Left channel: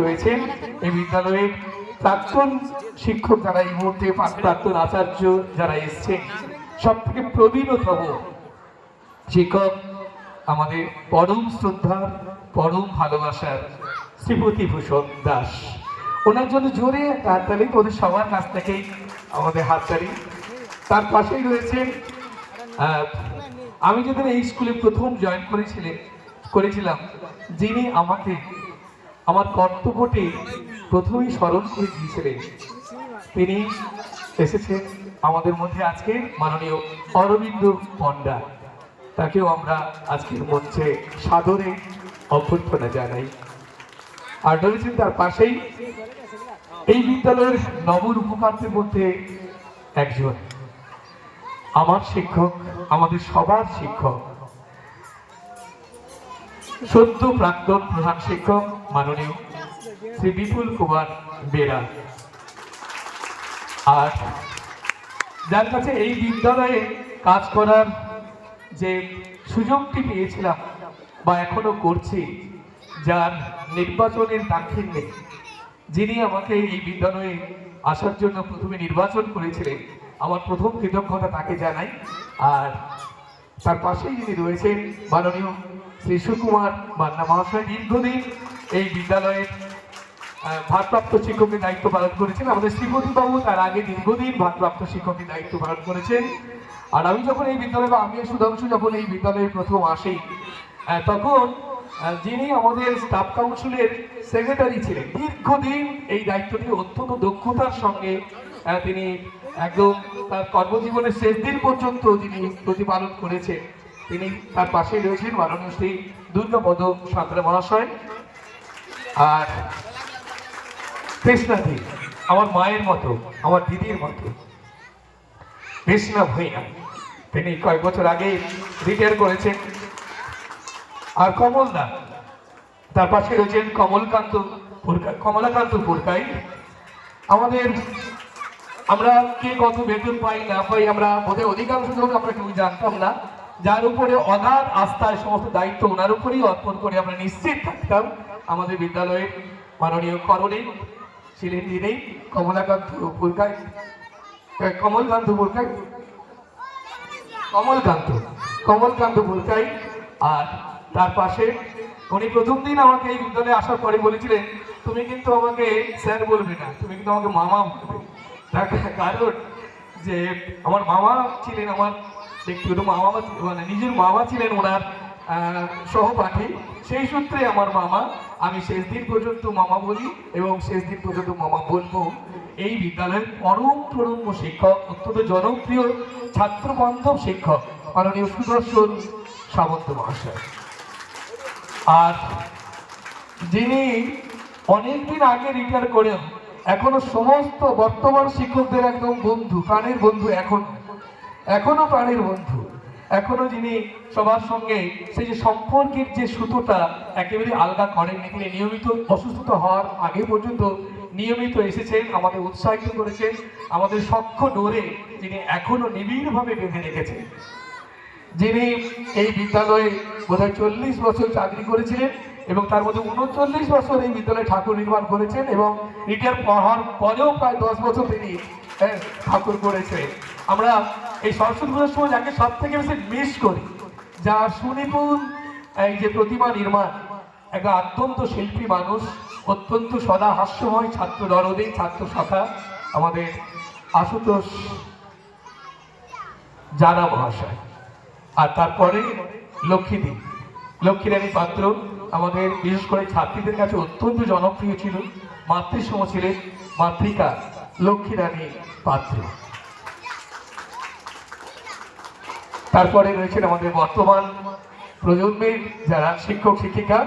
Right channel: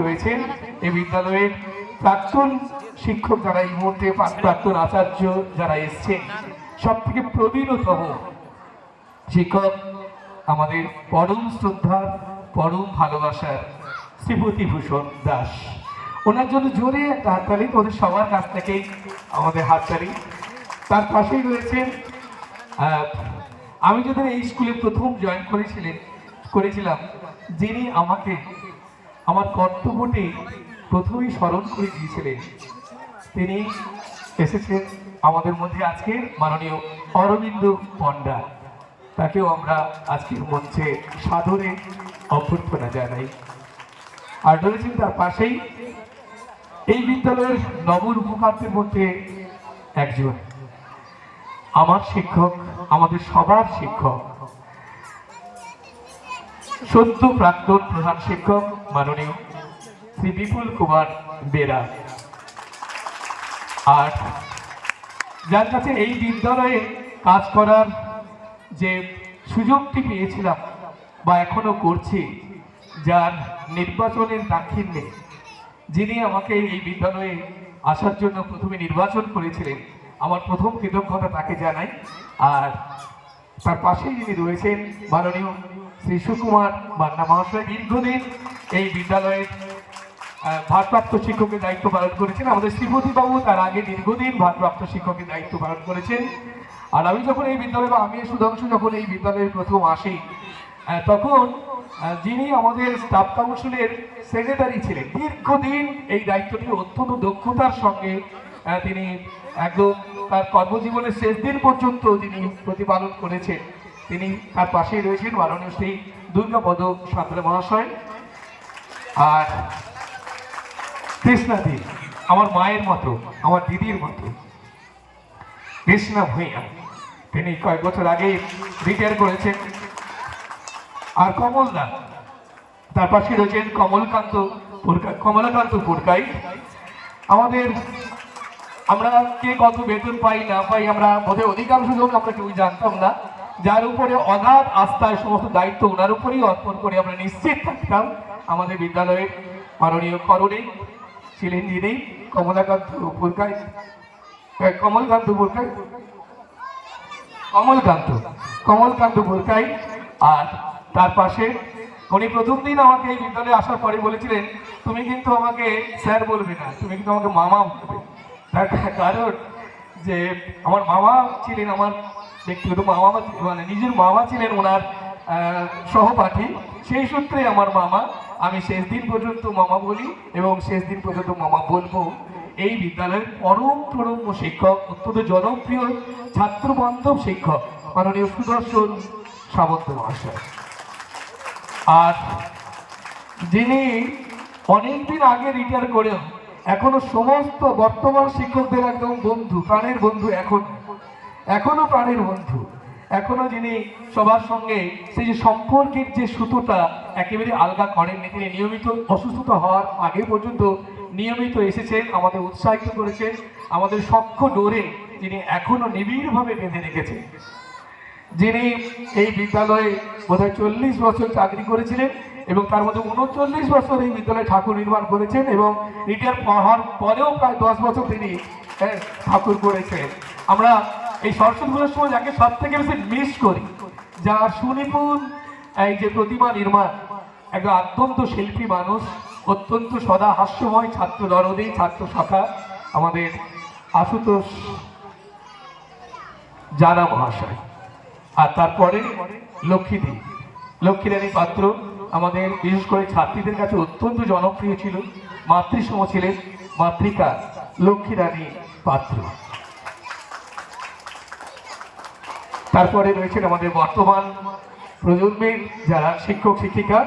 রয়েছে এই বিদ্যালয়ের প্রাক্তন শিক্ষক যারা এই মুহূর্তে প্রাক্তন আচার্য যারা এসছেন সব থেকে প্রবীণতম শিক্ষক আমাদের পরম শ্রদ্ধার পরম ভালোবাসার শ্রীপতি ভূষণ দাস। ওনার জন্য জোরে একটা হাততালি ওদের সবার কাছ থেকে আমাদের হাততালি। তার পাশেই রয়েছে আমি যদি এই স্কুলে প্রথম জয়েন করেছিলাম যিনি আমাকে আমার কর্তব্যটি প্রথমেই স্মরণ করে দিয়েছিলেন, তিনি এসেছেন আমাদের মধ্যে আজকে মাননীয় অরবিন্দ পণ্ডা। তাকেও আমরা আজকের মঞ্চে সাদরে অভ্যর্থনা জানাই। আর রয়েছেন তার পাশেই এই বিদ্যালয়ের নবরূপকারদের মধ্যে একজন আমার শিক্ষক, আমাদের সবার শিক্ষক, সদ্য প্রাক্তন প্রধান শিক্ষক মাননীয় শ্রী বিপুল কুমার বেরা। আর যার কাছে এই বিদ্যালয়ে কাজ করার যে সুযোগটি পেয়েছিলাম বা এখনো করছি, যার নির্বাচনের দাক্ষিণ্যে যিনি আমাকে এই বিদ্যালয়ে আসার জন্য প্রথমে নির্বাচন করেছিলেন, আমার প্রথম কৃতজ্ঞতা তাকে জানাই। আর তার পাশেই যিনি রয়েছেন মাননীয় শ্রী সুকুমার মান্না মহাশয়, দীর্ঘদিন এই বিদ্যালয়ের ভারপ্রাপ্ত শিক্ষকের দায়িত্ব পালন করেছেন। আমাদের শ্রীপতি বাবু তার আগে দীর্ঘদিন ভারপ্রাপ্ত শিক্ষকের দায়িত্ব পালন করেছেন। আর আমি যখন এই বিদ্যালয়ে বা আমি সুধাংশু যখন এই বিদ্যালয়ে প্রথম আসি, তখন যিনি আমাদের স্টাফ কাউন্সিলের সেক্রেটারি ছিলেন, দীর্ঘদিন এই দায়িত্বটি অত্যন্ত দক্ষতার সঙ্গে তিনি একদম তার কর্মজীবনের শেষ দিন পর্যন্ত তিনি প্রতিপালন করেছেন। তিনি তার পাশেই রয়েছেন মাননীয় শ্রী দুর্গাপদ সান্ত্রা মহাশয়। আর কৃষ্ণাদি আমার মায়ের মতো, আমার দিদির মতো, কৃষ্ণা ভূঁইয়া, তিনি কয়েক বছর আগে রিটায়ার করেছেন। আর কমলদা, তার পাশে রয়েছেন কমলাকান্ত পুরকাই। আমাদের আমরা কে কত বেতন পাই না পাই আমরা বোধহয় অধিকাংশ জন আমরা কেউ জানতাম না, যার উপরে অগাধ আস্থায় সমস্ত দায়িত্ব ওনার উপরেই অর্পণ করে আমরা নিশ্চিত থাকতাম আমাদের বিদ্যালয়ের মাননীয় করণী ছিলেন যিনি কমলাকান্ত পুরকাই, কমলকান্ত পুরকাই। আর তার পাশে উনি প্রথম দিন আমাকে এই বিদ্যালয়ে আসার পরে বলেছিলেন, তুমি কিন্তু আমাকে স্যার বলবে না, তুমি কিন্তু আমাকে মামা বলবে। তার কারণ যে আমার মামা ছিলেন, আমার ব্যক্তিগত মামা মানে নিজের মামা ছিলেন ওনার সহপাঠী, সেই সূত্রে আমার মামা। আমি শেষ দিন পর্যন্ত মামা বলি এবং শেষ দিন পর্যন্ত মামা বলবো। এই বিদ্যালয়ের পরম শিক্ষক, অত্যন্ত জনপ্রিয় ছাত্র বান্ধব শিক্ষক মাননীয় সুদর্শন সামন্ত মহাশয়। আর যিনি অনেকদিন আগে রিটায়ার করেন, এখনো সমস্ত বর্তমান শিক্ষকদের একদম বন্ধু, প্রাণের বন্ধু, এখনো প্রাণের বন্ধু, এখনো যিনি সবার সঙ্গে সেই যে সম্পর্কের যে সুতোটা একেবারে আলগা করেননি। তিনি নিয়মিত অসুস্থতা হওয়ার আগে পর্যন্ত নিয়মিত এসেছেন, আমাদের উৎসাহিত করেছেন, আমাদের সখ্য ডোরে যিনি এখনো নিবিড়ভাবে বেঁধে রেখেছেন। যিনি এই বিদ্যালয়ে বোধহয় 40 বছর চাকরি করেছিলেন এবং তার মধ্যে 39 বছর এই বিদ্যালয়ে ঠাকুর নির্মাণ করেছেন এবং রিটায়ার হওয়ার পরেও প্রায় 10 বছর তিনি ঠাকুর করেছেন। আমরা এই সরস্বতী পুজোর সময় যাকে সব থেকে বেশি মিস করি, যার সুনিপুণ এই যে প্রতিমা নির্মাণ, একটা অত্যন্ত শিল্পী মানুষ, অত্যন্ত সদা হাস্যময়, ছাত্র দরদী, ছাত্র সখা, আমাদের আশুতোষ জানা মহাশয়। আর তারপরে লক্ষ্মীরানী পাত্র, আমাদের বিশেষ করে ছাত্রীদের কাছে অত্যন্ত জনপ্রিয় ছিল, মাতৃসম ছিলেন মাতৃকা লক্ষ্মীরানী পাত্র। তারপরে রয়েছেন আমাদের বর্তমান প্রজন্মের যারা শিক্ষক শিক্ষিকা।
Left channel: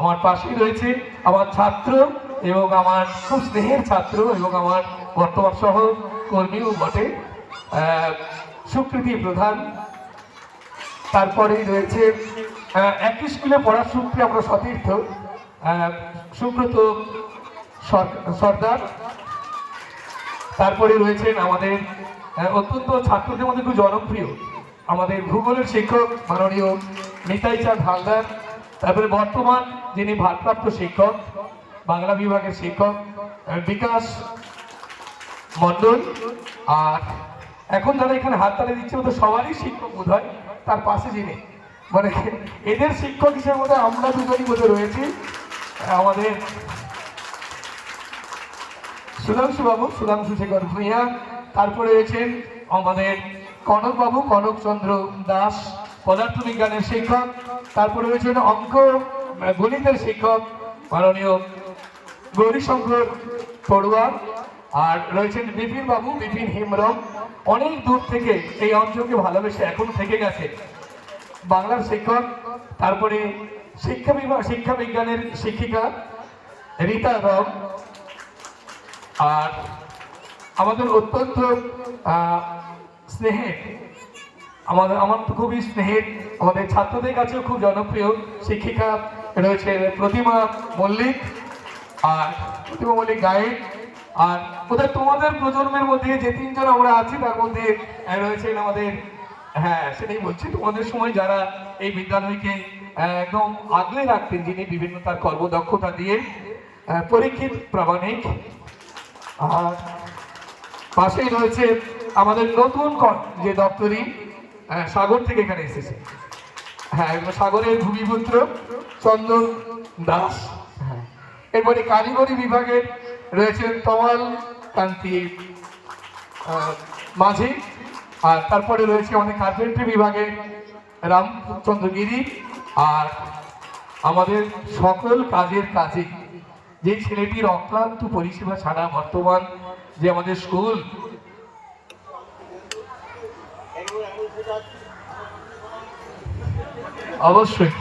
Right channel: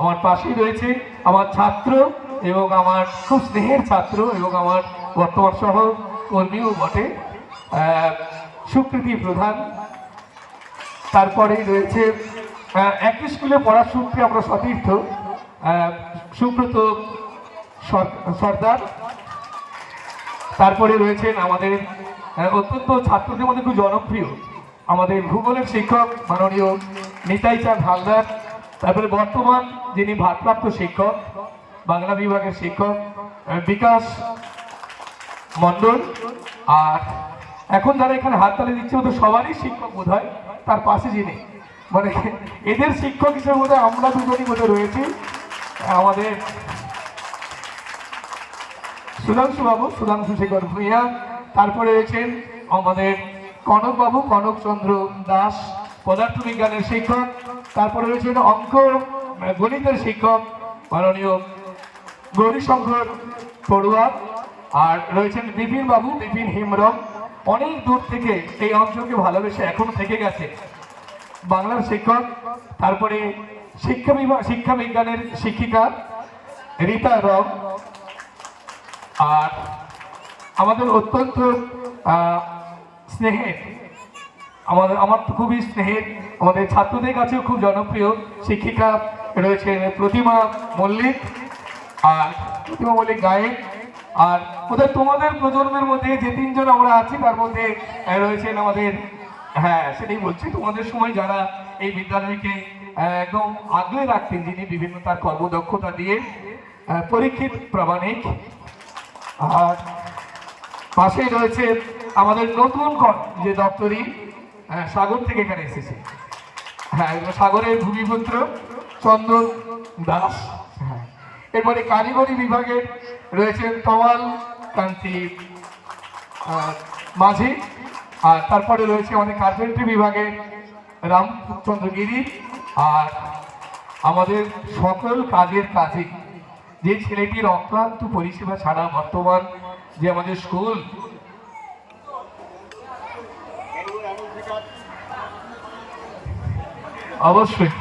আমার পাশে রয়েছে আমার ছাত্র এবং আমার খুব স্নেহের ছাত্র এবং আমার বর্তমান সহকর্মীও বটে, সুকৃতি প্রধান। তারপরেই রয়েছে একই স্কুলে পড়ার সূত্রে আমরা সতীর্থ সুব্রত সর্দার। তারপরে রয়েছেন আমাদের অত্যন্ত ছাত্রদের মধ্যে খুব জনপ্রিয় আমাদের ভূগোলের শিক্ষক মাননীয় নিতাই চাঁদ হালদার। তারপরে বর্তমান যিনি ভারপ্রাপ্ত শিক্ষক বাংলা বিভাগের শিক্ষক বিকাশ মণ্ডল। আর এখন যারা এখানে হাততালি দিচ্ছে ওদের সবারই শিক্ষক বোধ হয়, তার পাশে যিনি মানে এদের শিক্ষক হিসেবে বোধ হয় আমরা দুজনই বোধ রয়েছি, আমাদের সুধাংশু শেখর ভূঁইয়া। তারপরে রয়েছেন আমাদের কনকবাবু, কনকচন্দ্র দাস, পদার্থবিজ্ঞানের শিক্ষক। তারপরে রয়েছেন গণিতের শিক্ষক মাননীয় গৌরীশঙ্কর পড়ুয়া। আর রয়েছেন বিপিন হেমব্রম। অনেক দূর থেকে এই অঞ্চলকে ভালোবেসে এখন থেকে গেছে বাংলার শিক্ষক। তারপরে শিক্ষা বিজ্ঞানের শিক্ষিকা রীতা রাম। আর আমাদের অত্যন্ত স্নেহের, আমার তো খুবই স্নেহের, আমাদের ছাত্রদের কাছেও খুব জনপ্রিয় শিক্ষিকা রয়েছেন প্রতিমা মল্লিক। আর প্রতিমা মল্লিক গায়েন। আর ওদের তোমাদের প্রজন্মের মধ্যে যে তিনজন আমরা আছি তার মধ্যে রয়েছেন আমাদের, হ্যাঁ সেটাই বলছি, তোমাদের সময় যারা এই বিদ্যালয়কে একদম আগলে রাখতেন, যিনি বিভিন্ন তার কর্মদক্ষতা দিয়ে, পরীক্ষিত প্রামাণিক। আর পাশেই রয়েছে আমাদের নতুন যে দপ্তরি সাগর থেকে এখানে এসেছে, হ্যাঁ সাগরের ভূমিপুত্র চন্দন দাস। এরপরে কারিগরি বিভাগে রয়েছেন তমাল কান্তি মাঝি। আর তারপরে রয়েছে অনেক কার্পেন্ট্রি বিভাগে রামচন্দ্র গিরি। আর আমাদের সকল কাজের কাজে যে ছেলেটির অক্লান্ত পরিষেবা ছাড়া বর্তমান যে আমাদের স্কুল, অবশ্যই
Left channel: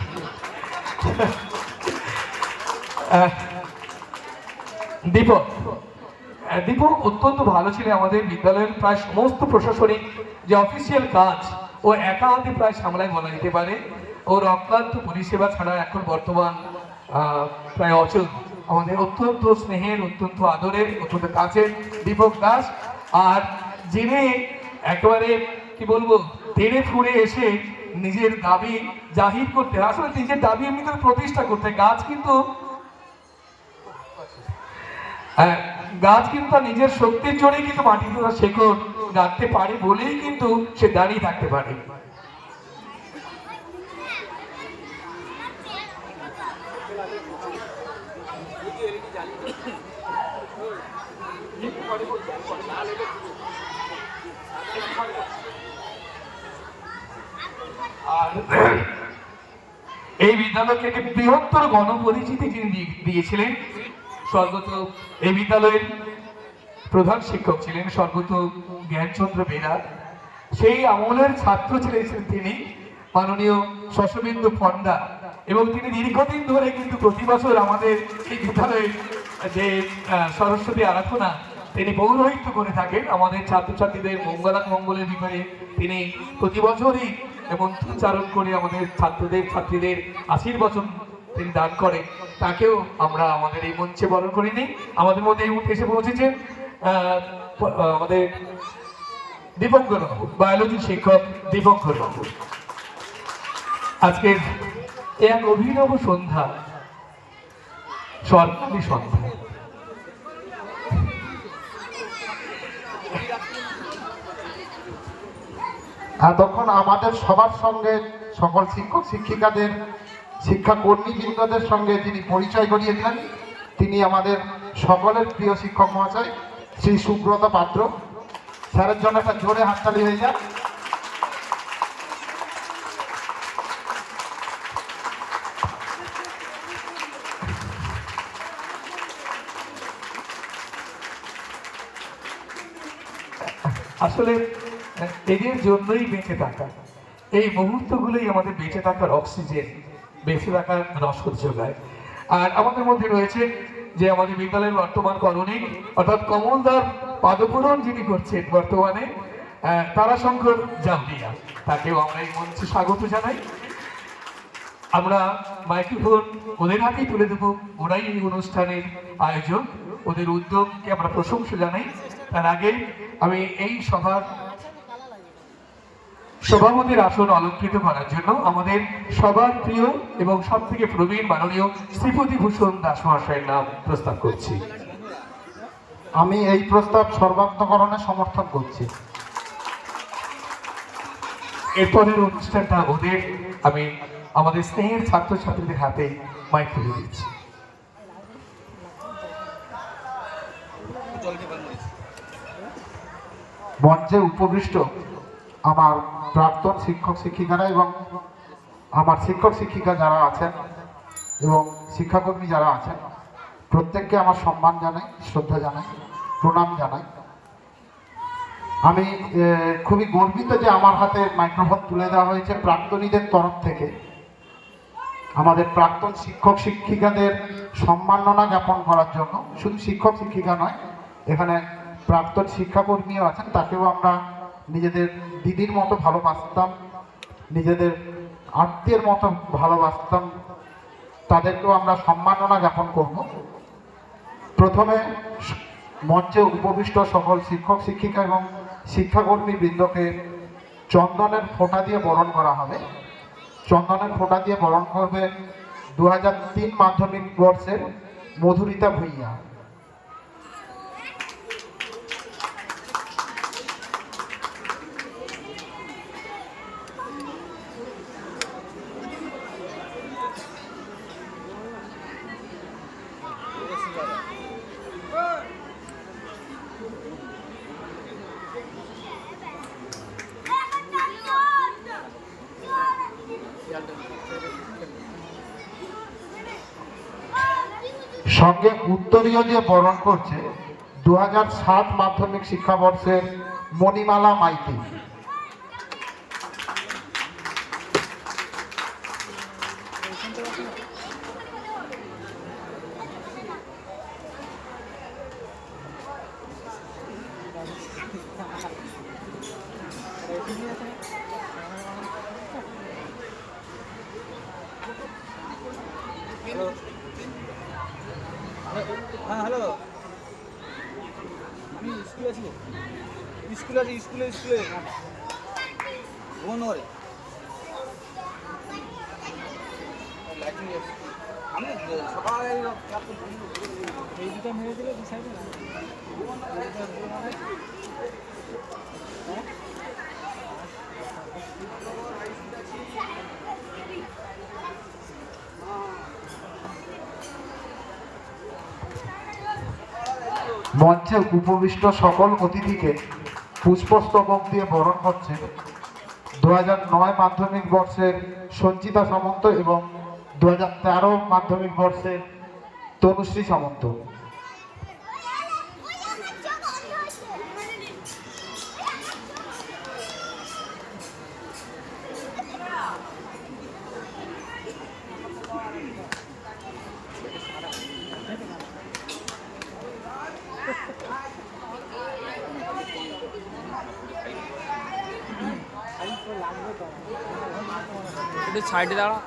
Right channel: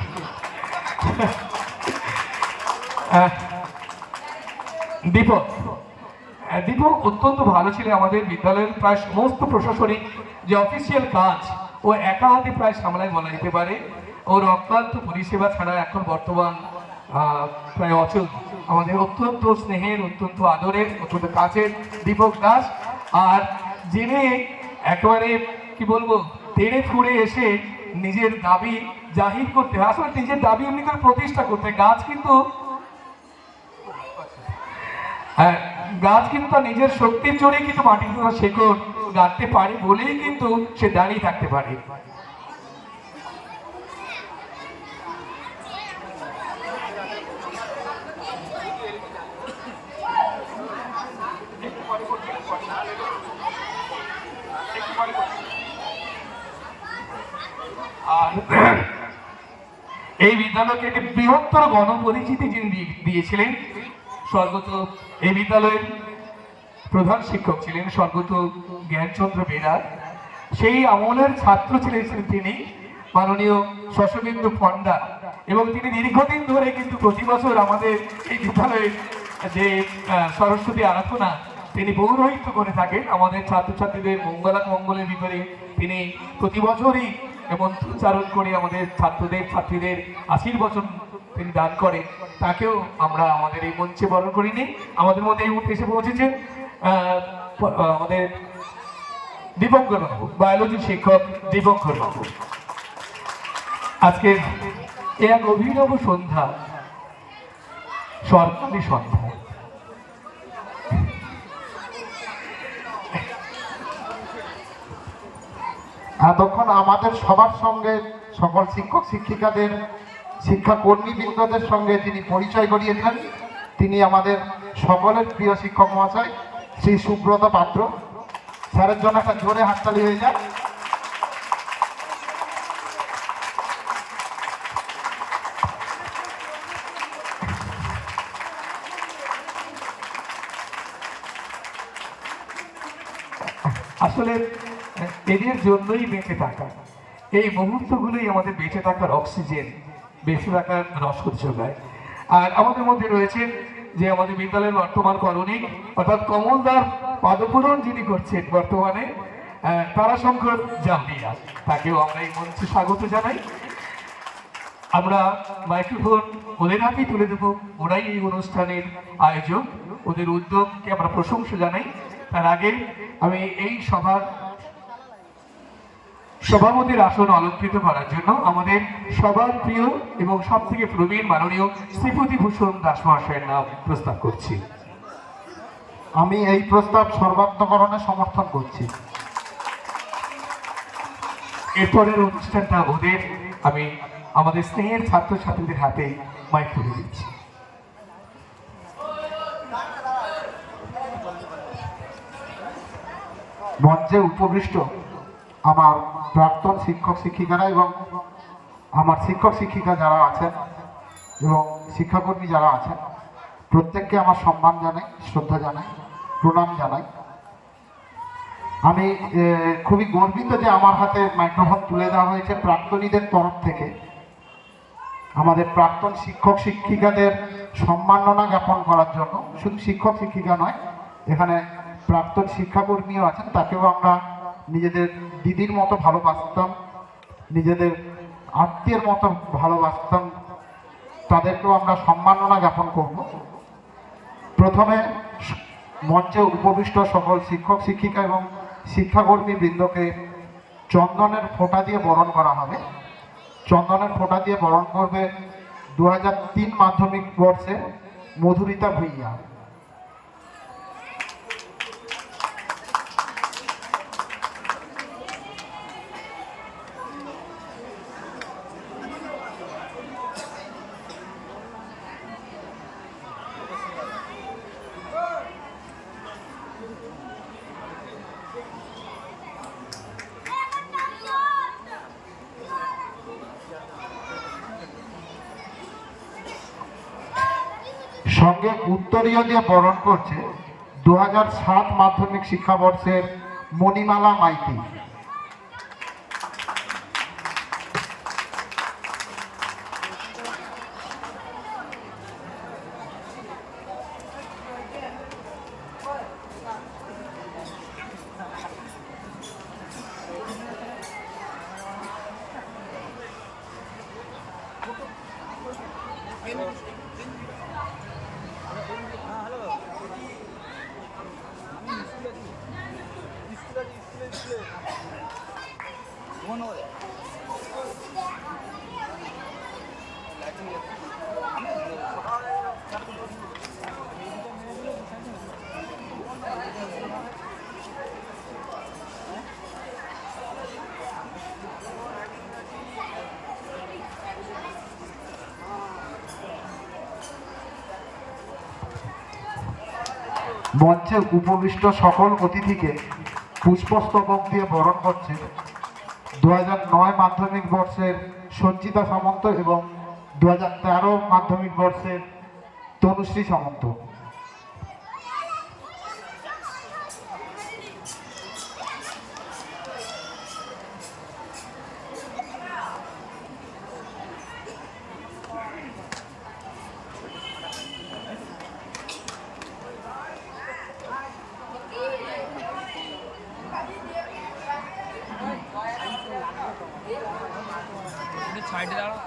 দীপক অত্যন্ত ভালো ছিল। আমাদের বিদ্যালয়ের প্রায় সমস্ত প্রশাসনিক যে অফিসিয়াল কাজ ও একা হাতে প্রায় সামলায় বলা যেতে পারে। ওর অক্লান্ত পরিষেবা ছাড়া এখন বর্তমান প্রায় অচল। আমাদের অত্যন্ত স্নেহের, অত্যন্ত আদরের, অত্যন্ত কাছের দীপক দাস। আর যিনি একেবারে কি বলবো তেড়ে ফুড়ে এসে নিজের দাবি জাহির করতে, আসলে নিজের দাবি এমনি করে প্রতিষ্ঠা করতে, গাছ কিন্তু নিজের শক্তির জোরে কিন্তু মাটি তোলা শেকড় গাঁথতে পারি বলেই কিন্তু সে দাঁড়িয়ে থাকতে পারে। এই বিদ্যালয়কে একটি বৃহত্তর গণপরিচিতি যিনি দিয়েছিলেন, স্বর্গত এই বিদ্যালয়ের প্রধান শিক্ষক ছিলেন স্বর্গত জ্ঞানচন্দ্র বেরা। সেই আমলের ছাত্র ছিলেন তিনি মাননীয় শশবিন্দু পণ্ডা। এবং তিনি দীর্ঘদিন ধরে কিন্তু প্রতি বছর আমাদের এই বিদ্যালয়ে যে সরস্বতী আরাধনা তিনি পৌরোহিত্য করে থাকেন। আমাদের ছাত্রছাত্রীদের মঙ্গলের ভিতরে তিনি প্রতি বছরই মন্ত্রোচ্চারণ করে আমাদের ছাত্রীদের আশীর্বচন তিনি দান করে। তাকেও আমরা আমাদের এই মঞ্চে বরণ করে নিই। আমাদের মধ্যে এই মুহূর্তে এসে পৌঁছেছেন আমাদের দীপঙ্কর বাবু, বায়োলজি শিক্ষক দীপঙ্কর বাবু। আজকের এক অভিনব সন্ধ্যা, স্বর্ণালী সন্ধ্যা। এতক্ষণ আমাদের সবার সঙ্গে সকল শিক্ষক শিক্ষিকাদের, শিক্ষাকর্মীবৃন্দদের সঙ্গে তিনি পরিচয় করিয়ে দিলেন। তিনি আমাদের সকলের প্রিয় শিক্ষক মহাশয় শ্রী সুব্রত পাত্র। স্যারের জন্য একটা জোরে হাততালি হয়ে যায়। আসলে এদের জন্যই বেঁচে থাকা, এই মুহূর্তগুলোই আমাদের বেঁচে থাকার অক্সিজেন, বেঁচে থাকার রসদ যোগায়। আর আমাদের মধ্যে রয়েছে যে আমাদের বিদ্যালয়ের বর্তমান করণিক অর্থাৎ কমলদার পাদপূরণ যিনি করছেন বর্তমানে, তারাশঙ্কর জামরিয়া, তাকেও আমরা এই মঞ্চে স্বাগত জানাই। আমরা মাইক্রোফোন ওদের হাতেই তুলে দেবো, ওরাই এই অনুষ্ঠানের আয়োজক, ওদের উদ্যোগকে আমরা প্রশংসা জানাই। তার আগে আমি এই সভার সভাপতির আসন অলঙ্কৃত করার জন্য আমাদের সবার প্রিয় এবং সব থেকে প্রবীণ মাননীয় শ্রীপতি ভূষণ দাস মহাশয়ের নাম প্রস্তাব করছি। আমি এই প্রস্তাব সর্বাত্মকরণে সমর্থন করছি। এরপরের অনুষ্ঠানটা আমি আমাদের স্নেহের ছাত্রছাত্রীদের হাতে মাইক তুলে দিচ্ছি। মঞ্চে উপবিষ্ট আমার প্রাক্তন শিক্ষক শিক্ষিকারা এবং আমার শিক্ষক শিক্ষিকা যারা আছেন এবং শিক্ষাকর্মী যারা আছেন, প্রত্যেককে আমার সম্মান জানাই, শ্রদ্ধা জানাই, প্রণাম জানাই। আমি খুবই গর্বিত যে আমার হাতে মাইক্রোফোন তুলে দেওয়া হয়েছে প্রাক্তনীদের তরফ থেকে। আমাদের প্রাক্তন শিক্ষক শিক্ষিকাদের সম্মাননা জ্ঞাপন করার জন্য। শুধু শিক্ষক শিক্ষিকা নয়, এখানে প্রাক্তন শিক্ষাকর্মীও আছেন, তাকেও আমরা নিজেদের দিদির মতো ভালোবাসতাম, নিজেদের আত্মীয়ের মতো ভালোবাসতাম, তাদেরকেও আমরা সম্মাননা জ্ঞাপন করব। প্রথমে মঞ্চে উপবিষ্ট সকল শিক্ষক শিক্ষিকা এবং শিক্ষাকর্মী বৃন্দকে চন্দনের ফোঁটা দিয়ে বরণ করা হবে। চন্দনের ফোঁটা দিয়ে বরণ করবে 2003 মাধ্যমিক কোর্সের মধুরিতা ভূঁইয়া। সঙ্গে উত্তরীয় দিয়ে বরণ করছে 2007 মাধ্যমিক শিক্ষাবর্ষের মণিমালা মাইতি। স্কুলে মঞ্চে উপবিষ্ট সকল অতিথিকে পুষ্পস্তবক দিয়ে বরণ করছে 2009 মাধ্যমিক বর্ষের সঞ্চিতা সামন্ত এবং 2013 মাধ্যমিক বর্ষের তনুশ্রী সামন্ত। সাইডে দাঁড়া।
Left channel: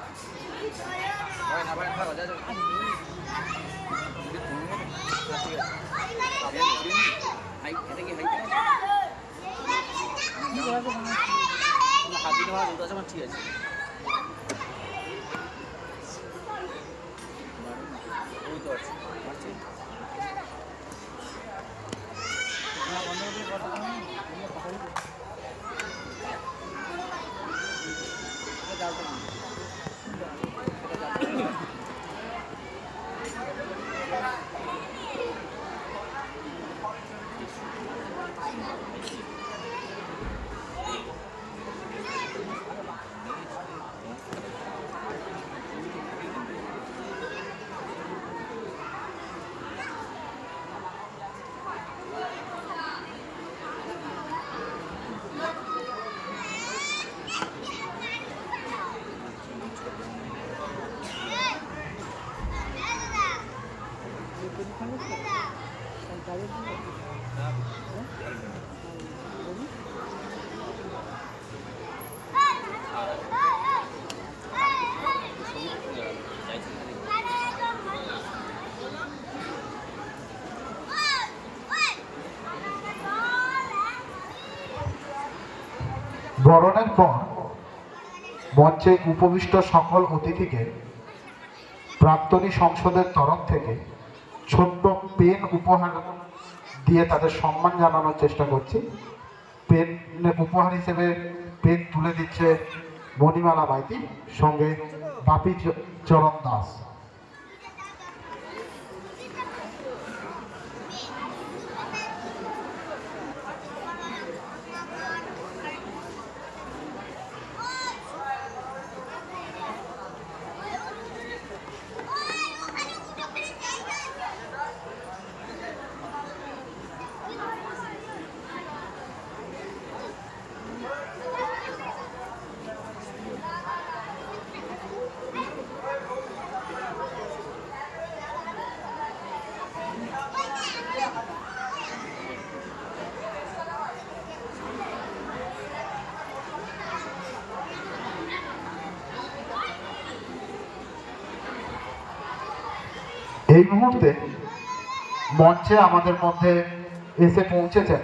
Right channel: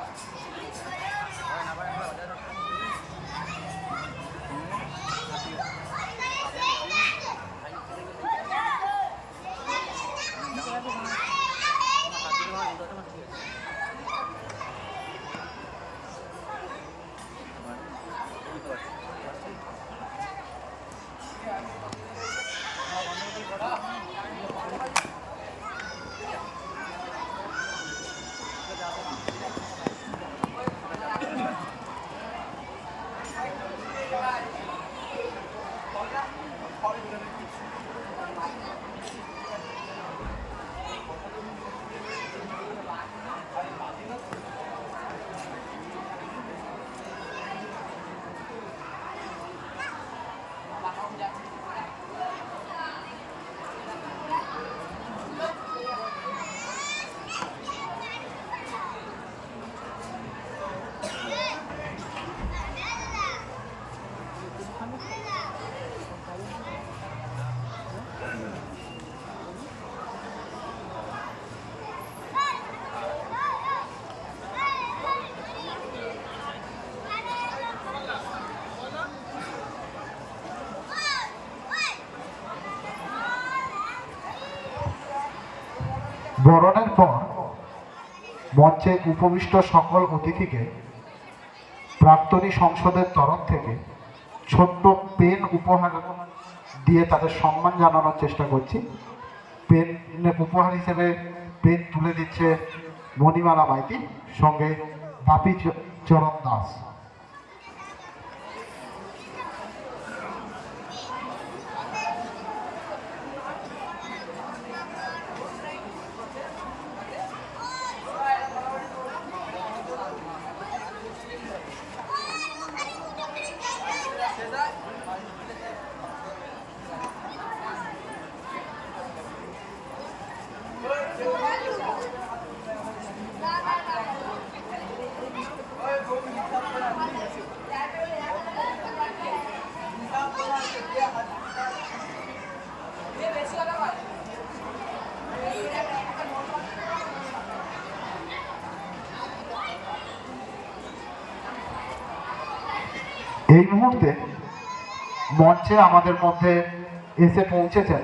ঠিক আছে। বরণের পর মঞ্চে উপবিষ্ট সকল অতিথিকে প্রাক্তনী সংসদের তরফ থেকে ছোট্ট পেন উপহার দিয়ে তাদের সম্মান জানানোর চেষ্টা করছি। পেন উপহার হিসেবে পেন তুলে দিচ্ছে মণিমালা মাইতি, সঙ্গে বাপি চরণ দাস। এই মুহূর্তে মঞ্চে আমাদের মধ্যে এসে পৌঁছেছেন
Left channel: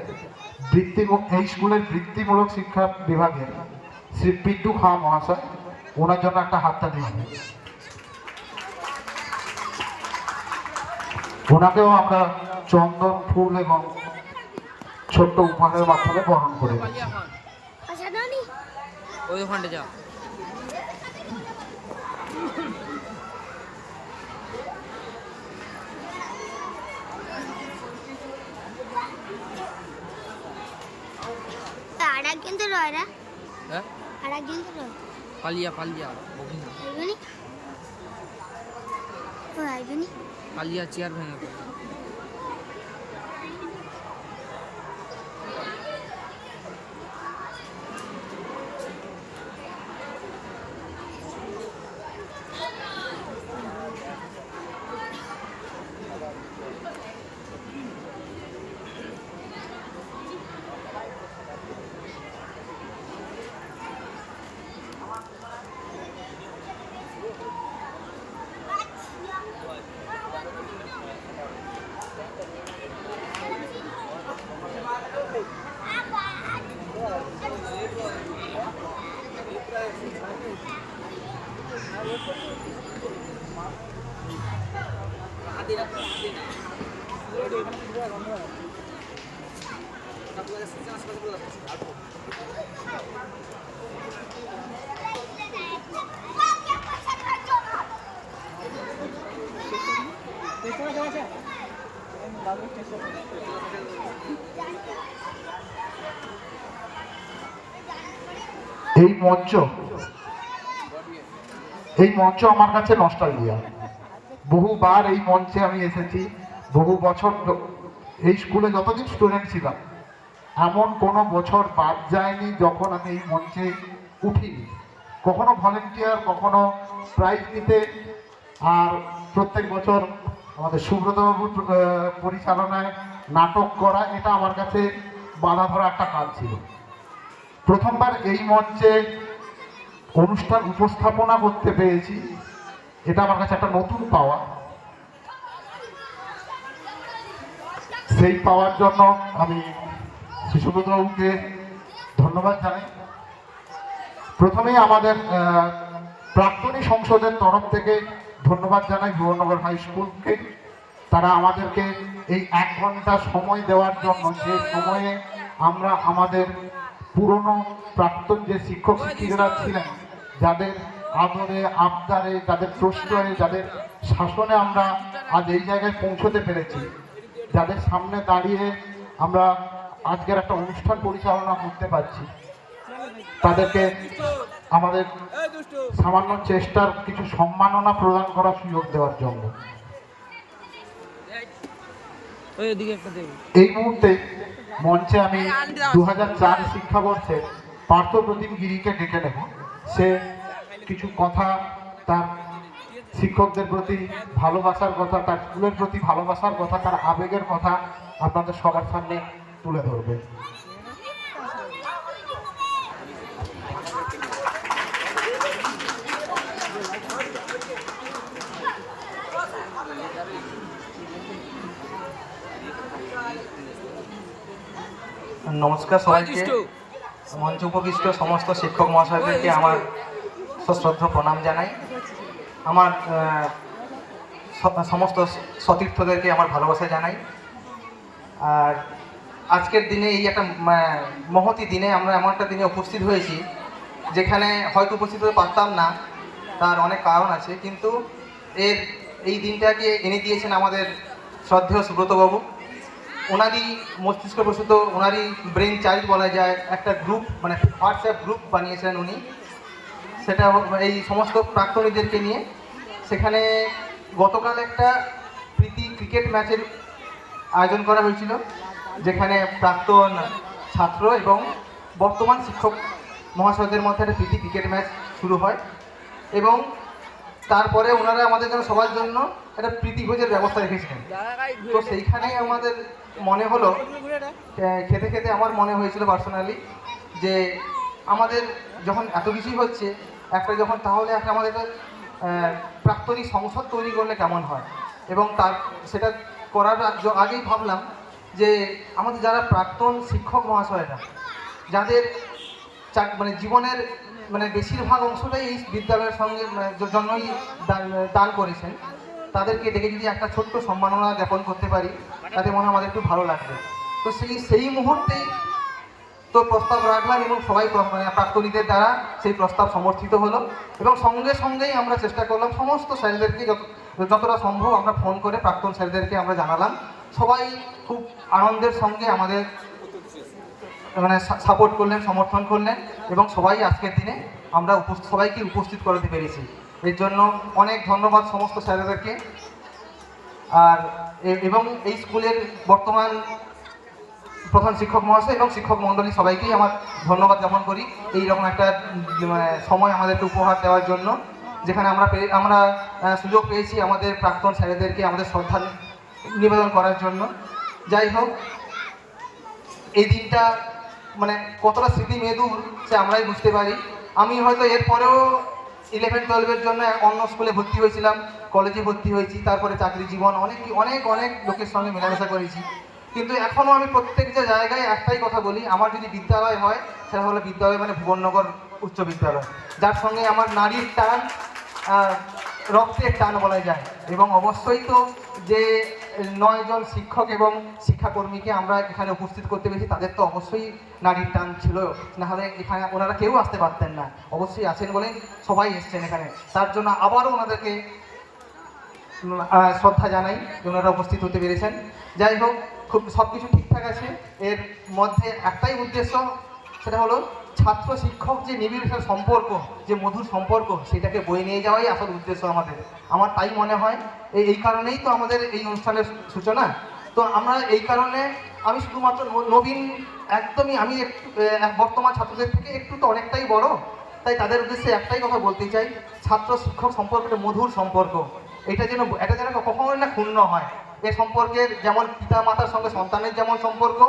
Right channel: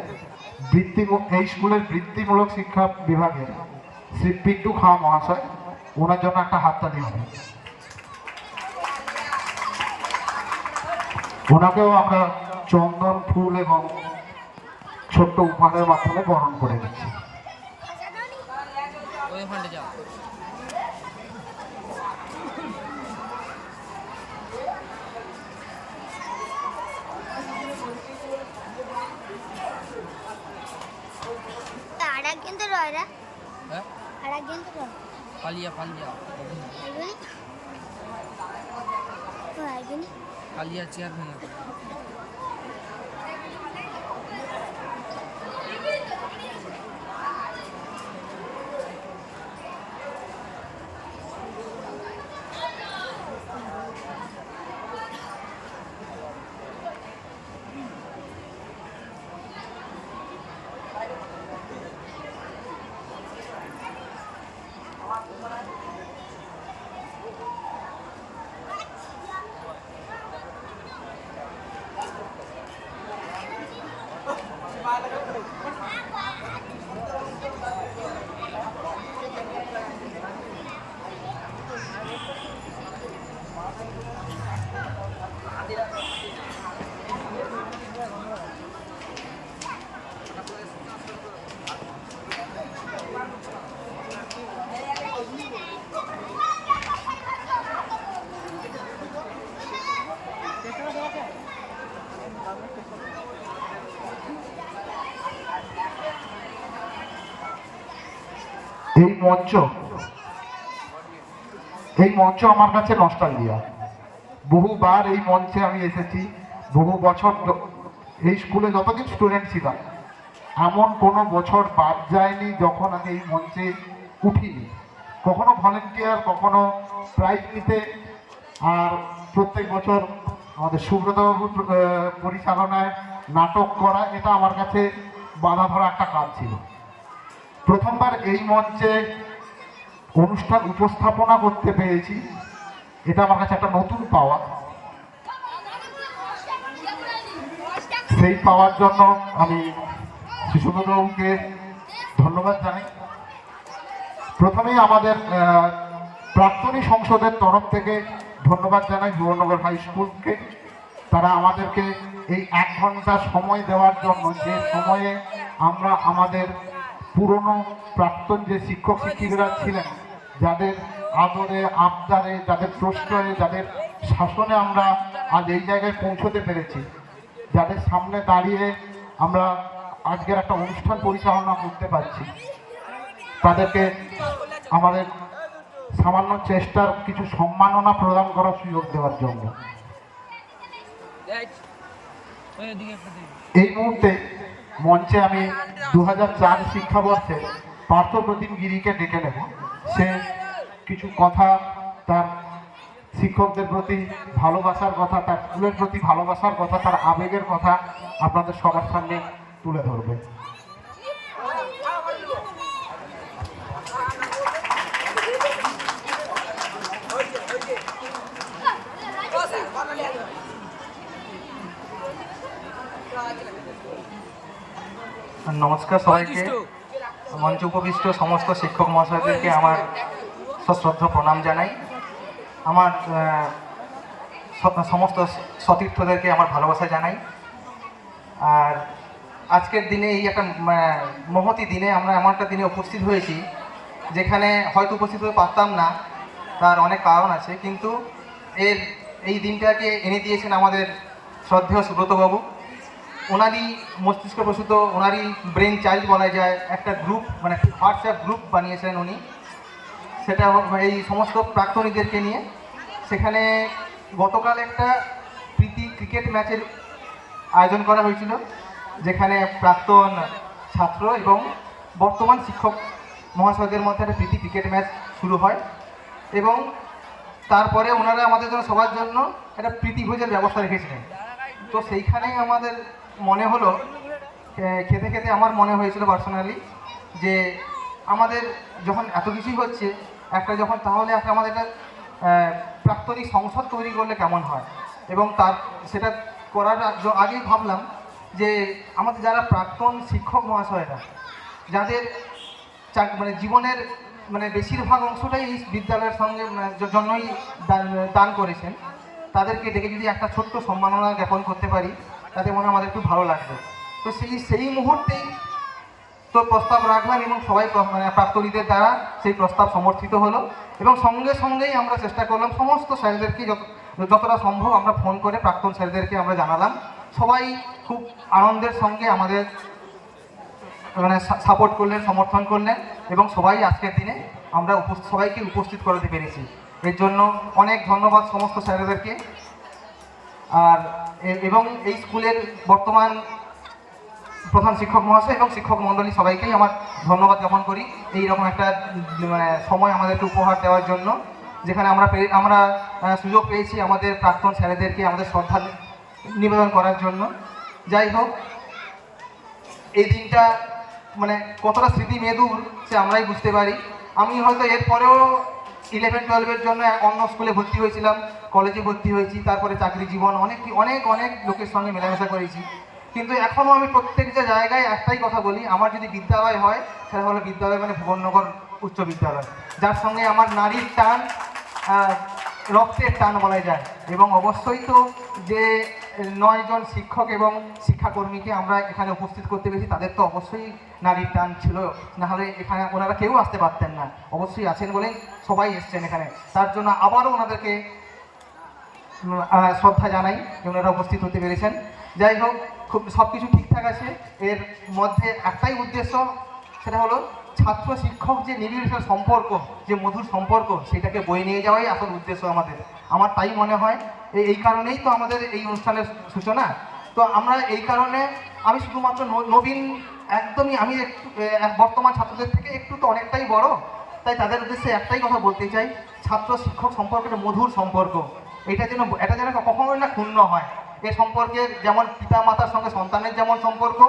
এই স্কুলের বৃত্তিমূলক শিক্ষা বিভাগের শ্রী পিন্টু খাঁ মহাশয়। ওনার জন্য একটা হাততালি হবে। ওনাকেও আমরা চন্দন ফুল এবং ছোট্ট উপহারের মাধ্যমে বরণ করে দিচ্ছি। ওই ওখানটা যা। আরেকজন তো রয় রা। হ্যাঁ আরেকজন তো রয়। পালিয়া বকিনা আইবনি ও আইবনি পালিয়া চেয়ার ভেঙে পড়ে। এই মঞ্চ আমার কাছে নস্টালজিয়া। বহুবার এই মঞ্চে আমি এসেছি, বহু বছর এই স্কুলে যতদিন স্টুডেন্ট ছিলাম এমন কোনো বছর বাদ যায়নি যখন আমি এই মঞ্চে উঠিনি। কখনো ভলেন্টিয়ার, কখনো প্রাইজ নিতে, আর প্রত্যেক বছর আমাদের সুব্রতবাবু পরিচালনায় নাটক করা, এটা আমার কাছে বাধা ধরা একটা কাজ ছিল। প্রথমবার এই মঞ্চে অনুষ্ঠান উপস্থাপনা করতে পেরেছি, এটা আমার কাছে একটা নতুন পাওয়া। সেই পাওয়ার জন্য আমি সুব্রতবাবুকে ধন্যবাদ জানাই। প্রথমেই আমাদের প্রাক্তনী সংসদের তরফ থেকে ধন্যবাদ জানাই ভুবননগর হাই স্কুলকে। তারা আমাদেরকে এই 1 ঘন্টা সময় দেওয়ার জন্য, যে সময়ে আমরা আমাদের পুরনো প্রাক্তন যে শিক্ষক শিক্ষিকারা ছিলেন, যাদের আদরে আবদারে, যাদের প্রশ্রয়ে, যাদের শাসনে আমরা আজ এই জায়গায় পৌঁছতে পেরেছি, যাদের সামনে দাঁড়িয়ে আমরা আজকের একটা অনুষ্ঠান পরিচালনা করতে পারছি, তাদেরকে আমাদের সামান্য চেষ্টার কিছু সম্মাননা প্রদান করার সুযোগ দেওয়ার জন্য এই মুহূর্তে মঞ্চে আমি 2004 শিক্ষাবর্ষে পার্থ প্রতিম গিরিকে ডেকে নেব। সে কিছু কথা, তার শিক্ষকদের প্রতি ভালোবাসার কথা, তার স্কুলের প্রতি ভালোবাসার কথা, তার আবেগের কথা আপনাদের সবার সামনে তুলে ধরবে। নমস্কার সবাইকে। মঞ্চ উপবিষ্ট সমস্ত শিক্ষক মহাশয়দেরকে আমার সশ্রদ্ধ প্রণাম জানাই। আমার সমস্ত সতীর্থদেরকে আমার ভালোবাসা জানাই। আর আজকের দিনে এই একটা মহতী দিনে আমরা এমন একটা দিনে উপস্থিত হয়েছি যেখানে হয়তো উপস্থিত হতে পারতাম না, তার অনেক কারণ আছে, কিন্তু এই দিনটাকে এনে দিয়েছেন আমাদের শ্রদ্ধেয় সুব্রতবাবু। ওনারই মস্তিষ্ক প্রসূত, ওনারই ব্রেন চাইল্ড বলা যায়, একটা গ্রুপ মানে হোয়াটসঅ্যাপ গ্রুপ বানিয়েছেন উনি, সেটা এই সমস্ত প্রাক্তনীদেরকে নিয়ে। সেখানে গতকাল একটা প্রীতি ক্রিকেট ম্যাচের আয়োজন করা হয়েছিল, যেখানে প্রাক্তন ছাত্র এবং বর্তমান শিক্ষক মহাশয়দের মধ্যে একটা প্রীতি ক্রিকেট ম্যাচ শুরু হয় এবং তারপরে ওনারা আমাদের জন্য সবার জন্য একটা প্রীতিভোজের ব্যবস্থা রেখেছিলেন। তো সেইখানেই আমাদের মনে হলো, খেতে খেতে আমার মনে হয়েছিল পার্সোনালি যে আমাদের যখন এত কিছুই হচ্ছে একটা যখন, তাহলে একটা আমাদের একটা প্রাক্তনিক সংসদ তৈরি করলে কেমন হয়। এবং সেটা করার আগেই ভাবলাম যে আমাদের যারা প্রাক্তন শিক্ষক মহাশয়রা, যাদের মানে জীবনের মানে বেশিরভাগ অংশটাই এই বিদ্যালয়ের সঙ্গে জন্যই দান করেছেন, তাদেরকে ডেকে যদি একটা ছোট্ট সম্মাননা জ্ঞাপন করতে পারি, তাতে মনে হয় আমাদের খুব ভালো লাগবে। তো সেই মুহূর্তেই তো প্রস্তাব রাখলাম এবং সবাই মানে প্রাক্তনীদের দ্বারা সেই প্রস্তাব সমর্থিত হলো এবং সঙ্গেই আমরা চেষ্টা করলাম সমস্ত স্যারদেরকে যতটা সম্ভব আমরা ফোন করে প্রাক্তন স্যারদেরকে আমরা জানালাম। সবাই খুব আনন্দের সঙ্গে আমাদের মানে সাপোর্ট করলেন, সমর্থন করলেন এবং সবাই আজকের দিনে আমরা সবাইকে উপস্থিত করতে পেরেছি। এর জন্য অনেক ধন্যবাদ সমস্ত স্যারদেরকে। আর এবং এই স্কুলের বর্তমান প্রধান শিক্ষক মহাশয় এবং শিক্ষক মণ্ডলী সবাইকেই আমার ধন্যবাদ জ্ঞাপন করি এইরকম একটা সময় আমাদেরকে উপহার দেওয়ার জন্য, যেখানে আমরা সুযোগ পেয়েছি আমাদের প্রাক্তন স্যারেদেরকে আমাদের শ্রদ্ধা নিবেদন করার জন্য। যাই হোক, এই দিনটা মানে কতটা স্মৃতি মেদুর সে আমরাই বুঝতে পারি। আমি হয়তো এরপরেও 11-12-এর জন্য অন্য স্কুলে ভর্তি হয়েছিলাম, কলেজে ভর্তি হয়েছি, তারপরে চাকরি জীবন অনেক লোকের সঙ্গে মেলামেশা করেছি, কিন্তু এখনও আমি প্রত্যেক যে জায়গায় একটাই কথা বলি, আমার যদি বিদ্যালয় হয় সেটা হলো বিদ্যালয় মানে ভুবননগর উচ্চ বিদ্যালয়, যার সঙ্গে আমার নারীর টান, রক্তের টান বলা যায়। এবং অবশ্যই তো যে 9 জন শিক্ষক এবং শিক্ষাকর্মীকে আমরা এখানে উপস্থিত করতে পেরেছি, তাদের তো অবশ্যই নারীর টান ছিল, নাহলে এখানে ওনারা কেউ আসতে পারতেন না। অবশ্যই আছেন বলেই সবাই এসছেন এখানে, তার জন্য আবারও ওনাদেরকে শ্রদ্ধা জানাই ওনারা উপস্থিত হতে পেরেছেন। যাই হোক, খুব সব কিছু ঠিকঠাক আছে। এর মধ্যে একটাই উদ্দেশ্য, সেটা হলো ছাত্র শিক্ষক যে নিবিড় সম্পর্ক, যে মধুর সম্পর্ক, সেটাকে বয়ে নিয়ে যাওয়াই আসল উদ্দেশ্য আমার তাই মনে হয়। এই কারণেই তো আমাদের এই অনুষ্ঠানের সূচনা। তো আমরা এই কারণে আমি শুধুমাত্র নবীন, একদমই আমি বর্তমান ছাত্রদের থেকে একটু তো অনেকটাই বড়, তাই তাদের উদ্দেশ্যে একটাই কথা বলতে চাই, ছাত্র শিক্ষক সম্পর্কটা মধুর সম্পর্ক, এটা যেন কখনো না ক্ষুণ্ণ হয়। এই সম্পর্কের যেমন পিতা মাতার সঙ্গে সন্তানের যেমন সম্পর্ক,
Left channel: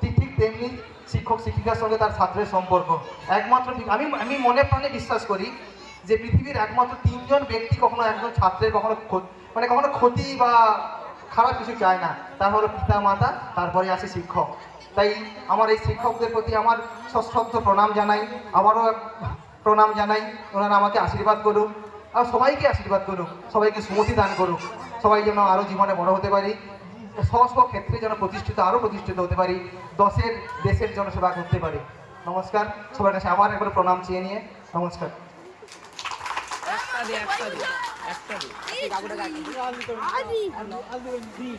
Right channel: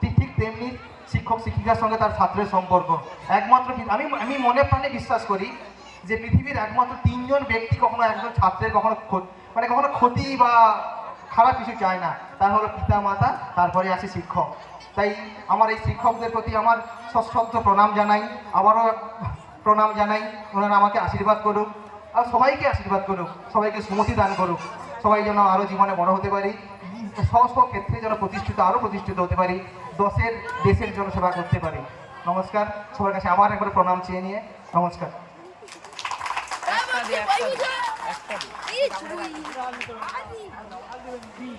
ঠিক তেমনি শিক্ষক শিক্ষিকার সঙ্গে তার ছাত্রের সম্পর্ক। একমাত্র আমি মনে প্রাণে বিশ্বাস করি যে পৃথিবীর একমাত্র 3 জন ব্যক্তি কখনো একজন ছাত্রের কখনো ক্ষতি বা খারাপ কিছু চায় না, তার হলো পিতা মাতা, তারপরে আছে শিক্ষক। তাই আমার এই শিক্ষকদের প্রতি আমার সশ্রদ্ধ প্রণাম জানাই, আবারও প্রণাম জানাই। ওনারা আমাকে আশীর্বাদ করুক আর সবাইকে আশীর্বাদ করুক, সবাইকে সুমতি দান করুক, সবাই যেন আরও জীবনে বড় হতে পারি, স্ব ক্ষেত্রে যেন আরও প্রতিষ্ঠিত হতে পারি, দেশের জন্য সেবা করতে পারি। নমস্কার, সবার কাছে আবার একবার প্রণাম চেয়ে নিয়ে নমস্কার।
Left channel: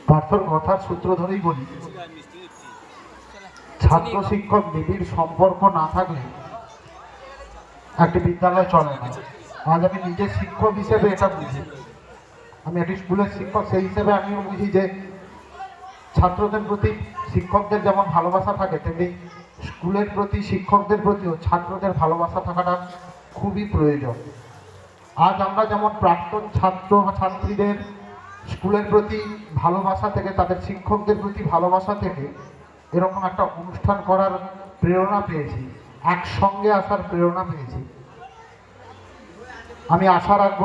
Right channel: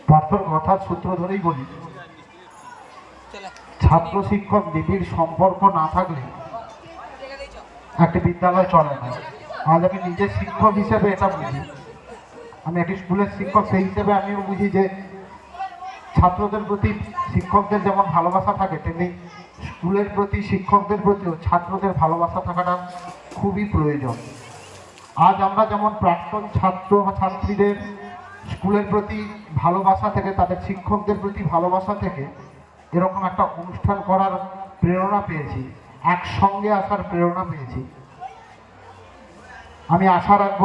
পার্থর কথার সূত্র ধরেই বলি, ছাত্র শিক্ষক নিবিড় সম্পর্ক না থাকলে একটি বিদ্যালয় চলে না। আজ আমি নিজের শিক্ষক হিসেবে এটা বুঝি, আমি একটি স্কুলের শিক্ষক, সেই হিসেবে আমিও বুঝি যে ছাত্রদের প্রতি শিক্ষকদের যেমন ভালোবাসা থাকে, তেমনি স্কুলের প্রতি শিক্ষকদের প্রতিও ছাত্রদের ভালোবাসা থাকাটা খুবই প্রয়োজন। আজ আমরা যেমন প্রাক্তন ছাত্র বা ছাত্রীদের স্কুলের প্রতি ভালোবাসা থেকে, তাদের শিক্ষকদের প্রতি ভালোবাসা থেকে এরকম একটা অনুষ্ঠান করার প্রেরণা পেয়েছি, একসঙ্গে আসার প্রেরণা পেয়েছি। আমি আশা রাখব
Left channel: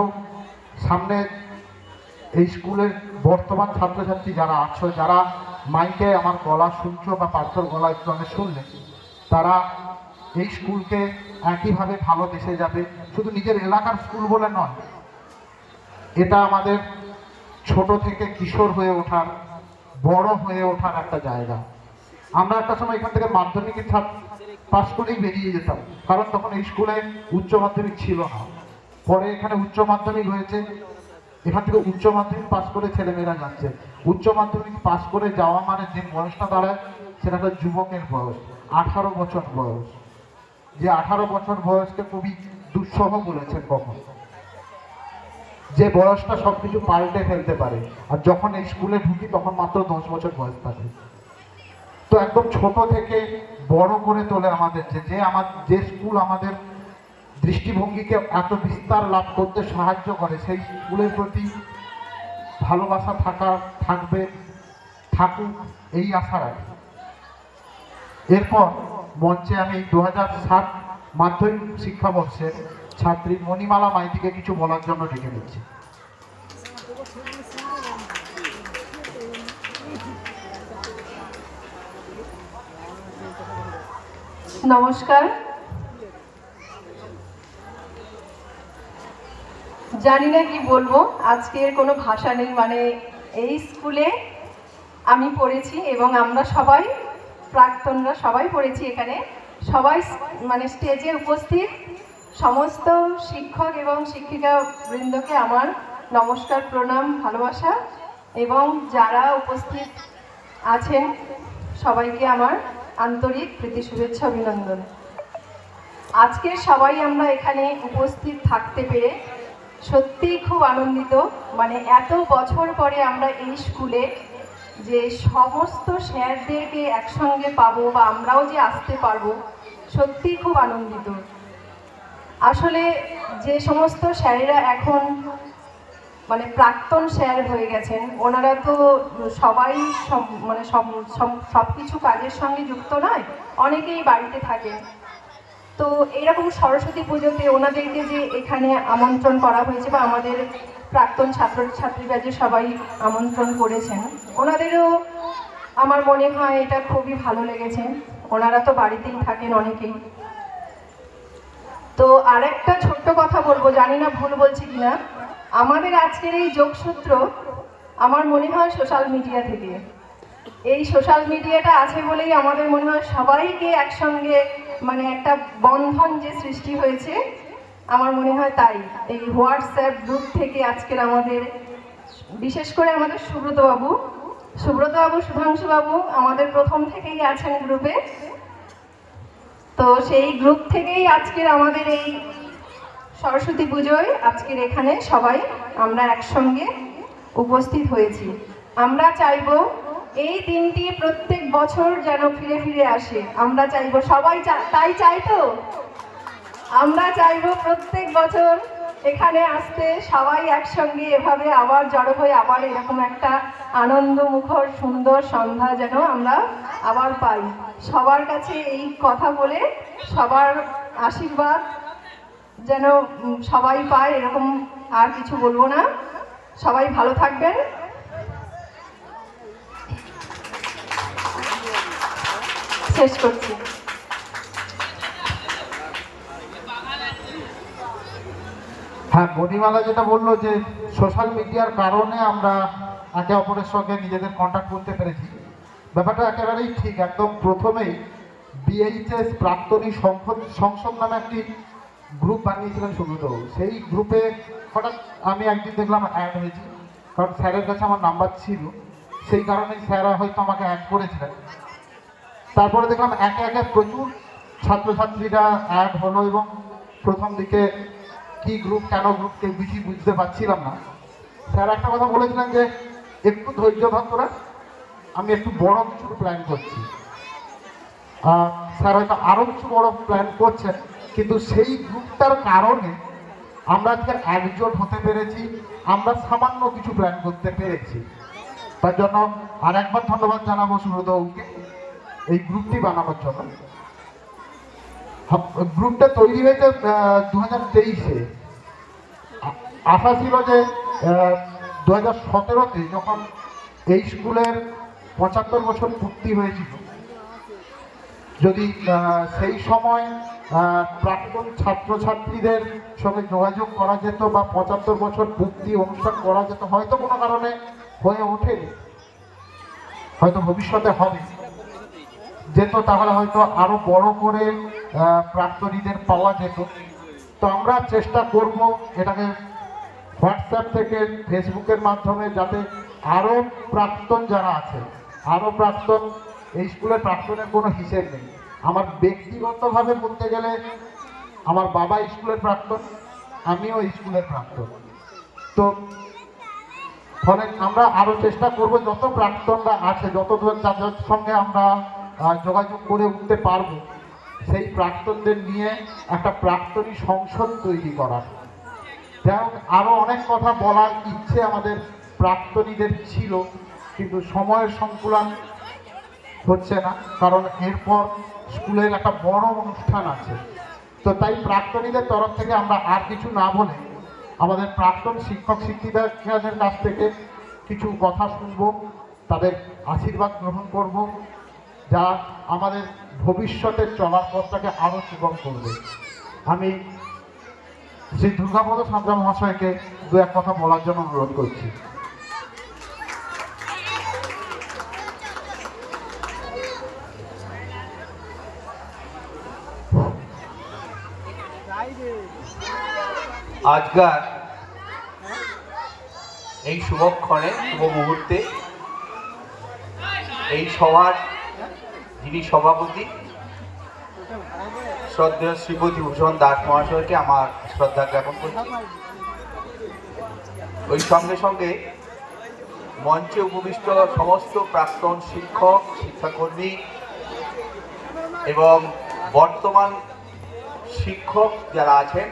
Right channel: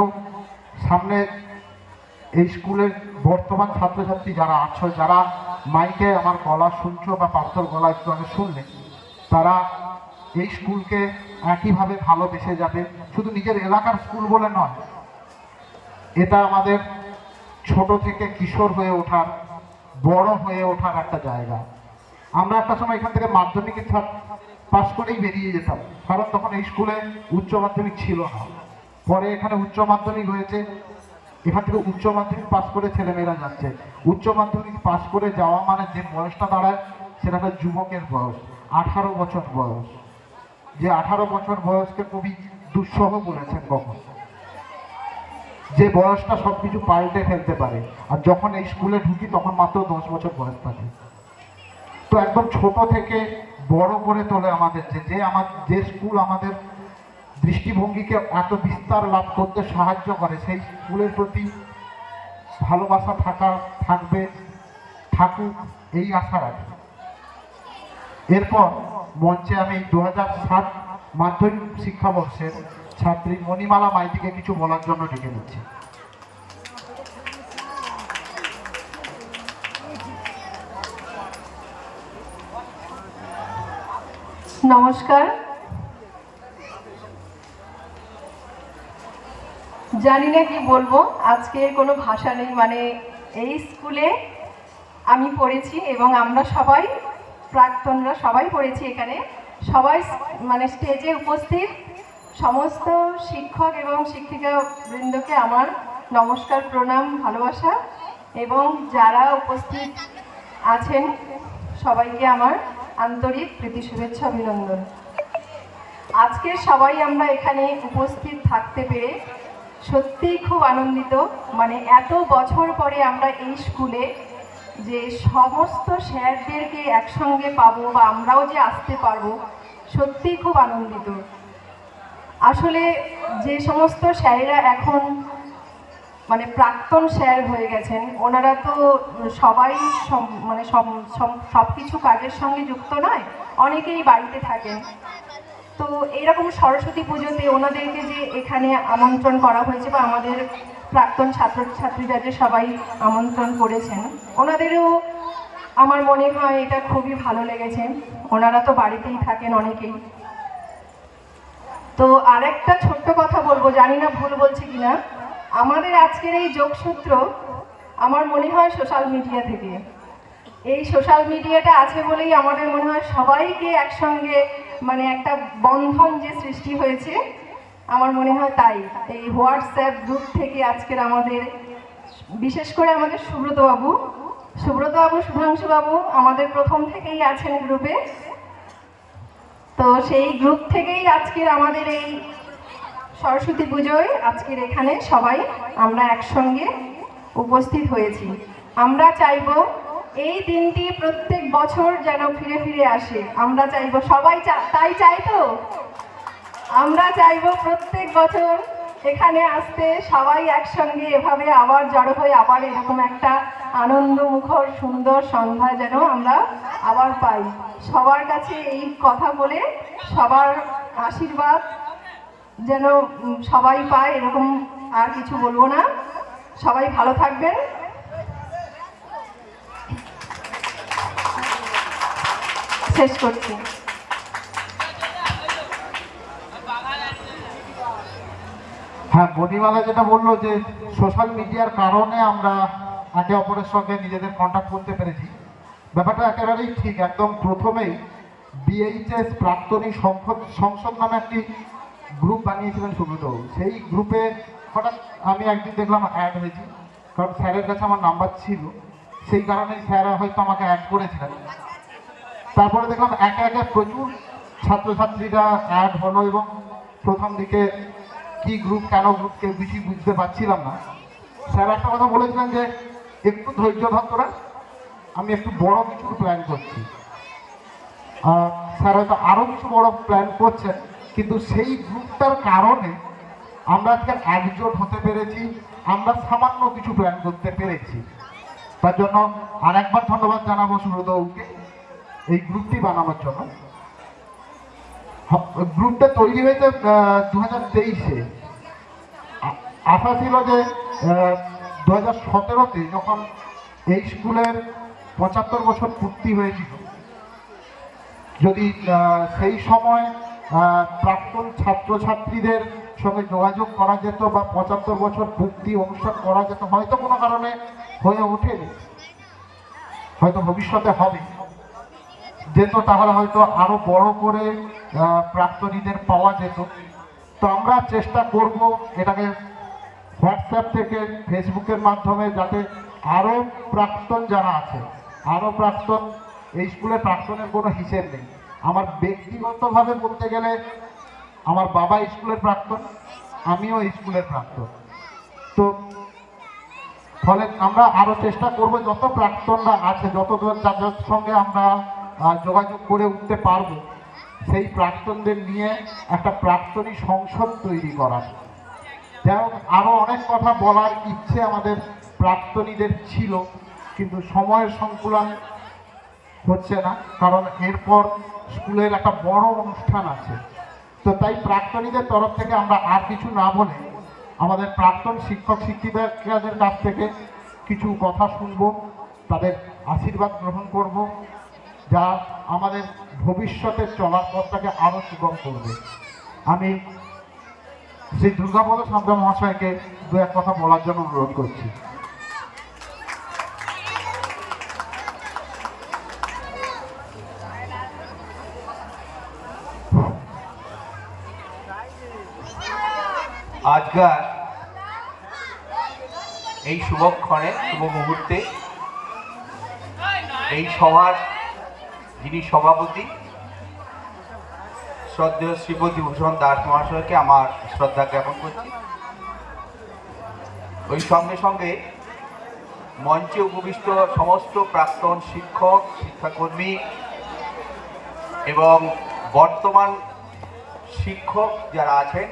সামনে এই স্কুলের বর্তমান ছাত্রছাত্রী যারা আছো, যারা মাইকে আমার গলা শুনছো বা পার্থর গলা একটু শুনলে, তারা এই স্কুলকে একইভাবে ভালোবেসে যাবে। শুধু নিজের এলাকার স্কুল বলে নয়, এটা আমাদের ছোট থেকে কিশোর হয়ে ওঠার, বড় হয়ে ওঠার একটা জায়গা। আমরা একটা সময় এখান থেকে মাধ্যমিকে পাস করেই বেরিয়ে যেতাম, কারণ তখন এই স্কুলে উচ্চ মাধ্যমিক ছিল না। পরে এখানে উচ্চ মাধ্যমিক হয়েছে, এখান থেকে উচ্চ মাধ্যমিক পাস করে ছেলেমেয়েরা যাচ্ছে। উচ্চ মাধ্যমিক পাস করে যাওয়া মানে যে বয়সটা দাঁড়ায় সেটা একটা যুবকের বয়স, 18 বছর বয়স। যে 18 বছর বয়সকে কবি দুঃসহ বলেছেন কখন, যে বয়সটা সবকিছু পাল্টে ফেলতে পারে। আর যখন এই স্কুলে ঢুকি তখন মাত্র 10 বছর বয়স থাকে। তো একদম ছোট থেকে বড় করে তোলে আমাদের, যে স্কুল আমাদের দৃষ্টিভঙ্গিকে এত বিস্তার লাভ করতে সাহায্য করে, সেই স্কুলের প্রতি ভালোবাসা থাকুক এই আশা রাখি। এরপর মঞ্চে আমি 2007 মাধ্যমিক শিক্ষাবর্ষের ছাত্রী মণিমালা মাইতিকে কিছু বলার জন্য ডেকে দিচ্ছি। নমস্কার। জানি না কি বলবো, আজকে কোনো ভাষা নেই। মানে এই স্কুলে আমি পড়েছি এবং আমরা সবাই প্রাক্তনরা সবাই পড়েছি এখানে। সবাই মানে স্টেজে উপস্থিত সমস্ত শিক্ষক এবং শিক্ষিকা বৃন্দকে আমার নমস্কার, প্রণাম, ভালোবাসা, এবং যারা উপস্থিত আছেন সবাইকে আমার আন্তরিক প্রীতি, শুভেচ্ছা, অভিনন্দন। আজকের সবাই আমরা এখানে উপস্থিত থাকতে পেরে সত্যিই খুব আনন্দিত। মানে এত বছর পরে আমরা এই স্কুলে যে সমস্ত স্যারদেরকে একসঙ্গে পাবো বা আমরাও যে আসতে পারবো, সত্যিই খুব আনন্দিত। আসলে যে সমস্ত স্যারেরা এখন মানে প্রাক্তন স্যার হয়ে গেছেন, ওনারা তো সবাই মানে সব কিছু কাজের সঙ্গে যুক্ত নয়, অনেকেই বাড়িতে থাকেন। তো এরকম সরস্বতী পুজোতে ওনাদেরকে যে এখানে আমন্ত্রণ করা হয়েছে বা আমাদের প্রাক্তন ছাত্রছাত্রীরা যে সবাই আমন্ত্রণ করেছেন, ওনাদেরও আমার মনে হয় এটা খুবই ভালো লেগেছে। ওনারা তো বাড়িতেই থাকেন অনেকেই। তো আরেকটা ছোট্ট কথা বলবো, জানি না ভুল বলছি কিনা, আমাদের আজকের এই যোগসূত্র আমার মনে হয় সোশ্যাল মিডিয়া থেকে। এই সোশ্যাল মিডিয়াটা আছে বলেই আমাদের মনে হয় সবাইকে একসঙ্গে মানে একটা বন্ধন যে সৃষ্টি হয়েছে, আমার মনে হয় তাই। এই হোয়াটসঅ্যাপ গ্রুপ থেকে আজকের আমাদের, বিশেষ করে আমাদের সুব্রতবাবু, সুধাংশুবাবু আমাদের প্রথম থেকেই আছেন গ্রুপে। তো সেই গ্রুপ থেকেই আজকের আমাদের এই সরস্বতী পুজোয় আজকের এখানে সবাই আমরা একসঙ্গে উপস্থিত হয়েছি। আমরা চাইব এই দিনটি প্রত্যেক বছর যেন ফিরে ফিরে আসে। আমরা চাইব, সবাই তাই চাই তো, আমরা চাইব প্রত্যেক বছর এখানে আসতে, সবাই একসঙ্গে এভাবে আবার জড়ো হয়ে আবার এরকম একটা আনন্দমুখর সুন্দর সন্ধ্যা যেন আমরা আবার পাই। সবার কাছে এই কথা বলে, সবার আশীর্বাদ যেন সবাই পায়, এরকম আর কিছু বলবো না। সবাই ভালো থাকবেন। শেষ করছি। হ্যাঁ, মণিমালা যেটা বললো যে সোশ্যাল মিডিয়ার কারণে আমরা একে অপরের সঙ্গে নিজেদের কন্ট্যাক্ট করতে পেরেছি, ব্যাপারটা একেবারেই ঠিক। একদম প্রথমেই বিএইচএস প্রাক্তনী সংসদ নামে একটি গ্রুপ বানিয়েছিলেন সুব্রত। সেই গ্রুপে হঠাৎ আমি একদিন দেখলাম অ্যাড হয়েছি, কারণ স্যারের কাছে আমার নাম্বার ছিল, সেই কারণেই স্যারা হয়তো আমাকে অ্যাড করেছিলেন। তারপরে দেখলাম একে একে প্রচুর ছাত্রছাত্রীরা অ্যাড হলো, এবং প্রথম দিকে কি গ্রুপ কেন গ্রুপ কেউ বেশি বুঝতে পারছিলাম না। স্যার একটা কথা বলেছিলেন যে একটু ধৈর্য ধর তোরা, আমি একটু বড় কিছু প্ল্যান করছি। স্যার হয়তো আরও কিছু বড় প্ল্যান করছেন, কিন্তু সেই গ্রুপটার কারণে আমরা আজকে একজোট হতে পেরেছি, আমরা সামান্য কিছু প্ল্যান করতে পেরেছি। তার জন্য আর একবার ধন্যবাদ জানাবো সুব্রতবাবুকে এই গ্রুপটি বানানোর জন্য। গ্রুপটা তৈরি হয়েছে 2023-এ। আশা ছিল যে 2017-তে যখন এই স্কুলের 75 বছর পূর্তি হয়েছিল, যদি সেই সময় প্রাক্তন ছাত্রছাত্রীদের সঙ্গে যোগাযোগ করা যেত বা 75 বছর পূর্তি অনুষ্ঠান করা যেত, হয়তো কোনো কারণে হয়ে ওঠেনি, হয়তো ভবিষ্যতে হবে যেত, তাহলে হয়তো আরো বড় করে প্রাক্তনীদের পাওয়া যেত। তো আমরা চেষ্টা করব এটাকে হোয়াটসঅ্যাপ থেকে ফেসবুকের মাধ্যমে, যাতে আরো প্রাক্তন যারা আছে, আরো প্রাক্তন, এই স্কুলের প্রাক্তনের কোনো হিসেব নেই। আমার ব্যক্তিগতভাবে বলতে গেলে আমার বাবা স্কুলের প্রাক্তন, আমিও স্কুলের প্রাক্তন। তো ফলে আমরা আরো চেষ্টা করব যত প্রাক্তনরা আছে, যত যাদের সঙ্গে আমরা যোগাযোগ করে উঠতে পারবো, সেই প্রাক্তনদের নিয়ে একটা প্রাক্তনী সংসদ তৈরি করার। যাই হোক, আরো অনেক কথা বলার ইচ্ছে আমাদের প্রাক্তনীদের ছিল, কিন্তু সময়ের সংকুলন হচ্ছে না, কারণ এরপর স্কুলের একটা বড় অনুষ্ঠান আছে। তো তাই প্রাক্তনীদের তরফ থেকে আমরা আর কিছু না বলে আমাদের প্রাক্তন শিক্ষক শিক্ষিকাদের কাছ থেকে কিছু কথা শুনবো, তাদের আশীর্বাদ গ্রহণ করব, যা আমাদের ভবিষ্যতের চলার পথটাকে আরো সুগম করবে। আমি শ্রী দুর্গাপদ সান্তা মহাশয়কে দু এক কথা বলার জন্য অনুরোধ করছি। আজকাল এই শুভক্ষণে, শুভ মুহূর্তে এই সভার যিনি সভাপতি শ্রদ্ধেয় শ্রীপতি ভূষণ দাস মহাশয়কে আমার শ্রদ্ধা জ্ঞাপন করছি। ওই সঙ্গে সঙ্গে মঞ্চে উপবিষ্ট সমস্ত প্রাক্তন শিক্ষক, শিক্ষাকর্মী এবং বর্তমান শিক্ষক যারা আছেন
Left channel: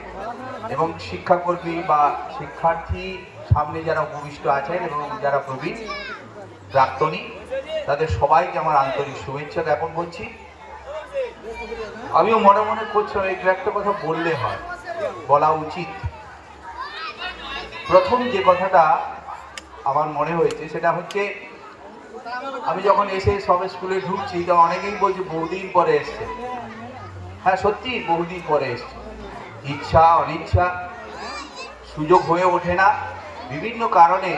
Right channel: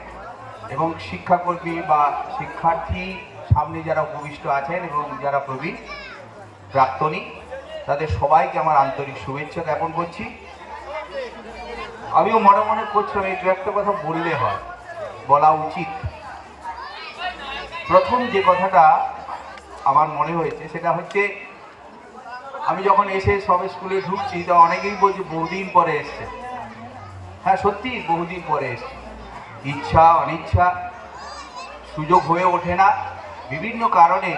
এবং শিক্ষাকর্মী বা শিক্ষার্থী সামনে যারা উপবিষ্ট আছেন এবং যারা প্রবীণ প্রাক্তনী, তাদের সবাইকে আমার আন্তরিক শুভেচ্ছা জ্ঞাপন করছি। আমিও মনে মনে করছি একটু একটা কথা বললে হয়, বলা উচিত। প্রথম যে কথাটা আমার মনে হয়েছে সেটা হচ্ছে, আমি যখন এসে সব স্কুলে ঢুকছি, তা অনেকেই বলছে বহুদিন পরে এসছে। হ্যাঁ, সত্যি বহুদিন পরে এসছে। ইচ্ছা অনিচ্ছা সুযোগ হয়ে ওঠে না বিভিন্ন কারণে।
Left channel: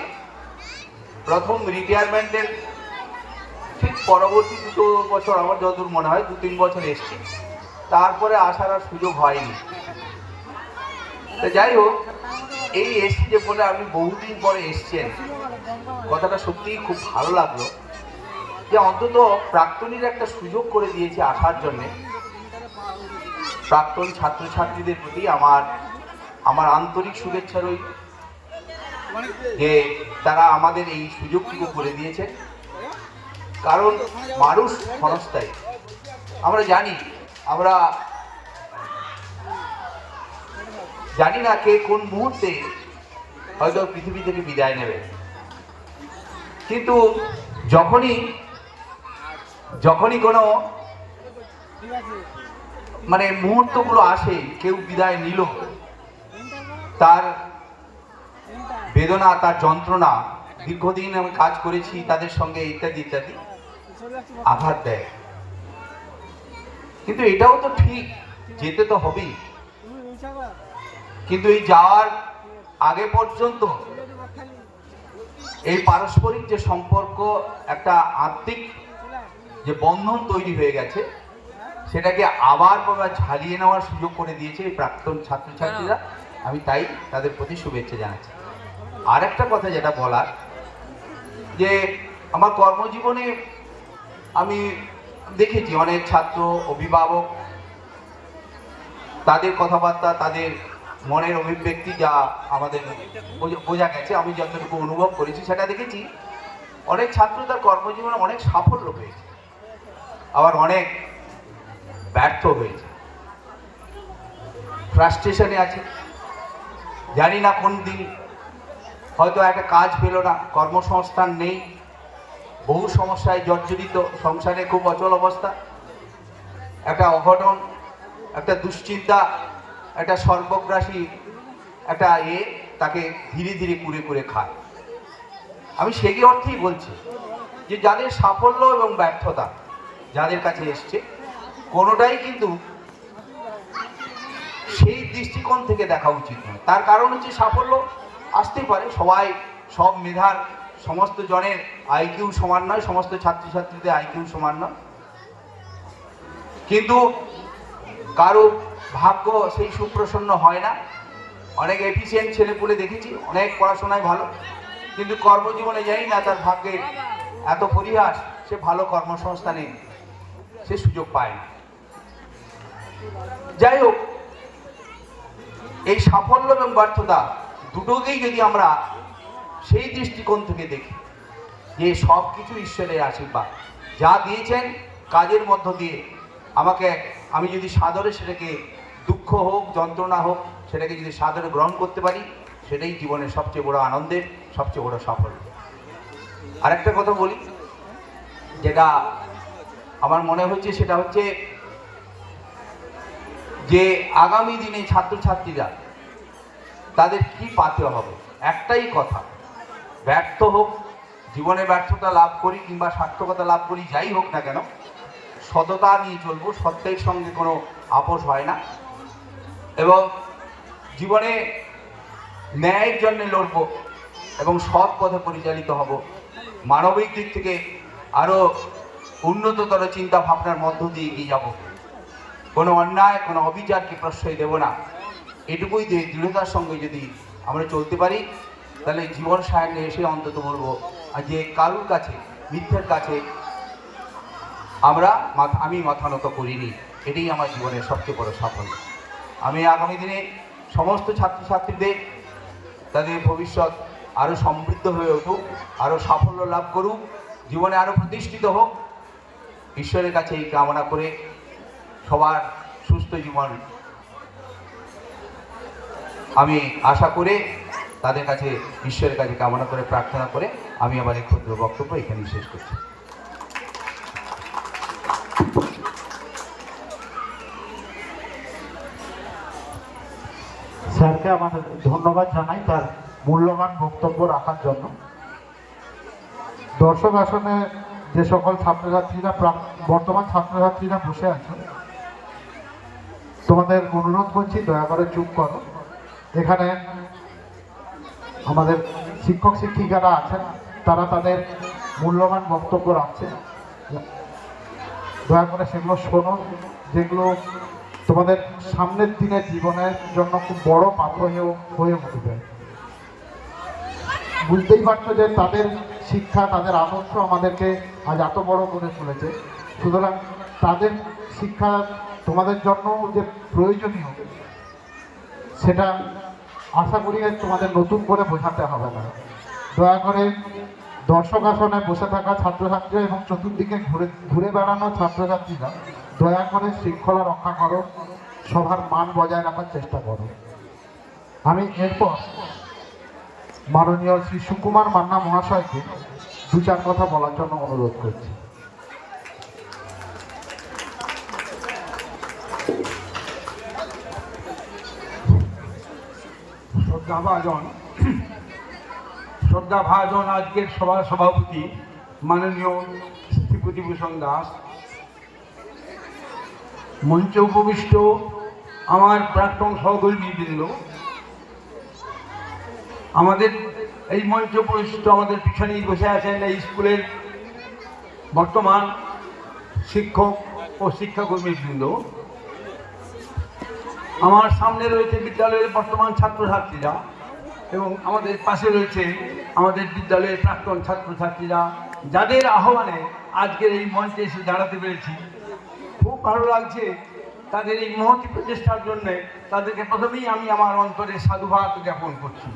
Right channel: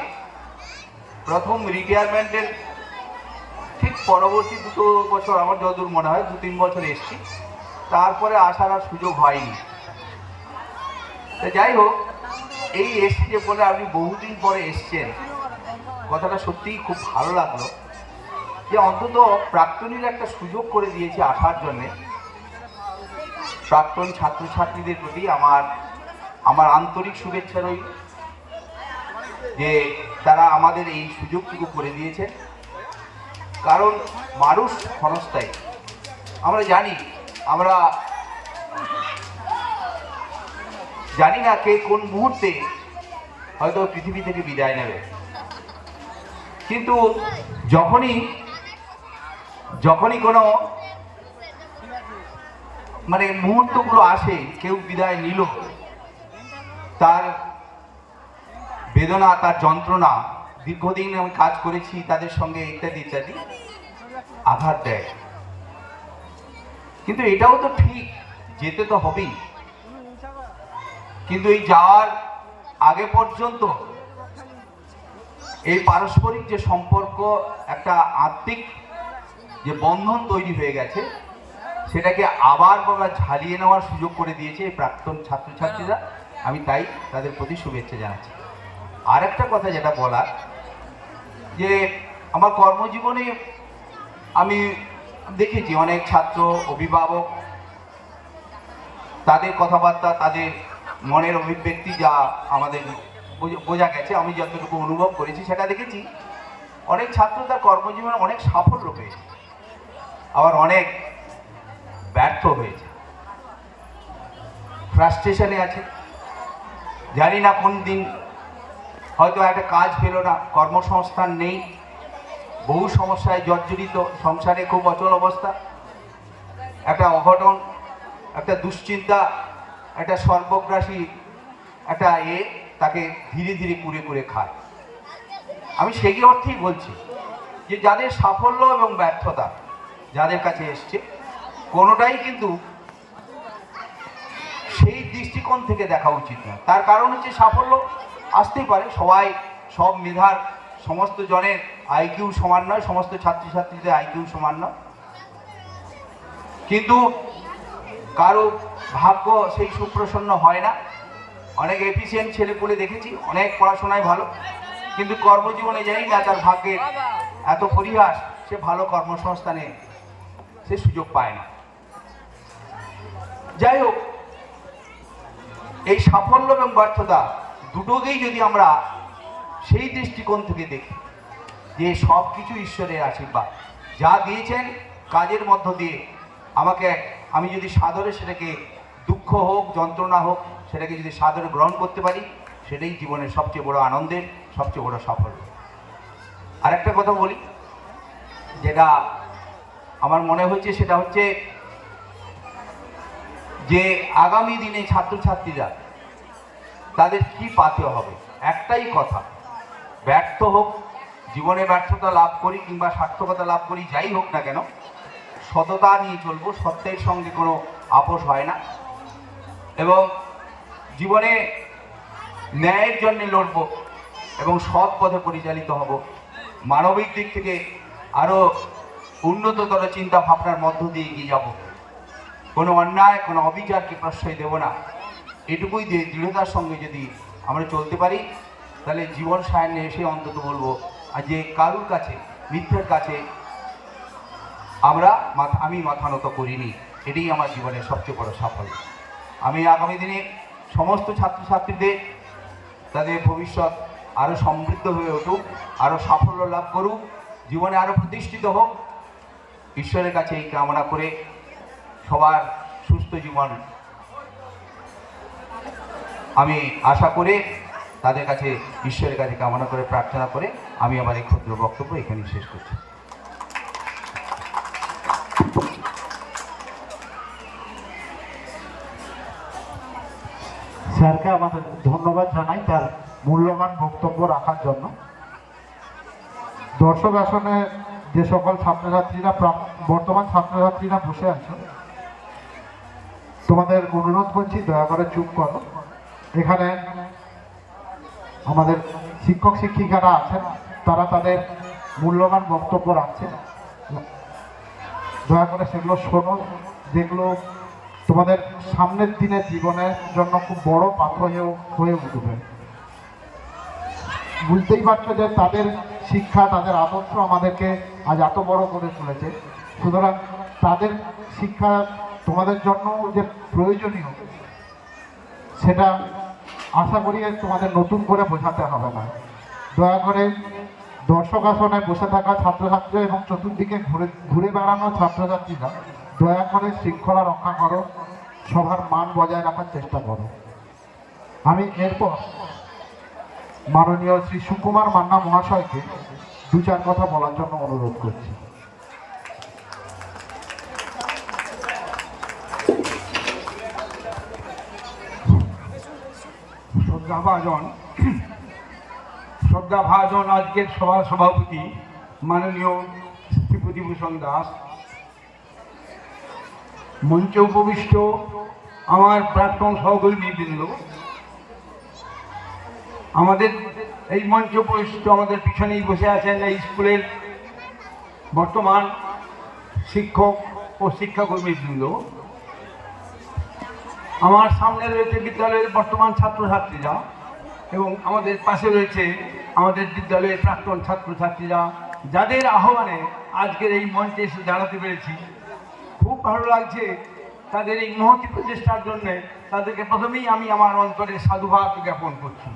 প্রথম রিটায়ারমেন্টের ঠিক পরবর্তী 2 বছর, আমার যতদূর মনে হয় 2-3 বছর এসছি, তারপরে আসার আর সুযোগ হয়নি। তা যাই হোক, এই এসছি যে বলে আপনি বহুদিন পরে এসছেন, কথাটা সত্যিই খুব ভালো লাগলো যে অন্তত প্রাক্তনীর একটা সুযোগ করে দিয়েছে আসার জন্যে। প্রাক্তন ছাত্রছাত্রীদের প্রতি আমার আন্তরিক শুভেচ্ছা রইল যে তারা আমাদের এই সুযোগটুকু করে দিয়েছে। কারণ মানুষ ক্ষণস্থায়ী, আমরা জানি না কে কোন মুহূর্তে হয়তো পৃথিবী থেকে বিদায় নেবে। কিন্তু যখনই কোনো মুহূর্তগুলো আসে, কেউ বিদায় নিল, তার বেদনা, তার যন্ত্রণা, দীর্ঘদিন কাজ করেছি তাদের সঙ্গে ইত্যাদি ইত্যাদি আঘাত দেয়। কিন্তু এটাও তো ঠিক, যেতে তো হবেই। কিন্তু এই যাওয়ার আগে পর্যন্ত এই পারস্পরিক যে সম্পর্ক, একটা আত্মিক যে বন্ধন তৈরি হয়ে গেছে, সেটাকে আবার ঝালিয়ে নেওয়ার সুযোগ করে দিয়েছে এই প্রাক্তন ছাত্রছাত্রীরা। আমি তাই তাদের প্রতি শুভেচ্ছা জানাচ্ছি। আর একটা কথা যেটা বলার, যে আমার কর্মজীবনে আমি দেখেছি অনেক ছাত্র, অভিভাবক, তাদের কথাবার্তা, তাদের মনের অভিব্যক্তি যা আমাদের বোঝা গেছে, আমি যতটুকু অনুভব করেছি সেটা দেখেছি, অনেক ছাত্র তার কর্মজীবনে অনেক সাফল্য পেয়েছে, আবার অনেক ব্যর্থ হয়েছে, ফ্রাস্ট্রেশনে আছে। জানি না কোন দিন হয়তো একটা কাজ পেল না, কর্মসংস্থান নেই, বহু সমস্যায় জর্জরিত, সংসারে খুব অচল অবস্থা, একটা অঘটন, একটা দুশ্চিন্তা, একটা সর্বগ্রাসী একটা তাকে ধীরে ধীরে কুরে কুরে খায়। আমি সেই অর্থেই বলছি যে যাদের সাফল্য এবং ব্যর্থতা যাদের কাছে এসছে, কোনোটাই কিন্তু সেই দৃষ্টিকোণ থেকে দেখা উচিত নয়। তার কারণ হচ্ছে সাফল্য আসতেই পারে, সবাই সব মেধার সমস্ত জনের আইকিউ সমান নয়, সমস্ত ছাত্রছাত্রীদের আইকিউ সমান নয়, কিন্তু কারো ভাগ্য সেই সুপ্রসন্ন হয় না। অনেক এফিসিয়েন্ট ছেলেপুলে দেখেছি, অনেক পড়াশোনায় ভালো, কিন্তু কর্মজীবনে যাই না তার ভাগ্যের এত পরিহাস, সে ভালো কর্মসংস্থানে সে সুযোগ পায় না। যাই হোক, এই সাফল্য এবং ব্যর্থতা দুটোকেই যদি আমরা সেই দৃষ্টিকোণ থেকে দেখি যে সব কিছু ঈশ্বরের আশীর্বাদ, যা দিয়েছেন কাজের মধ্য দিয়ে আমাকে, আমি যদি সাদরে সেটাকে, দুঃখ হোক যন্ত্রণা হোক, সেটাকে যদি সাদরে গ্রহণ করতে পারি, সেটাই জীবনের সবচেয়ে বড় আনন্দের, সবচেয়ে বড় সাফল্য। আর একটা কথা বলি, যেটা আমার মনে হচ্ছে, সেটা হচ্ছে যে আগামী দিনে ছাত্রছাত্রীরা তাদের কি পাতে হবে। একটাই কথা, ব্যর্থ হোক, জীবনে ব্যর্থতা লাভ করি কিংবা সার্থকতা লাভ করি, যাই হোক না কেন, সততা নিয়ে চলবো, সত্যের সঙ্গে কোনো আপোষ হয় না, এবং জীবনে ন্যায়ের জন্য লড়বো এবং সৎ পথে পরিচালিত হব। মানবিক দিক থেকে আরও উন্নততর চিন্তা ভাবনার মধ্য দিয়ে এগিয়ে যাব। কোনো অন্যায়, কোনো অবিচারকে প্রশ্রয় দেব না। এটুকুই দিয়ে দৃঢ়তার সঙ্গে যদি আমরা চলতে পারি, তাহলে জীবন সায়নে এসে অন্তত বলবো যে কারুর কাছে, মিথ্যের কাছে আমি মাথা নত করিনি। এটাই আমার জীবনের সবচেয়ে বড় সাফল্য। আমি আগামী দিনে সমস্ত ছাত্রছাত্রীদের তাদের ভবিষ্যৎ আরও সমৃদ্ধ হয়ে উঠুক, আরও সাফল্য লাভ করুক, জীবনে আরও প্রতিষ্ঠিত হোক, ঈশ্বরের কাছে এই কামনা করে সবার সুস্থ জীবন আমি আশা করে, তাদের কাছে ঈশ্বরের কাছে কামনা করে, প্রার্থনা করে আমি আবার এই ক্ষুদ্র বক্তব্য এখানেই শেষ করছি। স্যারকে আমাদের ধন্যবাদ জানাই তার মূল্যবান বক্তব্য রাখার জন্য। দর্শক আসনে যে সকল ছাত্রছাত্রীরা, বর্তমান ছাত্রছাত্রীরা বসে আছে, তোমাদের অনুরোধ করছি দয়া করে চুপ করো। এখানে আমাদের শিক্ষক শিক্ষিকারা আছেন, তারা তাদের মূল্যবান বক্তব্য রাখছেন, দয়া করে সেগুলো শোনো, যেগুলো তোমাদের সামনের দিনের জীবনের জন্য খুব বড় পাথর হয়ে উঠবে। বুঝতেই পারছো যে তাদের শিক্ষা, তাদের আদর্শ আমাদেরকে আজ এত বড় করে তুলেছে। সুতরাং তাদের শিক্ষা তোমাদের জন্য যে প্রয়োজনীয়, সেটা আশা করি তোমাদের নতুন করে বোঝাতে হবে না। দয়া করে দর্শক আসনে বসে থাকা ছাত্রছাত্রীরা এবং চতুর্দিকে ঘুরে বেড়ানো ছাত্রছাত্রীরা দয়া করে শৃঙ্খলা রক্ষা করো, সবার মান বজায় রাখার চেষ্টা করো। আমি এরপর মাননীয় শ্রী সুকুমার মান্না মহাশয়কে দু চার কথা বলার জন্য অনুরোধ করছি। শ্রদ্ধাভাজন আজকের সভার সভাপতি মাননীয় শ্রীপতিভূষণ দাস, মঞ্চে উপবিষ্ট আমার প্রাক্তন সহকর্মীবৃন্দ, আমাদের এই মঞ্চে উপবিষ্ট আমাদের পিছনেই বসে আছেন এই স্কুলের বর্তমান শিক্ষক ও শিক্ষাকর্মীবৃন্দ, আমার সামনে রয়েছে বিদ্যালয়ের বর্তমান ছাত্রছাত্রীরা, এবং আমাদের পাশে রয়েছে আমাদের বিদ্যালয়ের প্রাক্তন ছাত্রছাত্রীরা, যাদের আহ্বানে আজকের এই মঞ্চে এসে দাঁড়াতে পেরেছি। খুব ভালো লাগছে তাদের এই মহতি প্রচেষ্টার জন্যে। তাদেরকে প্রথমেই আমি আমার অন্তরে সাধুবাদ জ্ঞাপন করছি।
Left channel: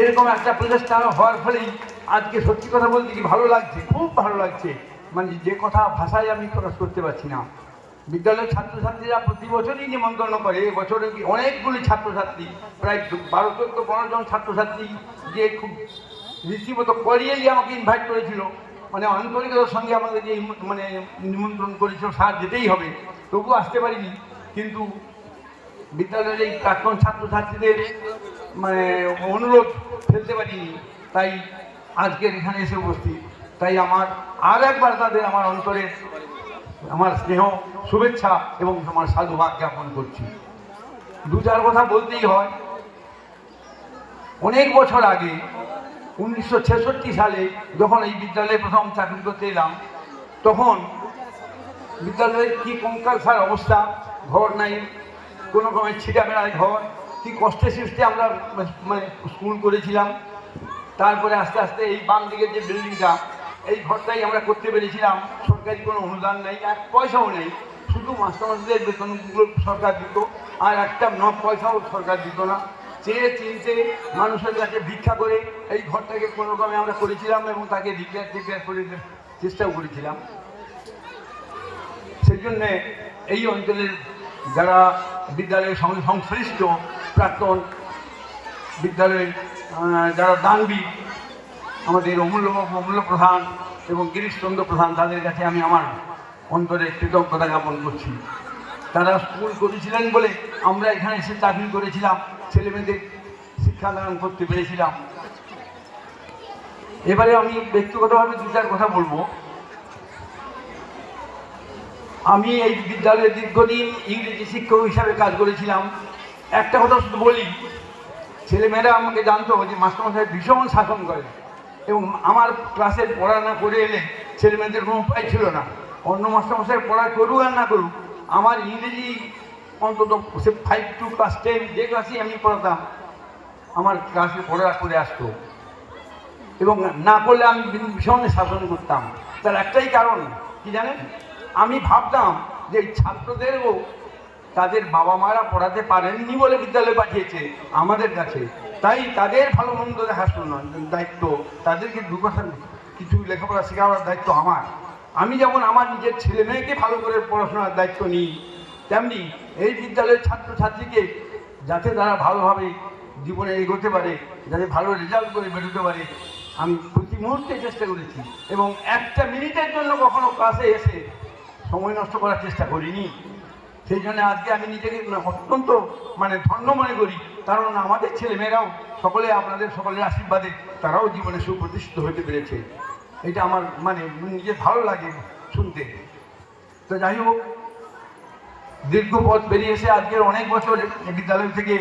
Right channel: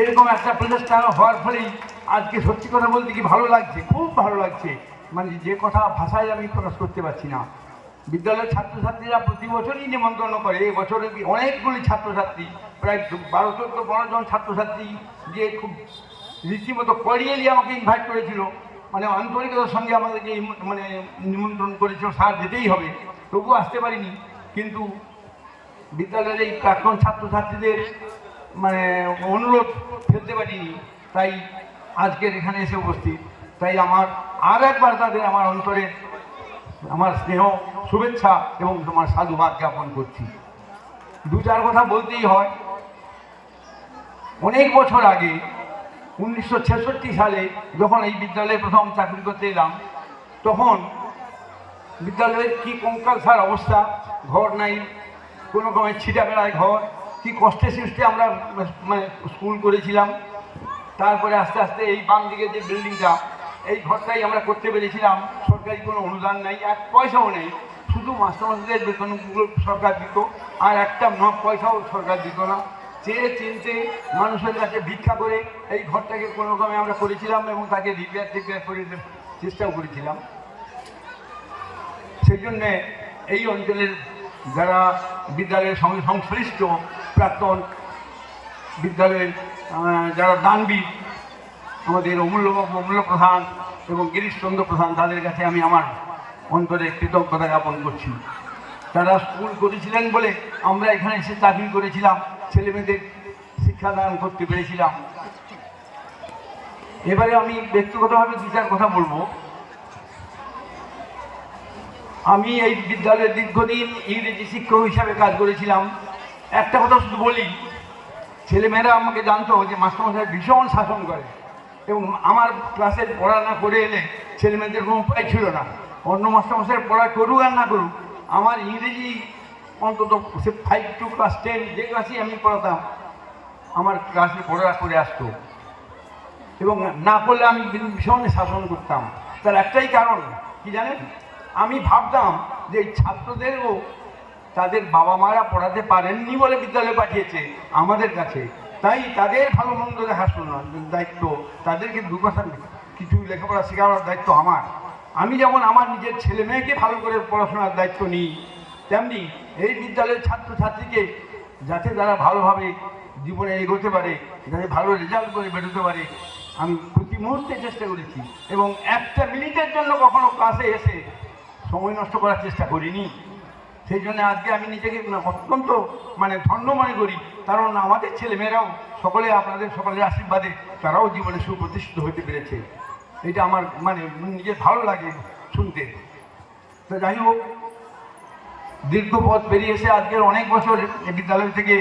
এরকম একটা প্রচেষ্টা হওয়ার ফলেই আজকে সত্যি কথা বলতে কি ভালো লাগছে, খুব ভালো লাগছে। মানে যে কথা ভাষায় আমি প্রকাশ করতে পারছি না। বিদ্যালয়ের ছাত্রছাত্রীরা প্রতি বছরই নিমন্ত্রণ করে, এবছরে অনেকগুলি ছাত্রছাত্রী, প্রায় 12-14-15 জন ছাত্রছাত্রী যে খুব রীতিমতো করিয়েলি আমাকে ইনভাইট করেছিল, মানে আন্তরিকতার সঙ্গে আমাদেরকে মানে নিমন্ত্রণ করেছিল, স্যার যেতেই হবে, তবুও আসতে পারিনি। কিন্তু বিদ্যালয়ের এই প্রাক্তন ছাত্রছাত্রীদের মানে অনুরোধ ফেলতে পারিনি, তাই আজকের এখানে এসে উপস্থিত। তাই আমার আর একবার তাদের আমার অন্তরের আমার স্নেহ শুভেচ্ছা এবং তোমার সাধুবাদ জ্ঞাপন করছি। দু চার কথা বলতেই হয়। অনেক বছর আগে 1966 সালে যখন এই বিদ্যালয়ে প্রথম চাকরি করতে এলাম, তখন বিদ্যালয়ের কি কঙ্কালসার অবস্থা, ঘর নাই, কোনো রকমের ছিটা বেড়ায় ঘর, কি কষ্টে সৃষ্টি আমরা মানে স্কুল করেছিলাম। তারপরে আস্তে আস্তে এই বাম দিকে যে বিল্ডিংটা, এই ঘরটাই আমরা করতে পেরেছিলাম। সরকারি কোনো অনুদান নেই, 1 পয়সাও নেই, শুধু মাস্টারমশাইদের বেতনগুলো সরকার দিত, আর একটা 9 পয়সাও সরকার দিত না। চেয়ে চিনতে মানুষের কাছে ভিক্ষা করে এই ঘরটাকে কোনো রকমে আমরা করেছিলাম এবং তাকে রিপেয়ার করে চেষ্টাও করেছিলাম। সেই জন্যে এই অঞ্চলের যারা বিদ্যালয়ের সঙ্গে সংশ্লিষ্ট প্রাক্তন বিদ্যালয়ের যারা দানবীর, আমাদের অমূল্যবাবু, অমূল্য প্রধান এবং গিরিশচন্দ্র প্রধান, তাদের কাছে আমি আমার অন্তরে কৃতজ্ঞতা জ্ঞাপন করছি। তারা স্কুল করেছিলেন বলে আমরা এখানে এসে চাকরি করেছিলাম, ছেলেমেয়েদের শিক্ষাদান করতে পেরেছিলাম। এবারে আমি ব্যক্তিগতভাবে 2-4 কথা বলবো। আমি এই বিদ্যালয়ে দীর্ঘদিন ইংরেজি শিক্ষক হিসাবে কাজ করেছিলাম। একটা কথা শুধু বলি, ছেলেমেয়েরা আমাকে জানতো যে মাস্টারমশাই ভীষণ শাসন করে এবং আমার ক্লাসের পড়া না করে এলে ছেলেমেয়েদের কোনো উপায় ছিল না। অন্য মাস্টারমশাই পড়া করুক আর না করুক, আমার ইংরেজি অন্তত 5 to class 10 যে ক্লাসই আমি পড়াতাম, আমার ক্লাসে পড়া করে আসতো এবং না করলে আমি ভীষণ শাসন করতাম। তার একটাই কারণ কি জানেন, আমি ভাবতাম যে এই ছাত্রদেরও তাদের বাবা মারা পড়াতে পারেননি বলে বিদ্যালয়ে পাঠিয়েছে আমাদের কাছে, তাই তাদের ভালো মন্দ দেখার দায়িত্ব, তাদেরকে 2 কথা কিছু লেখাপড়া শেখানোর দায়িত্ব আমার। আমি যেমন আমার নিজের ছেলে মেয়েকে ভালো করে পড়াশোনার দায়িত্ব নিই, তেমনি এই বিদ্যালয়ের ছাত্রছাত্রীকে যাতে তারা ভালোভাবে জীবনে এগোতে পারে, যাতে ভালো রেজাল্ট করে বেরোতে পারে, আমি প্রতি মুহূর্তে চেষ্টা করেছি এবং 1 মিনিটের জন্য কখনো ক্লাসে এসে সময় নষ্ট করার চেষ্টা করিনি। সেই জন্য আজকে আমি নিজেকে অত্যন্ত ধন্য মনে করি, কারণ আমাদের ছেলেমেয়েরাও সকলে আপনাদের সকলের আশীর্বাদে তারাও জীবনে সুপ্রতিষ্ঠিত হতে পেরেছে। এটা আমার নিজের ভালো লাগে শুনতে। তো যাই হোক, দীর্ঘ পথ পেরিয়ে এসে আজকের অনেক বছর এই বিদ্যালয় থেকে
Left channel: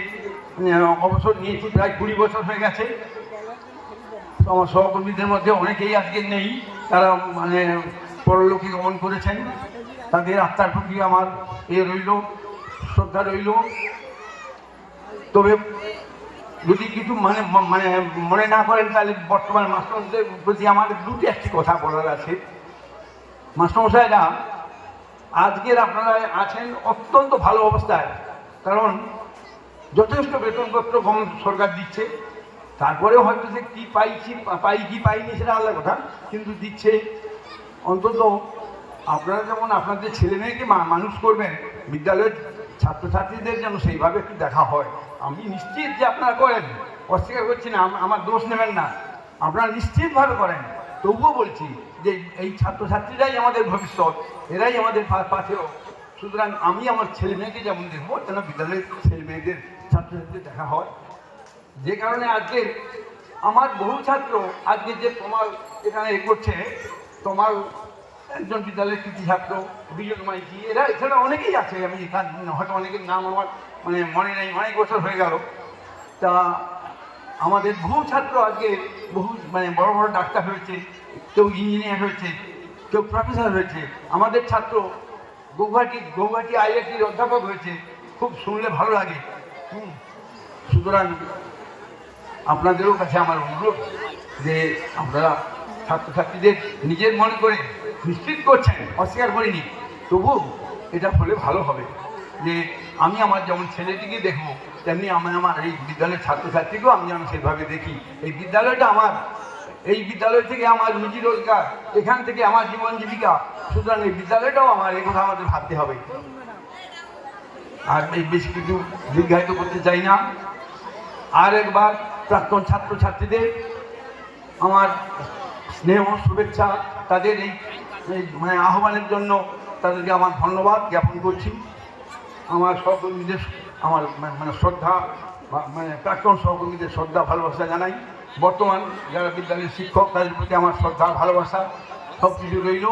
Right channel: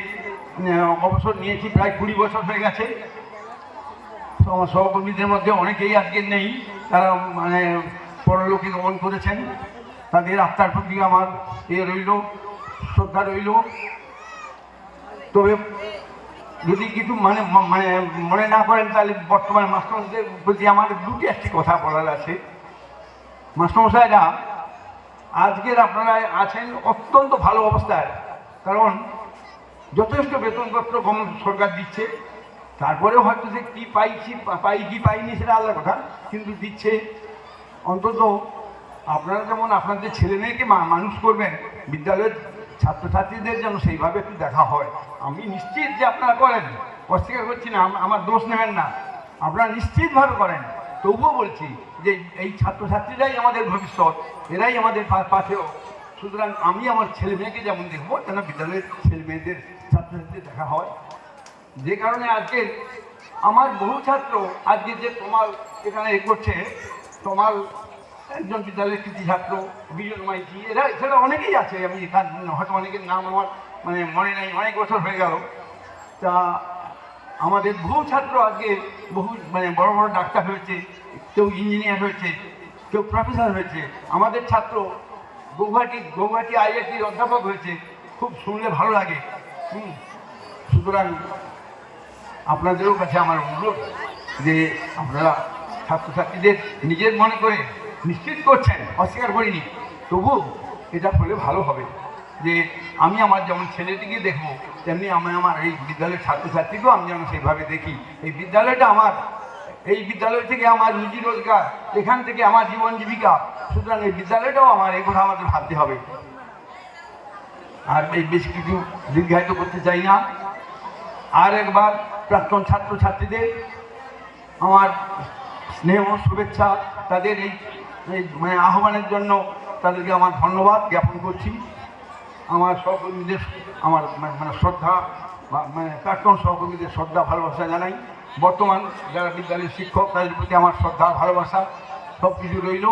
অবসর নিয়েছি, প্রায় 20 বছর হয়ে গেছে। আমার সহকর্মীদের মধ্যে অনেকেই আজকে নেই, তারা পরলোকে গমন করেছেন। তাদের আত্মার প্রতি আমার রইল, শ্রদ্ধা রইল। তবে যদি কিছু মনে না করেন, তাহলে বর্তমান মাস্টারমশাইদের প্রতি আমার 2-1টি কথা বলার আছে। মাস্টারমশাইরা আজকের আপনারা আছেন অত্যন্ত ভালো অবস্থায়, কারণ যথেষ্ট বেতনপত্র সরকার দিচ্ছে। তারপরেও হয়তো যে কী পাই কি পাইনি সেটা আলাদা কথা, কিন্তু দিচ্ছে। অন্তত আপনারা যেমন আপনাদের ছেলে মেয়েকে মানুষ করবেন, বিদ্যালয়ের ছাত্রছাত্রীদের যেন সেইভাবে একটু দেখা হয়। আমি নিশ্চিত যে আপনারা করেন, অস্বীকার করছি না, আমার দোষ নেবেন না, আপনারা নিশ্চিতভাবে করেন। তবুও বলছি যে এই ছাত্রছাত্রীরাই আমাদের ভবিষ্যৎ, এরাই আমাদের পাথেয়। সুতরাং আমি আমার ছেলে মেয়েকে যেমন দেখবো, যেন বিদ্যালয়ের ছেলে মেয়েদের ছাত্রছাত্রীদের দেখা হয়। যে কারণে আজকে আমার বহু ছাত্র আজকে যে তোমার এখানে করছে, তোমার একজন বিদ্যালয়ের কৃতি ছাত্র বিজন মাইতি, এছাড়া অনেকেই আছে। আমি হয়তো অনেকের নাম আমার মনে নেই, অনেক বছর হয়ে গেল। তা আমাদের বহু ছাত্র আজকে বহু বড় বড় ডাক্তার হয়েছে, কেউ ইঞ্জিনিয়ার হয়েছে, কেউ প্রফেসর হয়েছে। আমাদের ছাত্র গৌহাটি IITর অধ্যাপক হয়েছে, খুব শুনলে ভালো লাগে। সুতরাং আপনাদেরও কাছে আমার অনুরোধ যে আপনারা ছাত্রছাত্রীদের নিজের মনে করে নিশ্চিত করছেন, অস্বীকার করিনি, তবু এটা হলে ভালো হবে। যে আমি আমার যেমন ছেলেটিকে দেখবো, তেমনি আমি আমার এই বিদ্যালয়ের ছাত্রছাত্রীকেও আমি সেইভাবে দেখি। এই বিদ্যালয়টা আমার, এই বিদ্যালয় থেকে আমার রুজি রোজগার, এখান থেকে আমার জীবন জীবিকা। সুতরাং এই বিদ্যালয়টাও আমার, এই কথা আমাদের ভাবতে হবে। আর এই বেশি কিছু দীর্ঘায়িত করতে চাই না। আর একবার প্রাক্তন ছাত্রছাত্রীদের আমার স্নেহ শুভেচ্ছা, তাদের এই আহ্বানের জন্য তাদেরকে আমার ধন্যবাদ জ্ঞাপন করছি। আমার সহকর্মীদের আমার শ্রদ্ধা, প্রাক্তন সহকর্মীদের শ্রদ্ধা ভালোবাসা জানাই। বর্তমান যারা বিদ্যালয়ের শিক্ষক, তাদের প্রতি আমার শ্রদ্ধা ভালোবাসা সব কিছু রইল।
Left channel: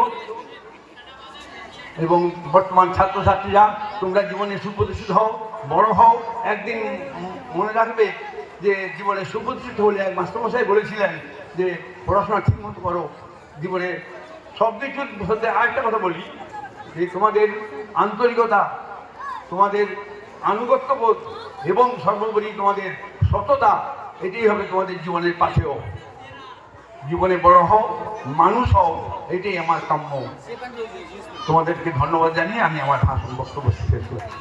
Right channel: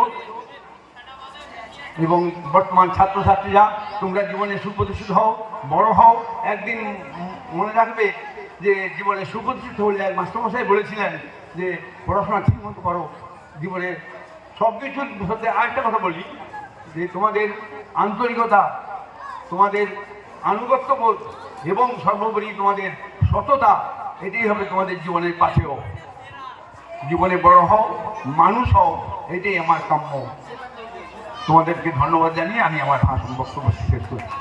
এবং বর্তমান ছাত্রছাত্রীরা তোমরা জীবনে সুপ্রতিষ্ঠিত হও, বড় হও। একদিন মনে রাখবে যে জীবনে সুপ্রতিষ্ঠিত হলে এক মাস্টারমশাই বলেছিলেন যে পড়াশোনা ঠিক মতো করো, জীবনে সব কিছুর মধ্যে আরেকটা কথা বলি যে তোমাদের আন্তরিকতা, তোমাদের আনুগত্যবোধ এবং সর্বোপরি তোমাদের সততা, এটাই হবে তোমাদের জীবনের পাথেয়। জীবনে বড় হও, মানুষ হও, এটাই আমার কাম্য। তোমাদেরকে ধন্যবাদ জানিয়ে আমি আমার ভাষণ বক্তব্য শেষ করছি।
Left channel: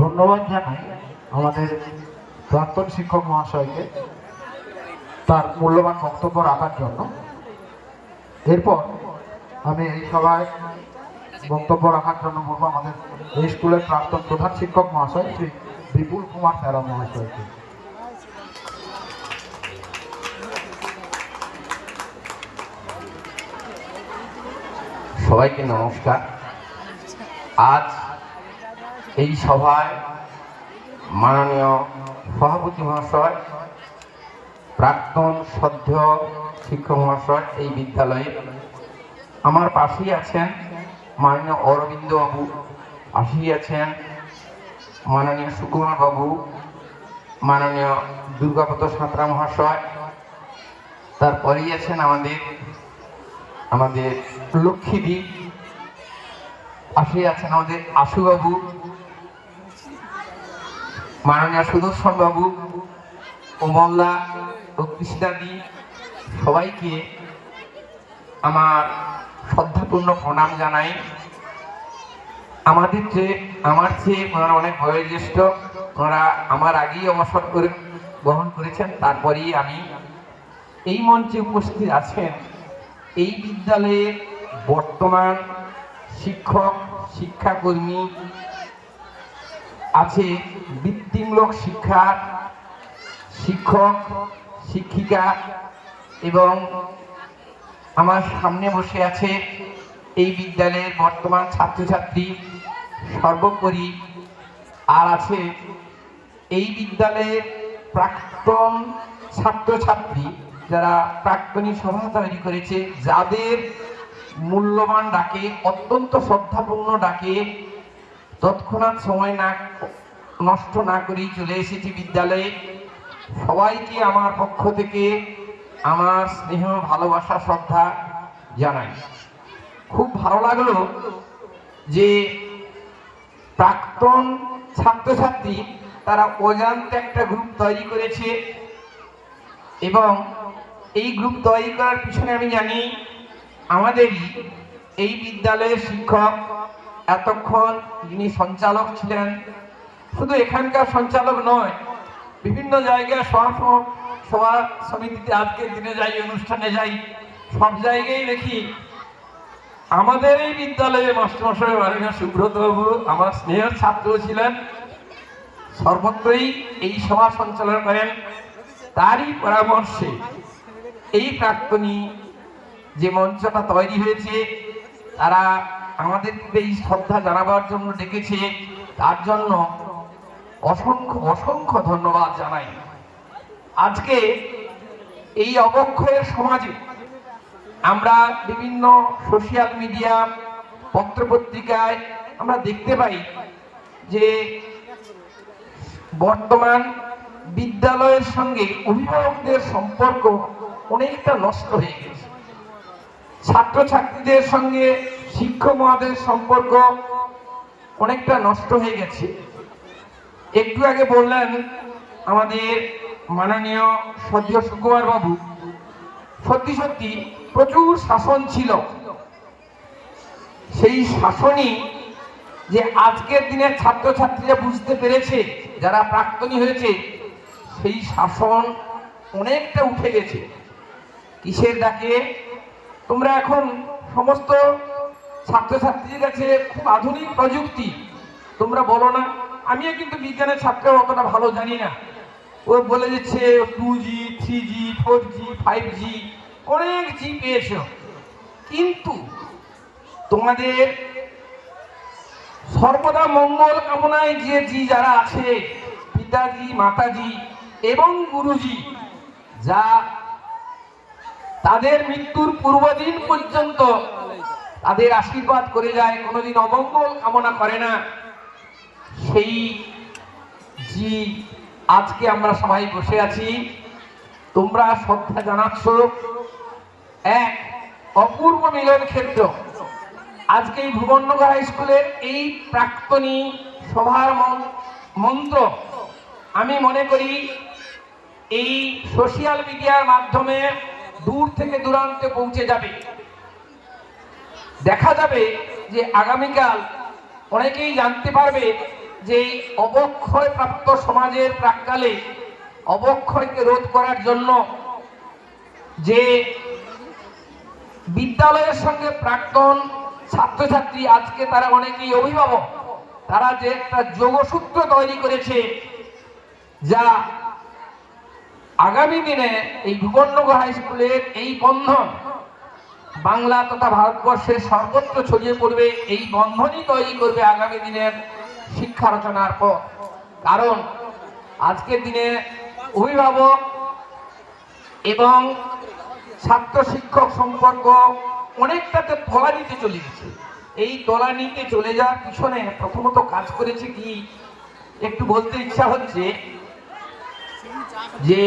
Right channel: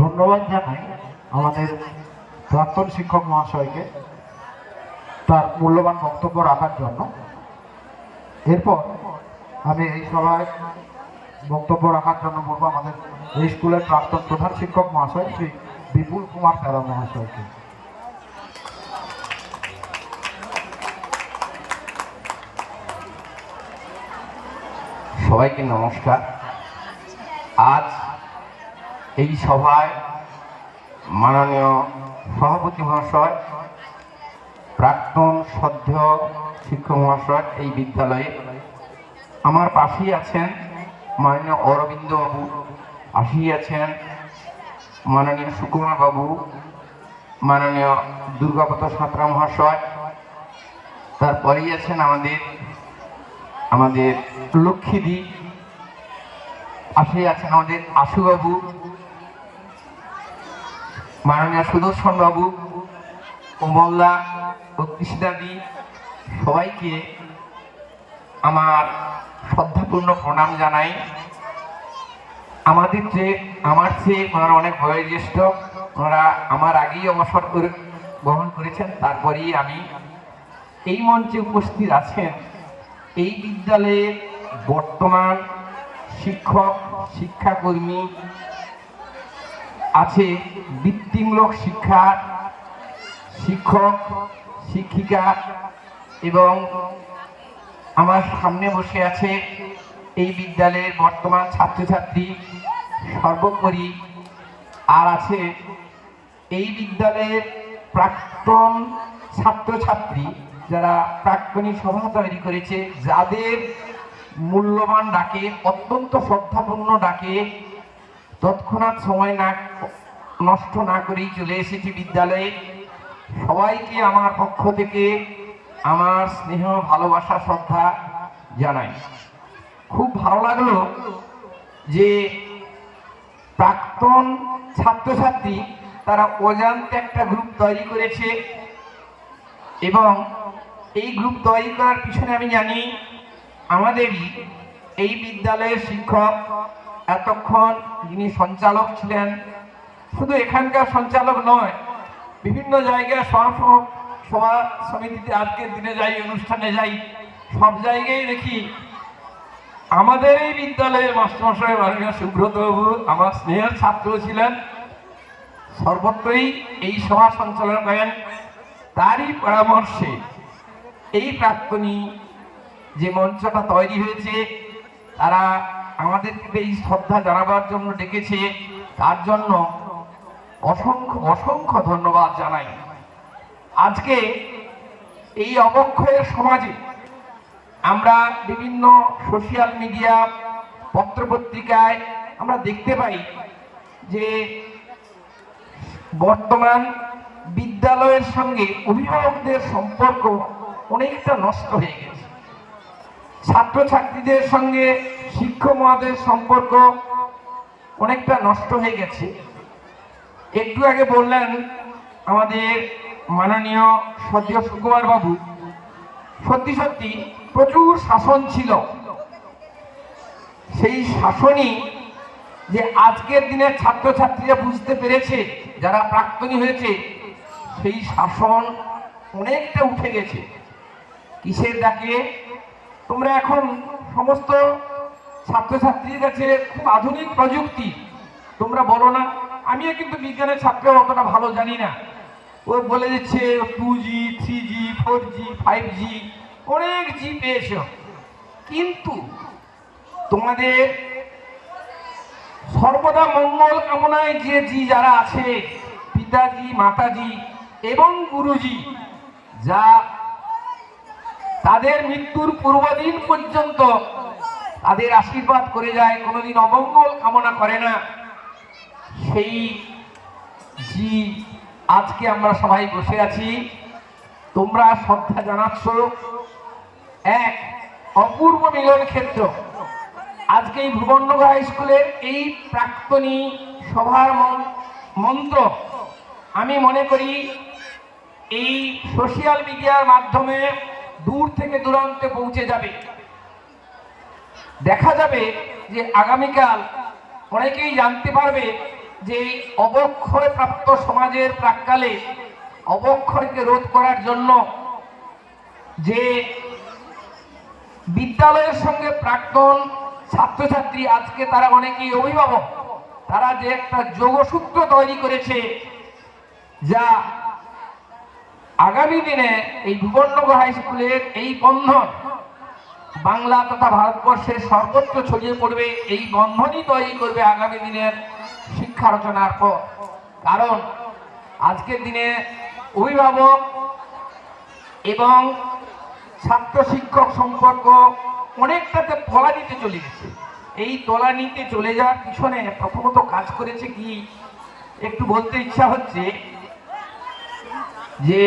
ধন্যবাদ জানাই আমাদের প্রাক্তন শিক্ষক মহাশয়কে তার মূল্যবান বক্তব্য রাখার জন্য। এরপর আমি এই সভায় বক্তব্য রাখার জন্য বলবো আমাদের এই স্কুলের প্রাক্তন প্রধান শিক্ষক মহাশয় শ্রী বিপুল কুমার প্যারা মহাশয়কে। সবাইকে নমস্কার। আজ এই সভায় মাননীয় সভাপতি মহাশয়, প্রাক্তন সদ্য শিক্ষক মহাশয় এই বিদ্যালয়ে, আমার পাশেই আছেন মাননীয় অরবিন্দ বাবু, পাশেই আছেন মাননীয় সুকুমার বাবু, মাননীয় দুর্গাপত সাঁতরা মহাশয়, তারপরেই আছেন আমাদের লক্ষ্মীদি, পাশেই আছেন আমাদের আশুবাবু, মাননীয় সুদর্শন বাবু, কমলদা ও কৃষ্ণাদি। সবাইকে আমার শ্রদ্ধাপূর্ণ প্রণাম জানাই। আমার চেয়ে ওনারা অনেক বয়োজ্যেষ্ঠ, ওনারা আমার আগেই অবসর গ্রহণ করেছেন, তারপরেই আমি এই মঞ্চে উপস্থিত আছেন। এই বিদ্যালয়ের বর্তমান শিক্ষক, শিক্ষাকর্মী আছে, বৃত্তিমূলক শিক্ষা শিক্ষক, শিক্ষিকা এবং আমার সামনে বসে আছে এই বিদ্যালয়ের বর্তমান ছাত্রছাত্রী, সর্বোপরি আর আছে এই বিদ্যালয়ের প্রাক্তন ছাত্রছাত্রী, যারা প্রাক্তনী সভা তৈরি করেছে, যাদের মূল্যবান ডাকে, অত্যন্ত শ্রদ্ধাপূর্ণ ডাকে তৎক্ষণাৎ সময় নষ্ট না করেই চলে এসেছি বিদ্যালয়ে। সবাইকে আমার পক্ষ থেকে আমার স্নেহ, ভালোবাসা, শ্রদ্ধা জানাই। খুব ভালো লাগলো যে প্রাক্তন ছাত্রছাত্রী তারা অজান্তে একটা গ্রুপ তৈরি করেছে এবং এই গ্রুপ তৈরি করার পিছনে আমি জানি আমাদেরই এই বিদ্যালয়ের শিক্ষক, এতক্ষণ যিনি সঞ্চালক ছিলেন, শুধু এখানকার সঞ্চালক নয়, বিভিন্ন জায়গায় সভা সমিতিতে আজকের দিনে যাই, অনুষ্ঠানে যাই, সব জায়গায় দেখি আমাদের এই বিদ্যালয়ের মাস্টারমশাই মাননীয় সুব্রত বাবু আমার স্নেহের ছাত্র ছিলেন, সর্বত্রই এই সভা সঞ্চালন করেন। তারই পরামর্শে এই প্রাক্তনী যে মঞ্চটা তৈরি হয়েছে, তারা আমাদেরকে এই শ্রদ্ধা জানাবার জন্য ডেকেছে, তার জন্য অসংখ্য অসংখ্য ধন্যবাদ জানাই। আজকে এই অবক্ষয়ের সমাজে আমরা বিভিন্ন সোশ্যাল মিডিয়া, পত্রপত্রিকায় আমরা দেখতে পাই যে বর্তমান বিদ্যালয়ের সঙ্গে অভিভাবকদের সম্পর্ক অনেকটা নষ্ট হয়ে গেছে। ছাত্রছাত্রীদের সঙ্গে শিক্ষক মহোদয়ের সম্পর্ক অনেকটা নষ্ট হয়ে গেছে। একটু আগে বললেন আমাদের মাননীয় সদ্য সুকুমার বাবু, সত্যি সত্যি প্রচুর শাসন ছিল। সেই শাসনই যে আজকের দিনের ছাত্রছাত্রীরা বুঝতে পেরেছে, যারা প্রাক্তনী হয়েছে, সেই শাসন অনেকটা উঠে গেছে। কিসের ডাকে? তোমরা এখন সমস্ত ছাত্রছাত্রীর কাছে খুব আধুনিক প্রযুক্তি, তোমরা বলো না, আমিও কিন্তু বিজ্ঞানের ছাত্র অতটা ভালো জানি না, ও বলে দিচ্ছে 2G, 3G, 4G, 5G, অনেক জি পেয়েছ, কিন্তু তোমাদের সর্বদা মঙ্গল কামনায় যারা আছে, পিতাজি, মাতাজি এবং গুরুজি, যা তাদের মৃত্যুর পূর্বদিন পর্যন্ত তাদের আশীর্বাদ করে যায়, কোনোদিন অমঙ্গল কামনা করে না, সেই জি আজকে আমরা সবাই বসে আছি। তোমরা শ্রদ্ধা জানাচ্ছ এক অপূর্ব মিলন ক্ষেত্র। আজকে এই ভুবননগর হাই স্কুলের এই প্রাক্তনী সভার মন্ত্র আমি মনে করি এই সোশ্যাল মিডিয়ার মাধ্যমে দূর থেকে দূরান্তে পৌঁছে যাবে। দেখা যাবে যে আগামীকাল অনেকেই জানতে পারবে যে এই অবক্ষয় প্রাপ্ত সমাজের প্রাক্কালে অবক্ষয়কে রোধ করার জন্য যে বিদ্যালয়ের সঙ্গে প্রাক্তন ছাত্রছাত্রী, আজকে তারা অনেকেই অভিভাবক, তারা যে একটা যোগসূত্র তৈরি করেছে, যা আগামী দিনে এই ভুবননগর হাই স্কুলের এই বন্ধন বাংলা তথা ভারতবর্ষের সর্বত্র ছড়িয়ে পড়বে। এই বন্ধনই তৈরি করবে আগামী দিনের শিক্ষা রচনার পথ। কারণ আজকের দিনে অভিভাবক এবং ছাত্র শিক্ষক সম্পর্ক অনেকটাতে তলানিতে চলে গেছে। এই তলানিতে চলে যাওয়ার পিছনে প্রথমত কাজ করেছে কি, একটু বলতে ইচ্ছা হচ্ছে যে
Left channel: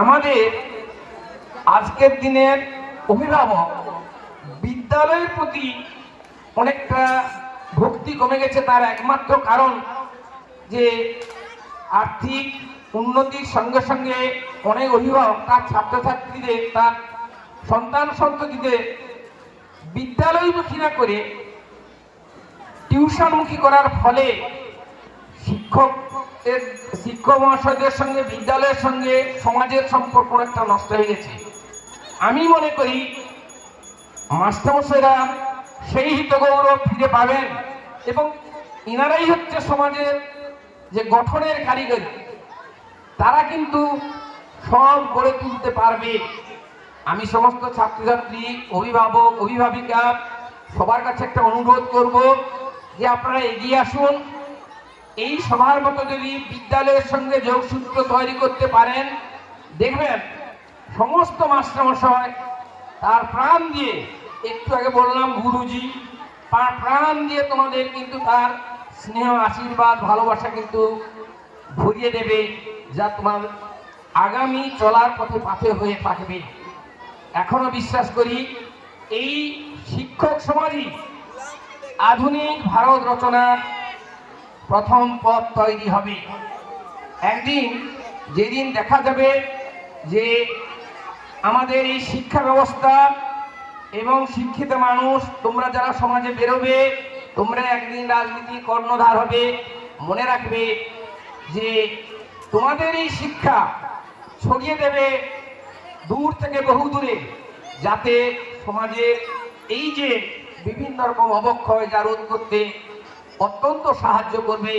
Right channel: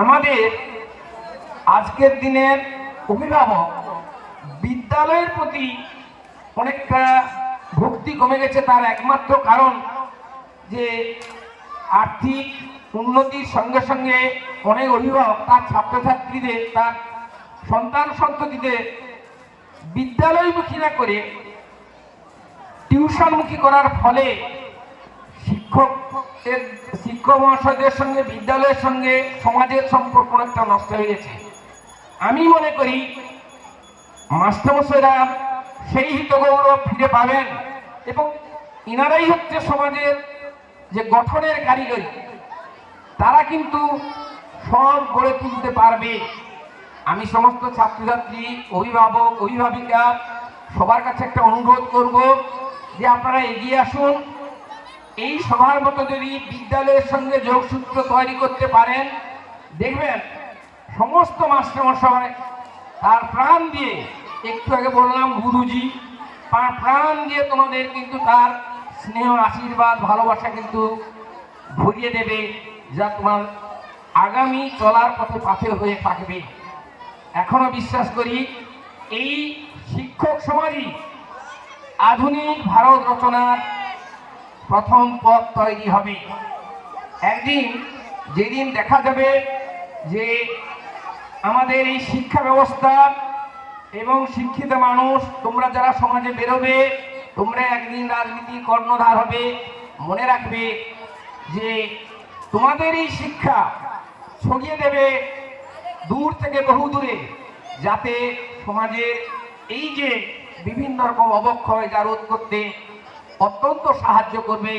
আমাদের আজকের দিনের অভিভাবক বিদ্যালয়ের প্রতি অনেকটা ভক্তি কমে গেছে। তার একমাত্র কারণ যে আর্থিক উন্নতির সঙ্গে সঙ্গে অনেক অভিভাবক তার ছাত্রছাত্রীদের, তার সন্তান সন্ততিদের বিদ্যালয়মুখী না করে টিউশনমুখী করার ফলে শিক্ষক মহাশয়দের সঙ্গে বিদ্যালয়ের সঙ্গে সমাজের সম্পর্ক অনেকটা নষ্ট হয়ে গেছে। আমি মনে করি মাস্টারমশাইরা সেই হিতগৌরব ফিরে পাবেন এবং ইনারাই হচ্ছে সমাজের যে গঠনের কারিগরি, তারা কিন্তু সমাজ গড়ে তুলতে পারবে। আমি সমস্ত ছাত্রছাত্রী, অভিভাবক, অভিভাবিকা সবার কাছে একটা অনুরোধ করব যে আপনারা এগিয়ে আসুন। এই সবার মতো যদি বিদ্যালয়ের সঙ্গে যোগসূত্র তৈরি করতে পারেন, দেখবেন সমস্ত মাস্টারমশাই তার প্রাণ দিয়ে, একটু আগে বললাম গুরুজি, প্রাণ দিয়ে তোমাদের কিন্তু তার স্নেহ, আশীর্বাদ, ভালোবাসা কিন্তু ভরিয়ে দেবে, যা তোমার আগামী চলার পথে পাথে হয়ে থাকবে। এখনো বিশ্বাস করি এই শিক্ষক সমাজই আধুনিক ভারত রচনার প্রথম পথ তৈরি হবে। একদিন যেদিন দেখা যাবে যে আমাদের এই শিক্ষা ব্যবস্থা এবং শিক্ষিত মানুষ, তোমরা যারা সমাজে বেরোবে, তোমরা একদিন রাজনীতির কর্ণধার হবে, মনে রাখবে যে তোমাদের এই শিক্ষা ছড়িয়ে দেবে দূর থেকে বহু দূরে, যাতে সমাজের এই যে বিভিন্ন রকম অবক্ষয় যা রোধ করতে অত্যন্ত সাহায্য করবে।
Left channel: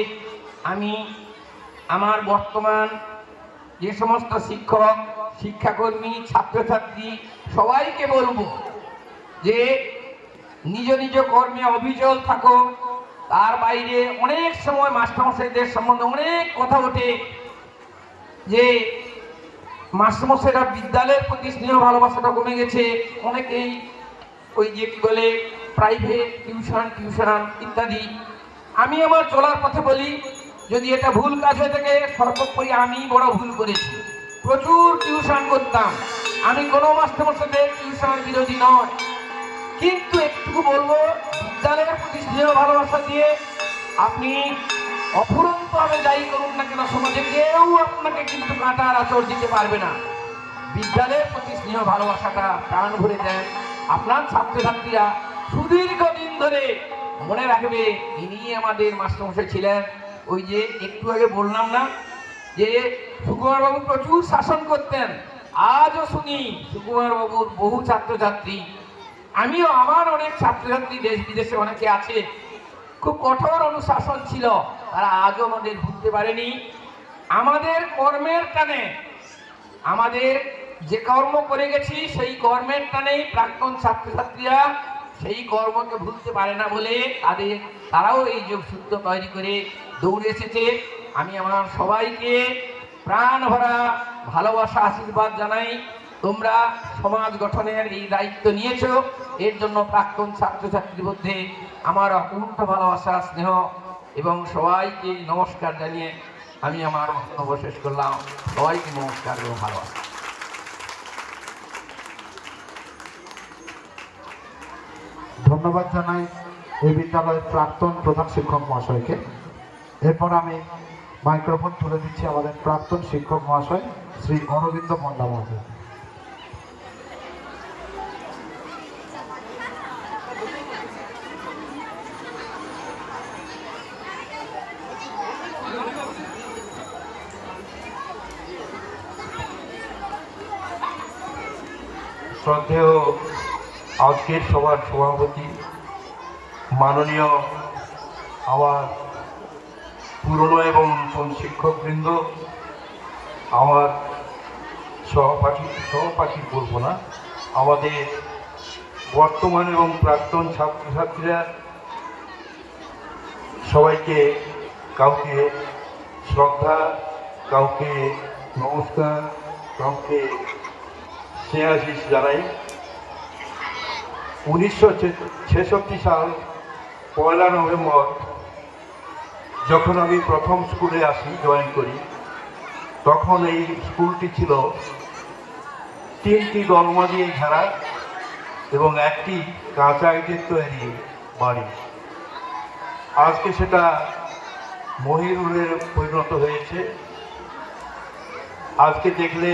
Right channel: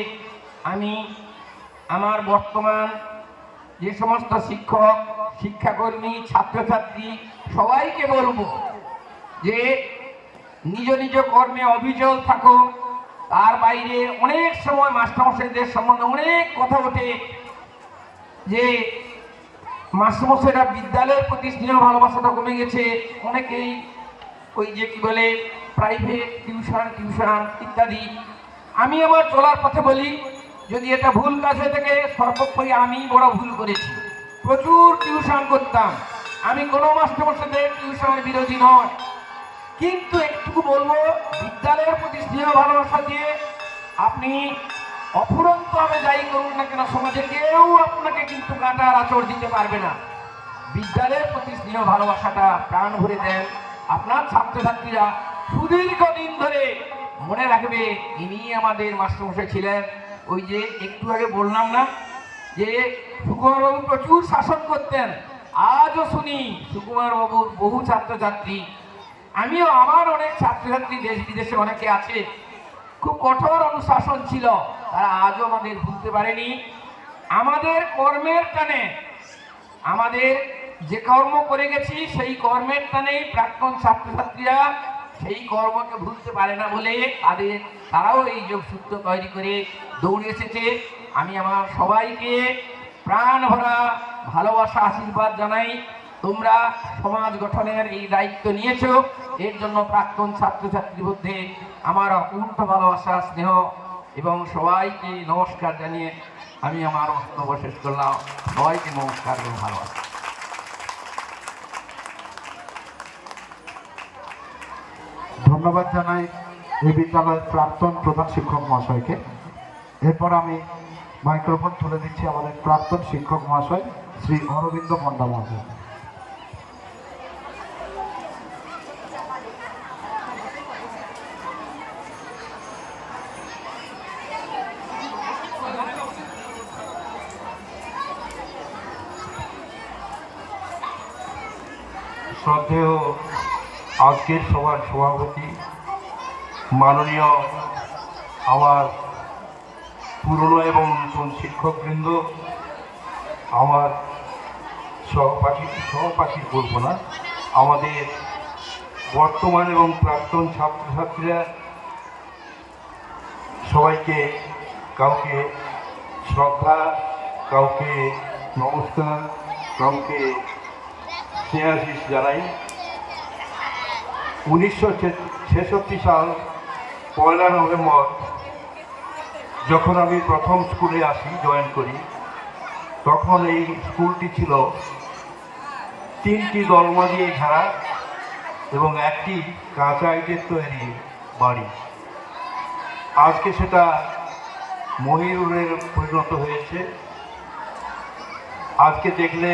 আমি আমার বর্তমান যে সমস্ত শিক্ষক, শিক্ষাকর্মী, ছাত্রছাত্রী সবাইকে বলবো যে নিজ নিজ কর্মে অবিচল থাকো। তার বাইরে অনেক সময় মাস্টারমশাইদের সম্বন্ধে অনেক কথা ওঠে যে মাস্টারমশাইরা বিদ্যালয়ের প্রতি স্নেহ ভালোবাসাটা কমে গেছে, অনেকেই ওই যে কি বলে প্রাইভেট টিউশন ইত্যাদি। আমি আমার চলার পথে বলি, যদি এটা ভুল কাজ হয়ে থাকে, সর্বোপরি আমি বড় ভুল করেছি। প্রচুর টিউশন করতাম, আমি কোনো মাস্টারমশাইদের টিউশন বিরোধী নয়, কিন্তু একটু বলবো বিদ্যালয়ের প্রতি স্নেহ ভালোবাসা দিয়ে আপনি অফুরন্তভাবে যাই করুন না কেন, সমাজে কেউ আপনাকে কিন্তু কাঁটার আঁচড় দিতে পারবে না। বিদ্যালয়ের প্রতি স্নেহ ভালোবাসাটা প্রাণ ভরে দেন। আপনার ছাত্রছাত্রীরা সুদীর্ঘদিন ধরে মনে রাখবে ইনি আমাদের মাস্টারমশাই ছিলেন। ওই যে একটু আগে বললাম না যে সুকুমারবাবু প্রচুর শাসন করতেন, আজও শুনি সুকুমারবাবুর বহু ছাত্রছাত্রী, আমিও আমার অনেক ছাত্রছাত্রী দেশ বিদেশে অনেকে আছে, খুব কঠোর অনুশাসন ছিল, তারা আজও আমাদের ভুলতে পারেনি। আমাদের কর্মের টানে, আমাদের যে কর্ম করে গেছি সেই কর্মের টানেই প্রাক্তন ছাত্রছাত্রীরা সেই কর্মকে ভুলতে পারে না বলে তারাও এই যোগসূত্র তৈরি করে দৌড়ে এসেছে। আমি আমার সবাইকে প্রাণ ভরা ভালোবাসা আশীর্বাদ জানাই। তোমরা সমাজ গঠনের এই দায়িত্ব নিয়েছো, এর জন্য প্রাক্তন ছাত্রছাত্রীর মধ্যে আমার অপূর্ব ভালোবাসা, স্নেহ এবং সবাইকে নমস্কার জানিয়ে আমি আমার বক্তব্য শেষ করলাম। সবাইকে নমস্কার এবং ভালোবাসা। ধন্যবাদ জানাই এই বিদ্যালয়ের প্রাক্তন প্রধান শিক্ষক মহাশয়কে। এরপর আমি মাইক্রোফোন তুলে দিচ্ছি আমাদের প্রাক্তন শিক্ষক মহাশয় শ্রী অরবিন্দ পণ্ডা মহাশয়। শ্রদ্ধেয় আজকের সভার সভাপতি মাননীয় আমার পুরনো এবং নতুন শিক্ষকবৃন্দ, আমার সহপাঠী বলবো না, আমাদের বর্তমান এবং প্রাক্তন ছাত্রছাত্রীরা, সবাইকে কাউকে শ্রদ্ধা, কাউকে নমস্কার, কাউকে স্নেহাশিস জানাই। 1966 সাল 1 নভেম্বর যখন আমি প্রথম স্কুলে আসি, জয়েন করি, তখন এই স্কুলটি ছিল 3টি দরমা দিয়ে ঘেরা এবং একটি কাঁচা ইটের তৈরি বাড়ি। আজকে সেটা মহিরুহে পরিণত হয়েছে। আজকে দেখলে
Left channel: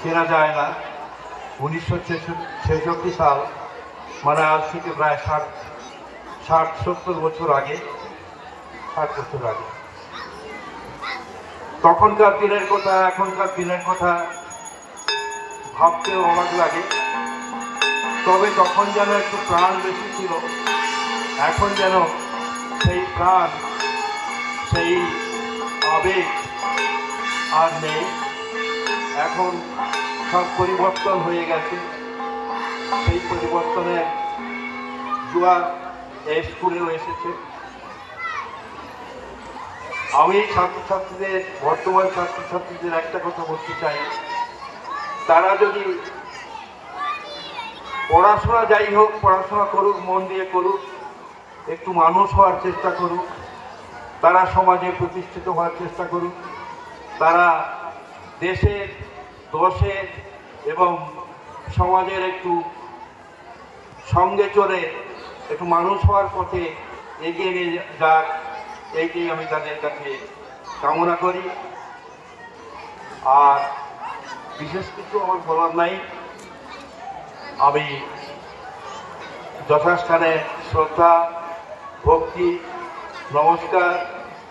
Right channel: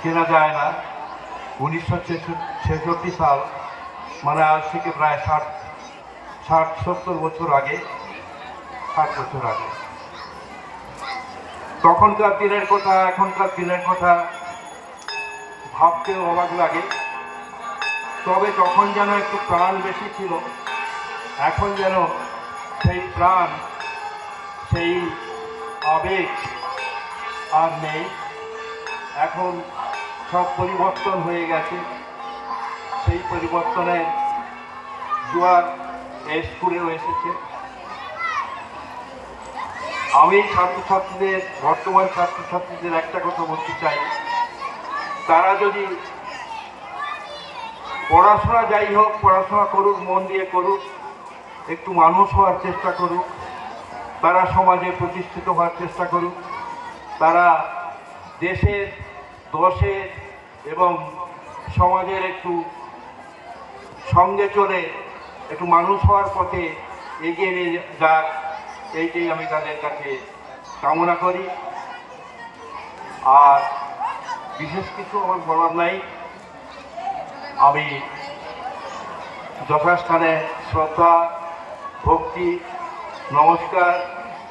চেনা যায় না। 1966 সাল মানে আজ থেকে প্রায় 60-70 বছর আগে, 60 বছর আগে। তখনকার দিনের কথা, এখনকার দিনের কথা ভাবতেও অবাক লাগে। তবে তখন যেন একটু প্রাণ বেশি ছিল, এখন যেন সেই প্রাণ, সেই আবেগ আর নেই। এখন সব পরিবর্তন হয়ে গেছে। সেই পরিবর্তনের জোয়ার এই স্কুলেও এসেছে। আমি ছাত্রছাত্রীদের, বর্তমান ছাত্রছাত্রীদের একটা কথা বলতে চাই, তারা যদি পড়াশোনা যাই হোক, পড়াশোনা করুক, মন দিয়ে করুক, একটু মানুষ হওয়ার চেষ্টা করুক, তারা সমাজে প্রতিষ্ঠিত হওয়ার চেষ্টা করুক, তারা দেশের, দশের এবং সমাজের একটু সঙ্গে চলে একটু মানুষ হওয়ার পথে এগিয়ে নিয়ে যাক, এইটাই আমি তাদের কাছে কামনা করি। আর বিশেষ কিছু আমার বলার নাই। আমি যথাস্থানে শ্রদ্ধা, ভক্তি, নমস্কার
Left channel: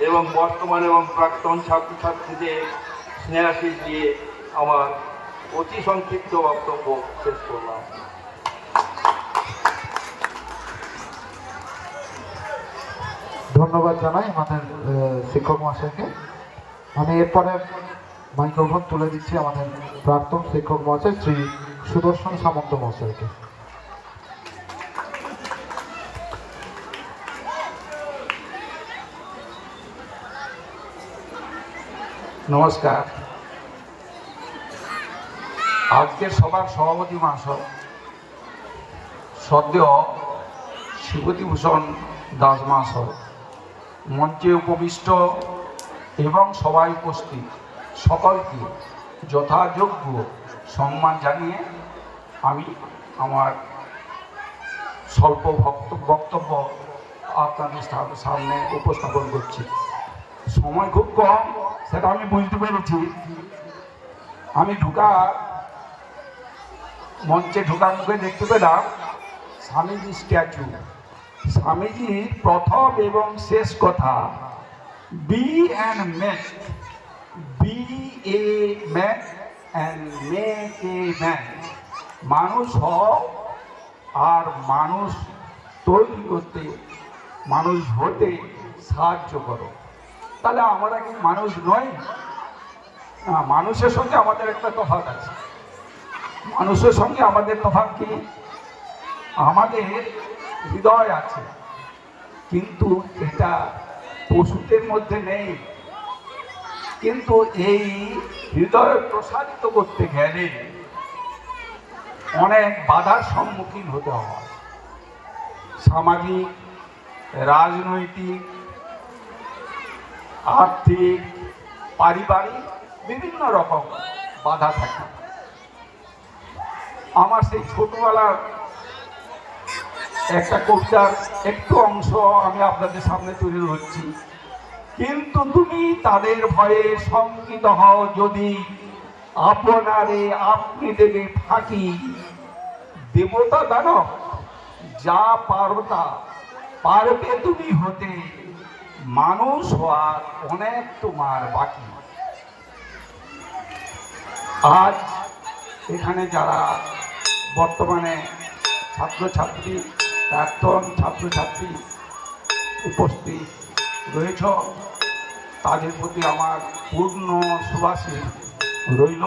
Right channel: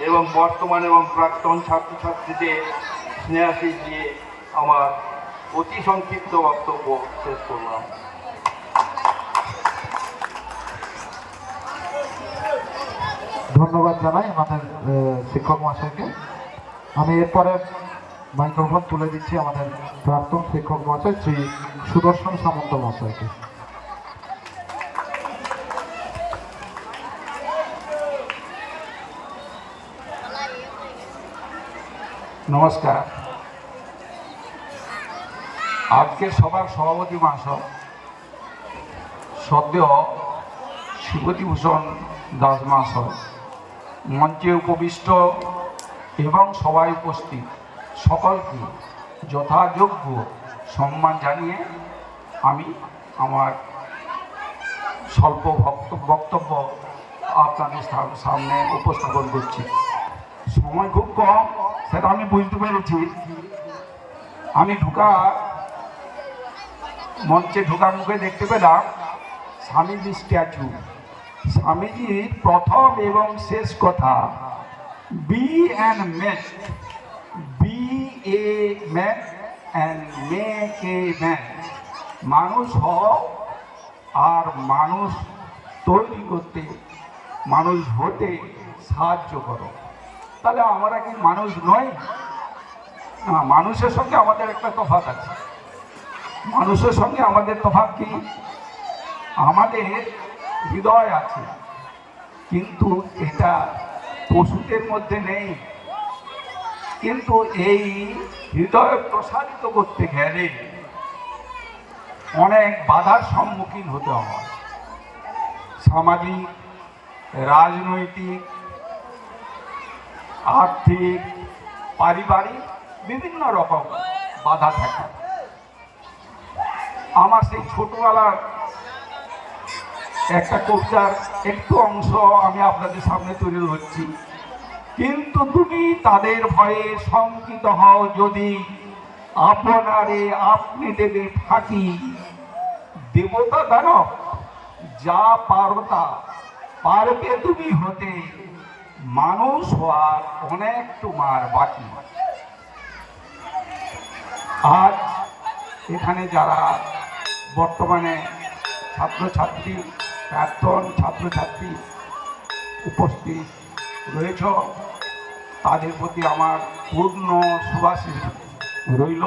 এবং বর্তমান এবং প্রাক্তন ছাত্রছাত্রীদের স্নেহাশীষ দিয়ে আমার অতি সংক্ষিপ্ত বক্তব্য শেষ করলাম। ধন্যবাদ জানাই আমাদের শিক্ষক মহাশয়কে। আমি এরপরে মাইক্রোফোন তুলে দিচ্ছি আমাদের প্রাক্তন শিক্ষক মহাশয় শ্রী সুদর্শন সামন্ত মহাশয়কে। নমস্কার। আজকের সভার সভাপতি মহাশয় সদ্য শিবতিভূষণ দাস মহাশয়, মঞ্চে উপবিষ্ট এবং সভায় উপস্থিত সকলকে যথাযোগ্য সম্মান জানিয়ে আমি আমার স্বল্প বক্তব্য আপনাদের সামনে উপস্থাপন করছি। সময় খুব কম, সেটা আমি বুঝতে পেরেছি। আমি মঞ্চে ঢোকার মুখে দেখতে পেলাম স্বামীজির স্ট্যাচু। স্বামীজির প্রথম এবং শেষ কথা, be and make, be a man and make a man. মানুষ হও আর মানুষ তৈরি করতে, মানুষ হতে সাহায্য করো। তাহলে আমরা কি মানুষ নই? মানুষের সঙ্গে আমাদের একটা তফাৎ আছে। মানুষের সঙ্গে আমাদের তফাৎ কি? আমাদের হৃদয় আছে, কিন্তু এটা পশুদের মধ্যে নেই। কিন্তু এই হৃদয় প্রসারিত করতে গেলে অনেক বাধার সম্মুখীন হতে হয়। সামাজিক, রাজনৈতিক, আর্থিক, পারিবারিক বিভিন্ন রকম বাধা থাকে। আমার সেই ছোটবেলার একটা কবিতার একটু অংশ আমি আপনাদের সামনে তুলে ধরছি। কিন্তু তুমি তাদের ভয়ে শঙ্কিত হও যদি, আপনারে আপনি দেবে ফাঁকি। দেবতা দানব যা পারতা পারবে তুমি হতে, মানুষ হওয়া অনেক তোমার বাকি। আজ এখানে যারা বর্তমানে ছাত্রছাত্রী, প্রাক্তন ছাত্রছাত্রী উপস্থিত রয়েছ, তাদের প্রতি আমার পূর্ণ শুভাশীষ রইল।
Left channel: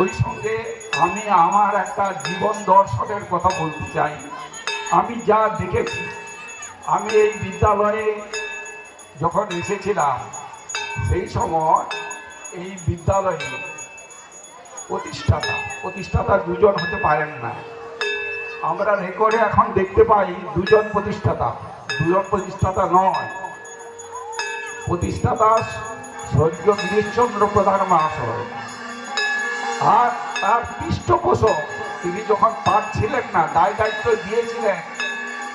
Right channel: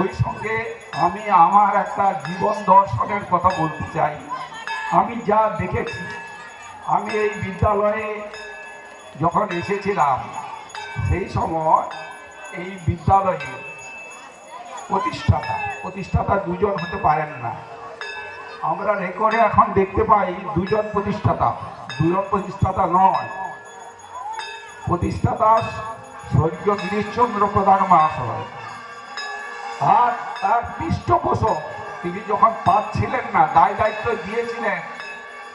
ওই সঙ্গে আমি আমার একটা জীবন দর্শনের কথা বলতে চাই। আমি যা দেখেছি, আমি এই বিদ্যালয়ে যখন এসেছিলাম সেই সময় এই বিদ্যালয়ে প্রতিষ্ঠাতা দুজন হতে পারেন না। আমরা রেকর্ডে এখন দেখতে পাই দুজন প্রতিষ্ঠাতা নয়। প্রতিষ্ঠাতা স্বর্গীয় গিরিশচন্দ্র প্রধান মহাশয়, আর তার পৃষ্ঠপোষক তিনি যখন পাচ্ছিলেন না, দায়িত্ব দিয়েছিলেন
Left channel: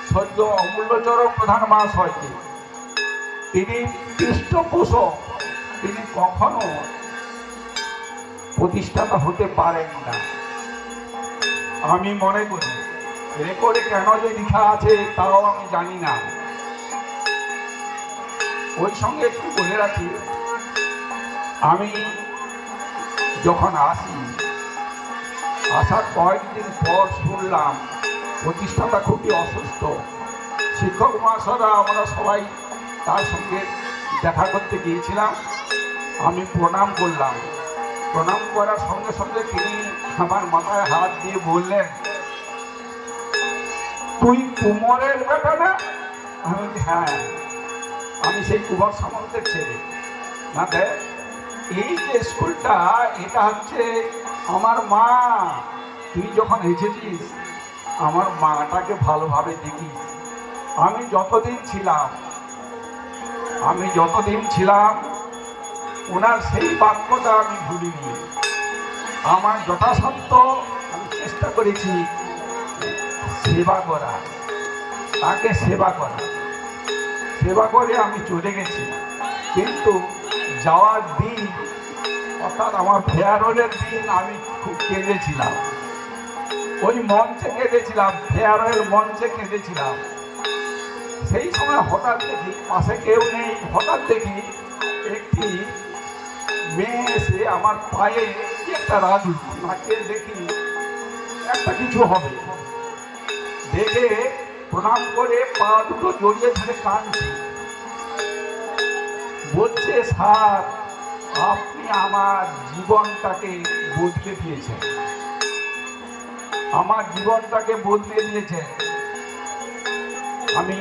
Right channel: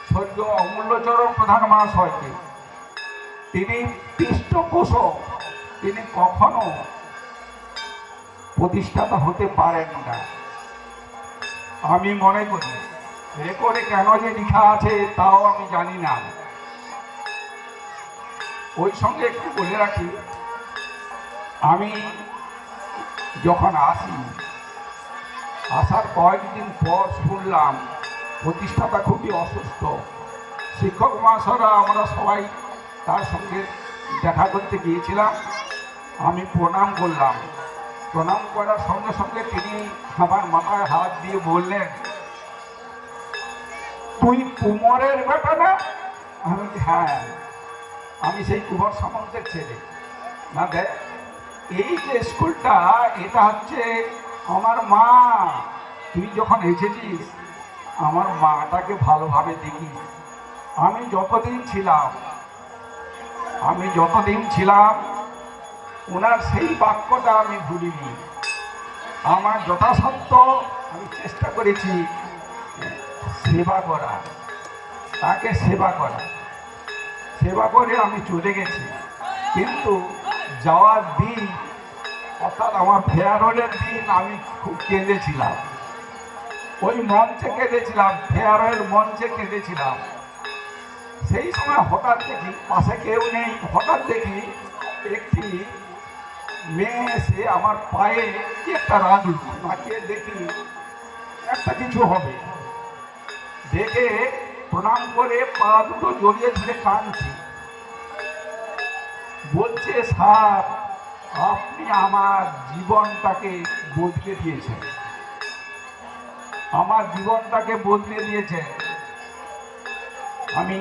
স্বর্গীয় অমূল্যচরণ প্রধান মহাশয়কে। তিনি পৃষ্ঠপোষক, তিনি কখনো প্রতিষ্ঠাতা হতে পারেন না। আমি মনে করি রেকর্ডে কেন যে লেখা আছে তাও আমি জানি না। ওই সঙ্গে একটু বলে রাখি, আমি যখন আসার কয়েকদিন পর শুনলাম প্রতিষ্ঠাতা খুবই অসুস্থ। শিক্ষক মহাশয়রা আমরা সবাই তার সঙ্গে দেখা করতে গিয়েছিলাম। আমি প্রণাম করলাম। প্রণাম করার সঙ্গে সঙ্গে তিনি আমার মাথায় হাত দিয়ে বললেন, তুই কুমারের বেটা না? আমি বলছি হ্যাঁ, আমি সেই কুমার সামন্তের ছেলে। মানে এই যে স্কুলটা, এটা হচ্ছে আমার মা। তুই যখন এসেছিস আমার মাটাকে ভালোভাবে দেখিস। আমি যতদিন ছিলাম ওনার সেই বাক্যটা আমি ভুলিনি। আমার যথাসাধ্য আমি চেষ্টা করেছি সেবা করা, তাকে সেবা করে আমি চলে গেছি। কিন্তু যাওয়ার দিন, অর্থাৎ আমার ফেয়ারওয়েলের দিন, আমি খুব কেঁদেছিলাম। ওই মঞ্চে কেঁদেছিলাম, ফেয়ারওয়েল মঞ্চে কেঁদেছিলাম। সেই সময় হঠাৎ দেখি পাশে কেউ নেই, হঠাৎ দেখি একটি মেয়ে এসে আমার পায়ে কি একটা রাজু, তাকে দেখি একটা কিছু হবে দেখে প্রণাম করে পা দুটো জড়িয়ে ধরে কাঁদছে। বলছে, স্যার আপনি আমার জীবনটাকে বদলে দিয়েছেন, আমি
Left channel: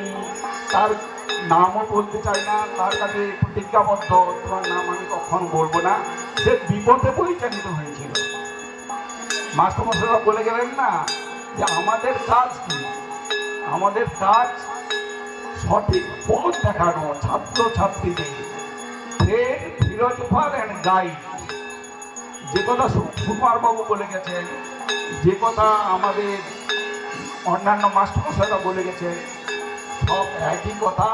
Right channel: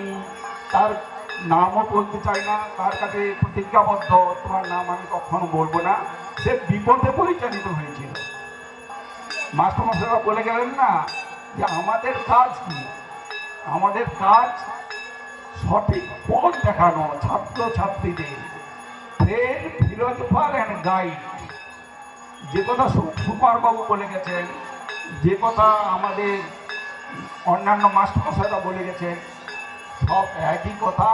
তার নামও বলতে চাই না, তার কাছে প্রতিজ্ঞাবদ্ধ, তোমার নাম আমি কখনো বলবো না। সে বিপদে পরিচালিত হয়েছিল। মাস্টারমশাইরা বলে গেলেন না যে আমাদের কাজ কি? আমাদের কাজ সঠিক পথ দেখানো ছাত্রছাত্রীদের, ফিলোসফার অ্যান্ড গাইড। যে কথা সুকুমারবাবু বলে গেছেন, যে কথা আমাদের অন্যান্য মাস্টারমশাইরা বলে গেছেন, সব একই কথা।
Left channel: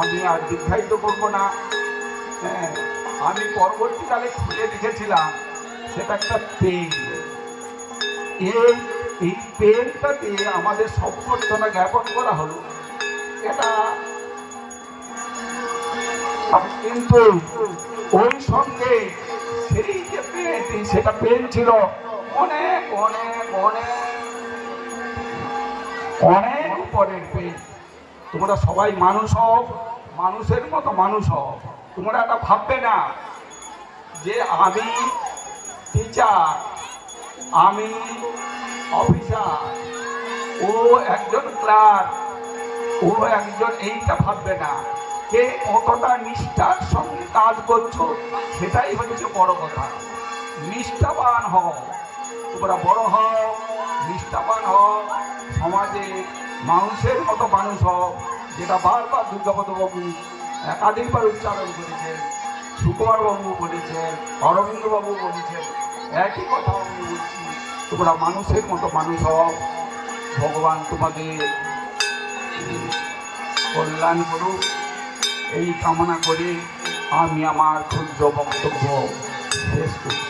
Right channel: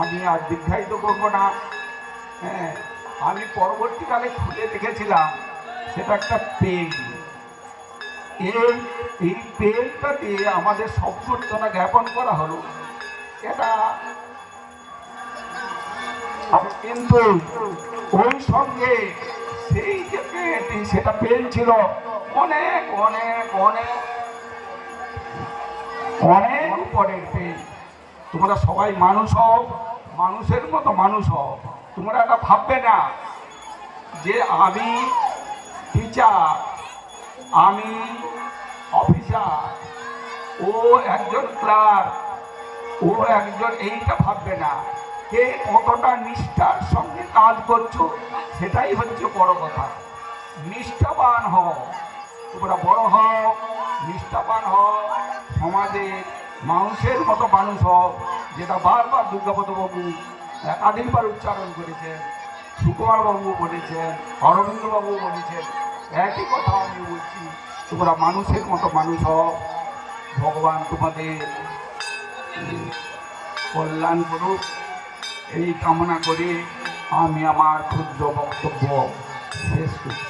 আমি আর দীর্ঘায়িত করবো না। হ্যাঁ, আমি পরবর্তীকালে খুঁজে দেখেছিলাম সেটা একটা পেন। এই পেনটা দিয়ে আমাদের সম্বর্ধনা জ্ঞাপন করা হলো। এটা কিন্তু ওই সঙ্গে সেই যে পেনটি, সেটা পেন ছিল অনেক অনেক অনেক অনেক উপরের পেন। তোমরা সবাই মানুষ হও, মানুষের মতো মানুষ হও। তোমরা এটা ভাববে না যে আমি টিচার, আমি অফিসার, ও একজন ক্লার্ক, ও একজন, এইটা ভাববে না। কে কতটা নিষ্ঠার সঙ্গে কাজ করছো সেটাই হচ্ছে বড় কথা। নিষ্ঠাবান হও, তোমরা বড় হও, নিষ্ঠাবান হও, সমাজে মানুষের মতো মানুষ হও, যেটা বারবার দুর্গাপদ বাবু একাধিকবার উচ্চারণ করেছেন, সুকুমার বাবু বলেছেন, অরবিন্দ বাবু বলেছেন, একই কথা আমি বলছি, তোমরা মানুষের মতো মানুষ হও। ভগবান তোমাদের কল্যাণ করুক, এই কামনা করে আমি আমার ক্ষুদ্র বক্তব্য শেষ করি।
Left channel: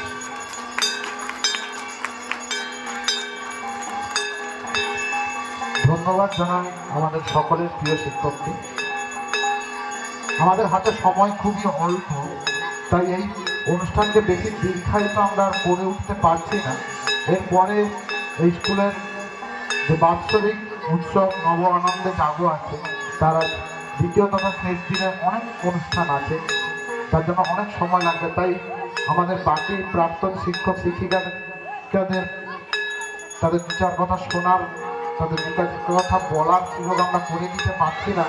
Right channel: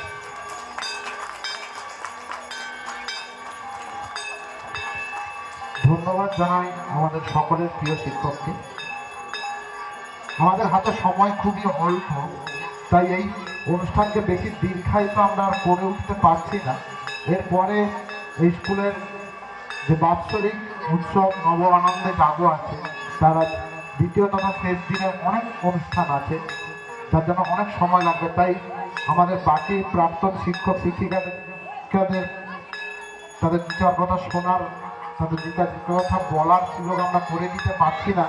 ধন্যবাদ জানাই আমাদের সকলের প্রিয় শিক্ষককে। আমাদের হাতে সময় খুবই অল্প, তাই এই অনুষ্ঠানকে বেশি দীর্ঘায়িত আমরা আর করে উঠতে পারছি না। এরপরে এই স্কুলের যে বাৎসরিক উৎসব নব আনন্দে জাগো আছে, তার দ্বিতীয় তথা শেষ দিনের অনেক অনুষ্ঠান আছে, তার জন্য অনেক সময় লাগবে। তাই আমাদের বাকি প্রাক্তন শিক্ষক শিক্ষিকাদের তাদের দু চার কথা শোনার, তাদের দু চার কথা বলার সুযোগ আমরা করে দিতে পারছি না,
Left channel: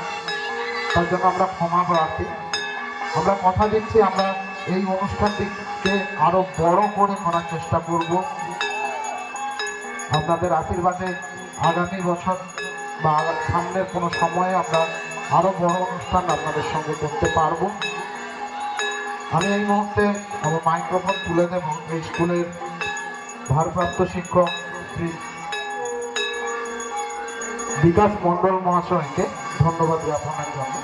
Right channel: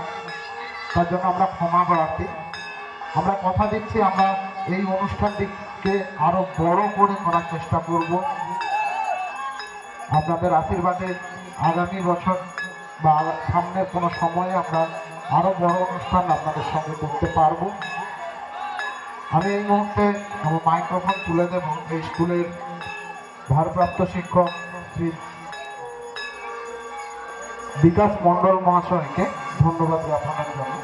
তার জন্য আমরা ক্ষমা প্রার্থী। আমরা কথা দিচ্ছি আমরা এই অনুষ্ঠানটিকে আরো বড় করে করার চেষ্টা করব। আপনাদের আশীর্বাদে আগামী বছর বা সামনের কোনো সময়ে আমরা আরো বড় অনুষ্ঠান আপনাদের সঙ্গে করতে পারব। আমি এই মুহূর্তে আমার মাইক্রোফোন তুলে দেব এই স্কুলের ভারপ্রাপ্ত শিক্ষক শ্রী বিকাশ মণ্ডল মহাশয়কে ধন্যবাদ জ্ঞাপনের জন্য।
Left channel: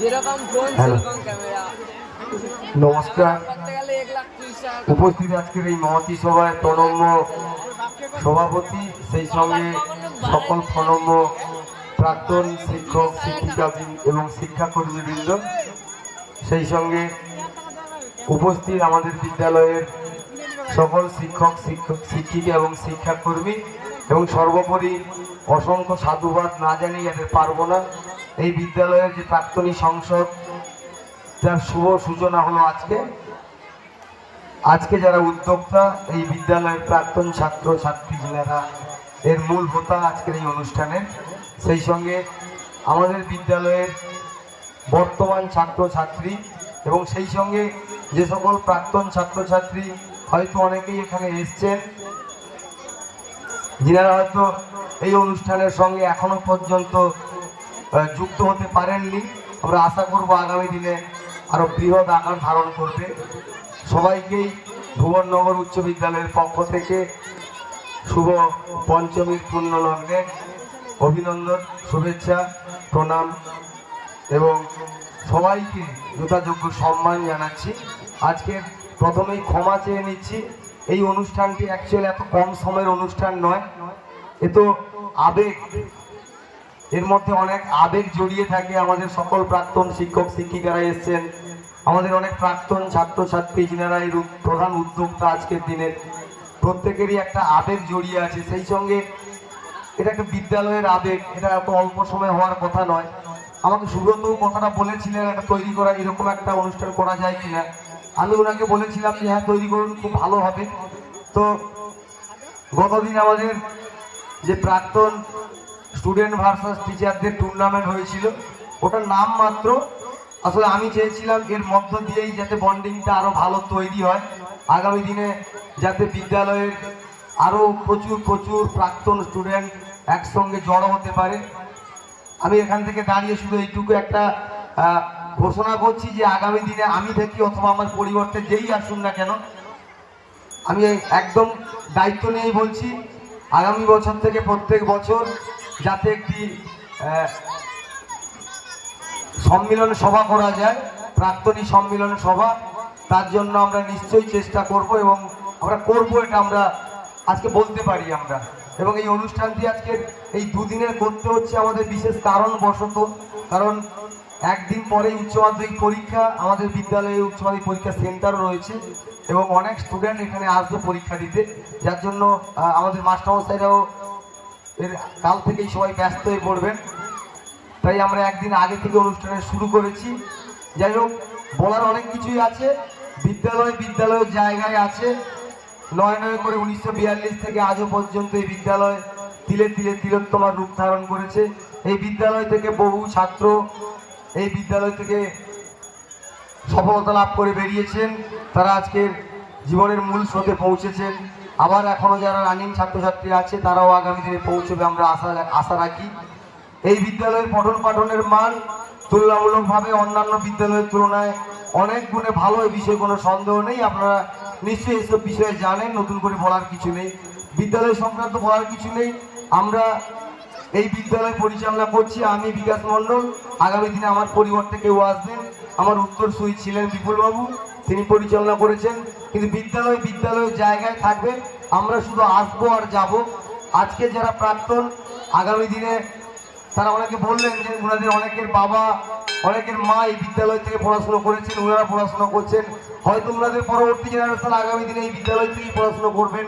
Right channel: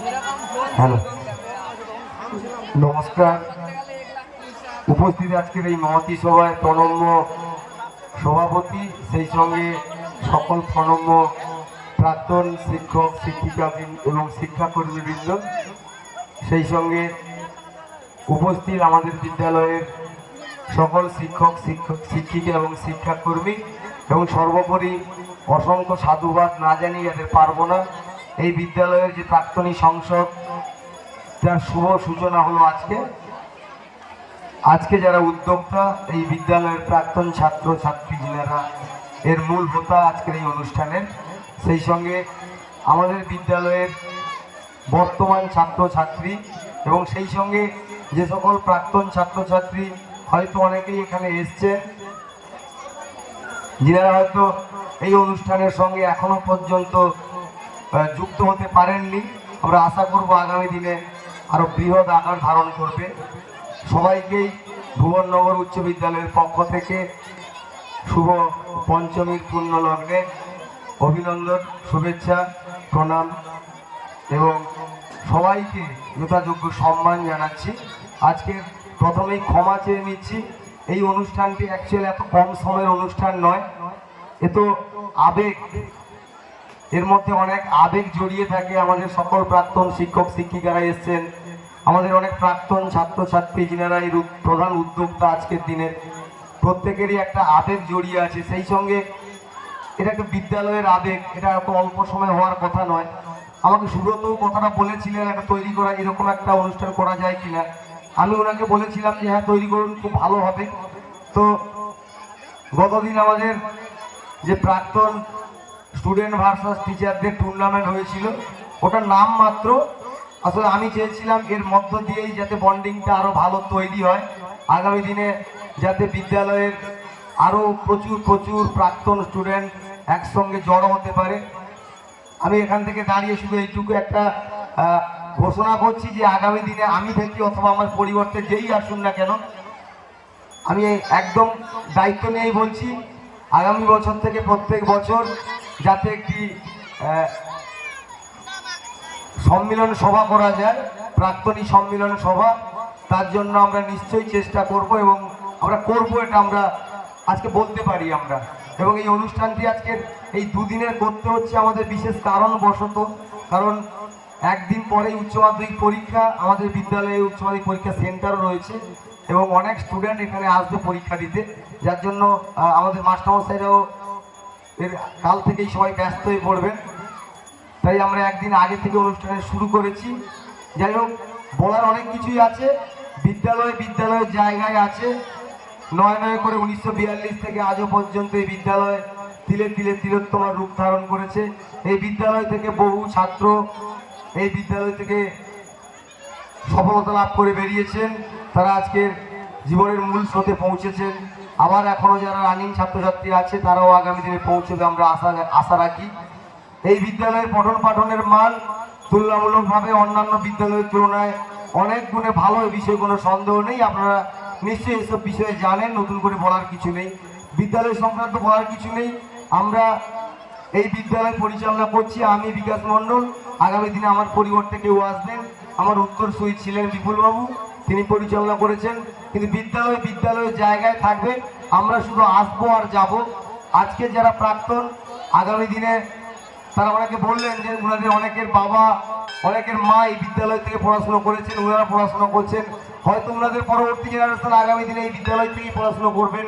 যেরকম ফোন হ্যালো। সেরকম ক্যামেরা। নমস্কার। করতে গেলে 1,30,000 টাকা। উপস্থিত আজকের এই মহতী সভায় প্রণম্য সভাপতি, সেই সঙ্গে সকল প্রণম্য প্রাক্তন শিক্ষক শিক্ষিকা এবং শিক্ষাকর্মীবৃন্দ, সেই সঙ্গে উপস্থিত আমাদের বিদ্যালয়ের সকল শিক্ষক শিক্ষিকা এবং শিক্ষাকর্মী, এবং সর্বোপরি অসংখ্য সাধুবাদ না জানিয়ে যেতে পারবো না। এই বিদ্যালয়ের যে প্রাক্তনী সংসদ, তার শুভ সূচনা হলো আজকে যারা উদ্যোক্তা, এই বিদ্যালয়ের প্রাক্তন ছাত্র ছাত্রী যারা এর মূল হোতা আজকের এই অনুষ্ঠানে, সেই সঙ্গে আমাদের বিদ্যালয়ের বর্তমান ছাত্রছাত্রী এবং সেই সঙ্গে যে সকল প্রাক্তন ছাত্রছাত্রী হয়তো অনেকেই এখানে এসছেন, যারা হয়তো এই অনুষ্ঠানের সঙ্গে এখনো পর্যন্ত যুক্ত হতে পারেননি, আমরা আশা করব আগামী দিনে আরো বৃহৎ আকার ধারণ করবে। সবাইকেই ভুবননগর উচ্চ বিদ্যালয়ের পক্ষ থেকে শুভ পঞ্চমীর পুণ্যলগ্নে অভিনন্দন, শুভেচ্ছা, প্রণাম এবং সবাইকে যথাযোগ্য সম্মান জানাচ্ছি। আজকে প্রথমেই ক্ষমা চেয়ে নিচ্ছি, এই অনুষ্ঠানটি অ্যাকচুয়ালি এত কম সময়ের অনুষ্ঠান নয়, এ তো আবেগ, এর মধ্যে অনেক আবেগ জড়িয়ে থাকে। আমাদের সকল প্রাক্তন শিক্ষক শিক্ষিকারা এসছেন, আমাদের অনেক প্রাক্তন ছাত্রছাত্রী যিনারা এই প্রধান উদ্যোক্তা আজকের দিনে, প্রত্যেকেরই একটা আবেগ জড়িয়ে আছে। সেই সঙ্গে এটা একটা বিদ্যালয়ের আবেগ, এটা এত অল্প সময় হওয়ার কথা নয়। আমাকে সুব্রত কথাটা বলেছিলেন একটা তৈরি করা, এরকম একটা অনুষ্ঠান করা যায় কিনা। আমি ওনাকে বলেছিলাম যে হ্যাঁ তৈরি করুন, খুব ভালো হবে। তো গতদিন আমাদের যে প্রাক্তন স্টুডেন্ট ভার্সাস টিচারদের টুর্নামেন্ট হয়েছিল, ওটার নাম মাত্র, আসলে আমি চেয়েছিলাম এর মধ্য দিয়েই যাতে বন্ডিংটা আরো ভালো তৈরি হয়, আগামী দিনে যাতে বিদ্যালয়ের আরো প্রচুর প্রাক্তন স্টুডেন্ট একসঙ্গে জড়ো হতে পারে। আমি এখান থেকে দাঁড়িয়ে শুধু এইটুকু একটা ঘোষণা করছি যে আগামী দিনে আমি দেখি অথবা আমার পরিবর্তে যেই আসুন না কেন, আমি একদম দায়িত্ব নিয়েই বলছি, আগামী বছর থেকে প্রত্যেক বছর যাতে একটি সম্মিলন সভা করা যায়, প্রাক্তনী সম্মিলন সভা, তার জন্য আমরা নিশ্চয়ই চেষ্টা করব এবং আমরা করব, এটা আমরা আজকে বলতে পারি আমরা। এবং এই অনুষ্ঠানটি আজকে এই দুদিনের করতে হচ্ছে আমাদের বিশেষ কারণবশত, কারণ একদিন পরে উচ্চ মাধ্যমিক পরীক্ষা, আমাদের বিদ্যালয়ে উচ্চ মাধ্যমিক পরীক্ষা সেন্টার রয়েছে এবং অনেক স্টুডেন্ট এখানে আসবে পরীক্ষা দিতে, যার জন্য আমাদের মাস্টারমশাইরাও এর কাল থেকেই সবাই ব্যস্ত হয়ে পড়বেন। তাই আমরা একদিন আগে থেকে অনুষ্ঠানে শুরু করেছি। যাই হোক, বলার অনেক কিছুই আছে। বিদ্যালয়ের জায়গায় আছে। নয় করে 1942 থেকে আজও পর্যন্ত এই বিদ্যালয় তিলে তিলে তিলোত্তমার রূপ ধারণ করেছে। এই বিদ্যালয় থেকে বহু ছাত্র এই বিদ্যালয় থেকে সফলতা লাভ করে বেরিয়েছেন। তারা আজকের জীবনের মূল স্রোতে পৌঁছেছেন। আবার এখনও যারা রানিং ছাত্রছাত্রী আছে তারাও আগামী দিনে পৌঁছবে আমরা আশা রাখি। এই বিদ্যালয়ের পঠন পাঠনের মান তুলনামূলকভাবে অন্যান্য বিদ্যালয়ের তুলনায় অনেক গুণে ভালো, এই বিষয়ে কোনো সন্দেহ নেই। আপনারা নিশ্চয়ই এসব বিষয়ে জানেন, নতুন করে বলার কিছু নেই। বিদ্যালয় সংক্রান্ত বলার কিছু নেই। আমরা এই বিদ্যালয় পরিচালনা করছি আমি, বিকাশ মণ্ডল। আগামী দিনে আমার পরিবর্তে কেউ আসবেন, আমার উত্তরসূরি ছিলেন বিপুলবাবু, তিনি পরিচালনা করেছেন। কিন্তু বিদ্যালয়ের জায়গায় থাকবেন, আমরা শুধু আসবো আর যাব। আজকে যারা প্রাক্তন, আগামী দিনে তারা আমাকে বললেন যে ওনাদের অনেকের বাবা, অনেকের মা এই বিদ্যালয় থেকে পড়াশোনা করেছেন, ওনারা পড়াশোনা করছেন। হয়তো ওনাদের পরবর্তী জেনারেশন আগামী দিনে এই বিদ্যালয় থেকেই পড়াশোনা করবেন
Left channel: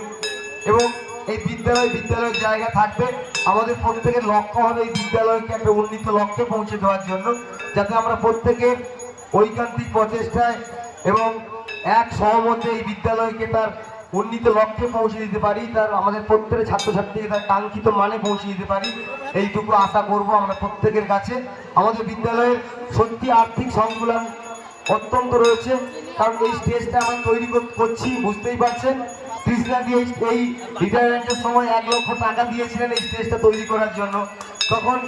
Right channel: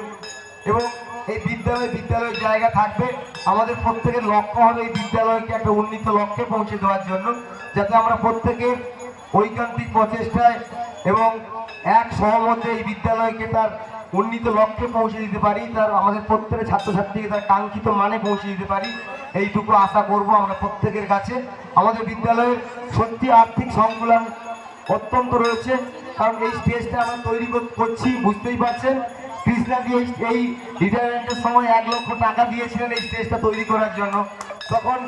এবং এই বিদ্যালয়ের জায়গা থাকবে। আমাদের প্রত্যেকের লক্ষ্য হবে এই বিদ্যালয়কে একটা উন্নীত লক্ষ্যে পৌঁছে দেওয়ার জন্য, যাতে আমরা প্রত্যেকের ঐকান্তিক প্রচেষ্টায় এবং এক সহমতে এই বিদ্যালয়কে তার উন্নীত লক্ষ্যে পৌঁছে দিতে পারি, তার আমাদের প্রত্যেকের ছাত্রছাত্রীকে তার কাঙ্ক্ষিত মানে পৌঁছে দিতে পারি, এইটুকু আশা করব আমরা প্রত্যেকের কাছে। আমাদের বিদ্যালয়ের সত্যি আর্থিক সংকুলন অত্যন্ত রয়েছে, কারণ এই স্টেজটা আমরা তৈরি করছি, বুঝতেই পারছেন। কৃষ্ণাদি এই রিটায়ারমেন্টের সময় 1 লক্ষ টাকা দিয়েছিলেন এই স্টেজটা তৈরি করার জন্য। তখন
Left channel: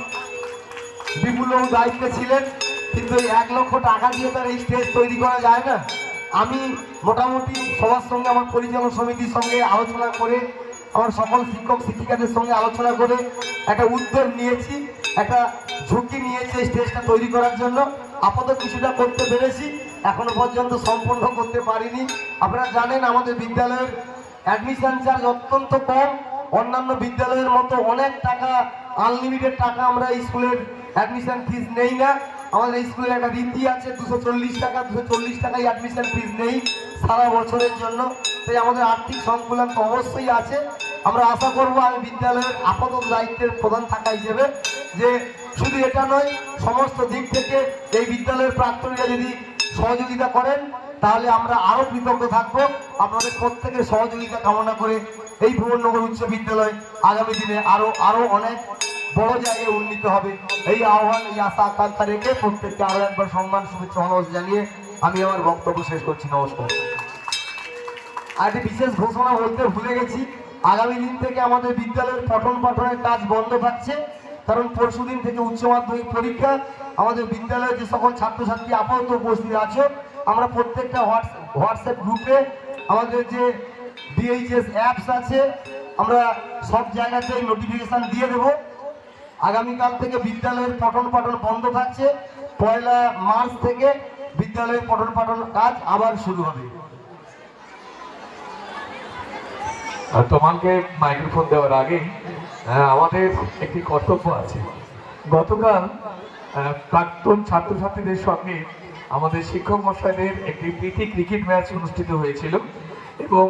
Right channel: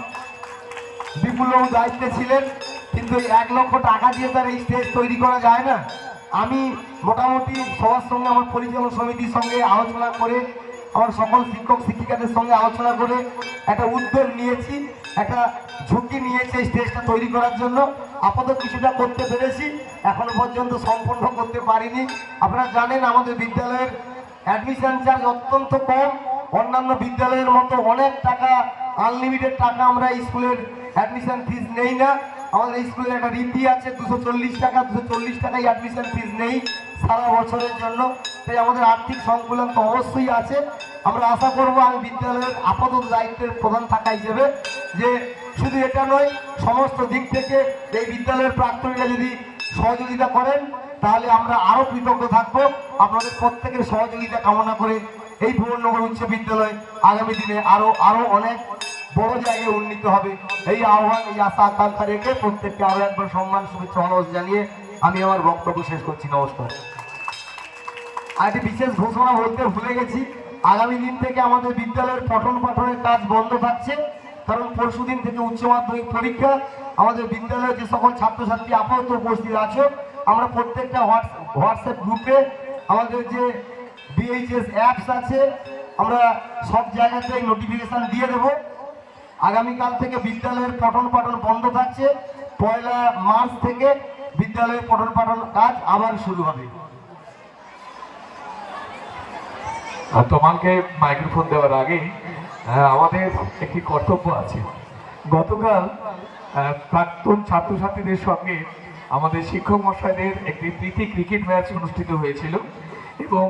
বিপুলবাবু দায়িত্বে ছিলেন, কিন্তু এই 1 লক্ষ টাকা দিয়ে তার এই স্টেজ তৈরি করা যায় না। আমি মোটামুটি সবার সঙ্গে, আমার পরিচালন সমিতির সঙ্গে আলোচনা করে, আমার সকল শিক্ষক শিক্ষিকাদের সঙ্গে আলোচনা করে একটা উদ্যোগ নিয়েছি, একটা ঝুঁকি নিয়েছি এই স্টেজটা তৈরি করার জন্য। আপাতত কিছুটা করতে পেরেছি, এখনো পর্যন্ত সম্পূর্ণ করতে পারিনি। আপনারা জানেন আমাদের বিদ্যালয়ের অ্যাডমিশন চার্জ অত্যন্ত কম, অন্যান্য বিদ্যালয়ের মতো অনেক টাকা, আনলিমিটেড টাকা আমরা স্কুলের অ্যাডমিশন ফিস নেই না। আমাদের স্কুলের একটা রীতি আছে, 240 টাকাই অ্যাডমিশন ফিস নেই সারা বছরের জন্য। তাই আমাদের আর্থিক সংকুলন তো অবশ্যই আছে। আমরা আশা করব আমি বিদ্যালয়ের আপাতত দায়িত্বের প্রধান থাকা হিসেবে যে শুধু এটা নয়, সমস্ত দিক থেকে এই বিদ্যালয়ের প্রাক্তনীরা যদি সহযোগিতা করেন তাহলে আমরা আরও কৃতজ্ঞ থাকবো। আপনাদের প্রত্যেকের সহযোগিতা কামনা করে এই ভুবননগর উচ্চ বিদ্যালয় আগামী দিনে আরও অনেক বড় জায়গায় উন্নীত হবে, এই আহ্বান, এই আশা আকাঙ্ক্ষা রেখে প্রত্যেককে আরও একবার সম্মান শুভেচ্ছা জানিয়ে আমি আমার বক্তব্য শেষ করছি। নমস্কার। আজ বিশেষ ঘোষণা বলতে ভুলে গেছি, আগামী দিন থেকে আমাদের বিদ্যালয়ের পঠন পাঠনের কাজ বন্ধ থাকছে, কারণ পরশুদিন থেকে উচ্চ মাধ্যমিক পরীক্ষা। আমাদের বিদ্যালয়ে যে সকল ছাত্রছাত্রী আপাতত উপস্থিত আছে, আমরা প্রত্যেকটা হোয়াটসঅ্যাপ গ্রুপে আমাদের যে বিএইচএস অ্যাপস আছে, আমরা সব জায়গাতেই নোটিফিকেশান দিয়ে দেব। আগামীকাল থেকে বিদ্যালয়ের পঠন পাঠন বন্ধ থাকছে, 1 মার্চ থেকে বিদ্যালয়ের পঠন পাঠন কাজ আবার শুরু হবে। আর তোমাকে মাইক্রোফোন দেওয়ার আগেই আমাদের একটি কর্তব্য আছে। গতকাল প্রাক্তন ছাত্রছাত্রীদের সঙ্গে আমাদের শিক্ষক মশাইদের একটি প্রীতি ক্রিকেট ম্যাচ অনুষ্ঠিত হয়েছিল এবং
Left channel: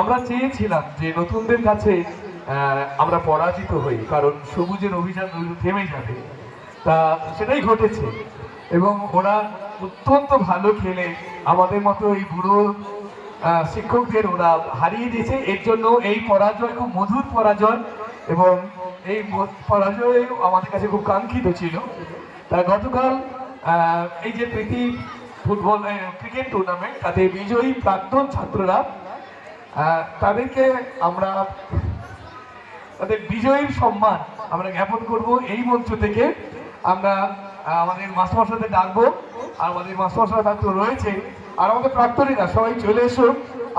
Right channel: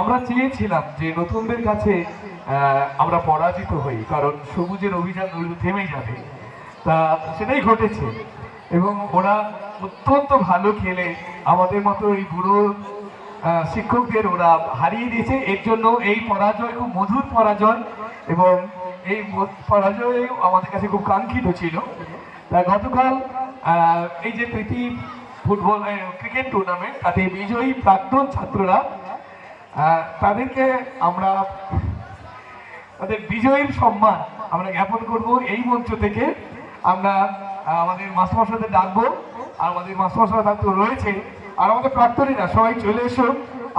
আমরা চেয়েছিলাম যে নতুনদের কাছে আমরা পরাজিত হই, কারণ সবুজের অভিযান থেমে যাবে, তা সেটাই ঘটেছে এবং ওরা অত্যন্ত ভালো খেলে আমাদের মতো এই বুড়ো শিক্ষকদের ওরা হারিয়ে দিয়েছে। এর জন্য এই পরাজয় খুব মধুর পরাজয় এবং এই পরাজয় আমাদের কাছে খুব কাঙ্ক্ষিত ছিল। তা গতকাল এই যে প্রীতি ফুটবল ক্রিকেট টুর্নামেন্ট, তাতে বিজয়ী প্রাক্তন ছাত্ররা, তাদেরকে আমরা তাদের বিজয়ীর সম্মান আমরা জ্ঞাপন করব এই মঞ্চ থেকে। আমরা আমাদের মাস্টারমশাইদের ডাকবো, আর আমাদের মাস্টারমশাই তো রয়েছে, আর আমাদের প্রাক্তনীরা সবাই চলে এসো।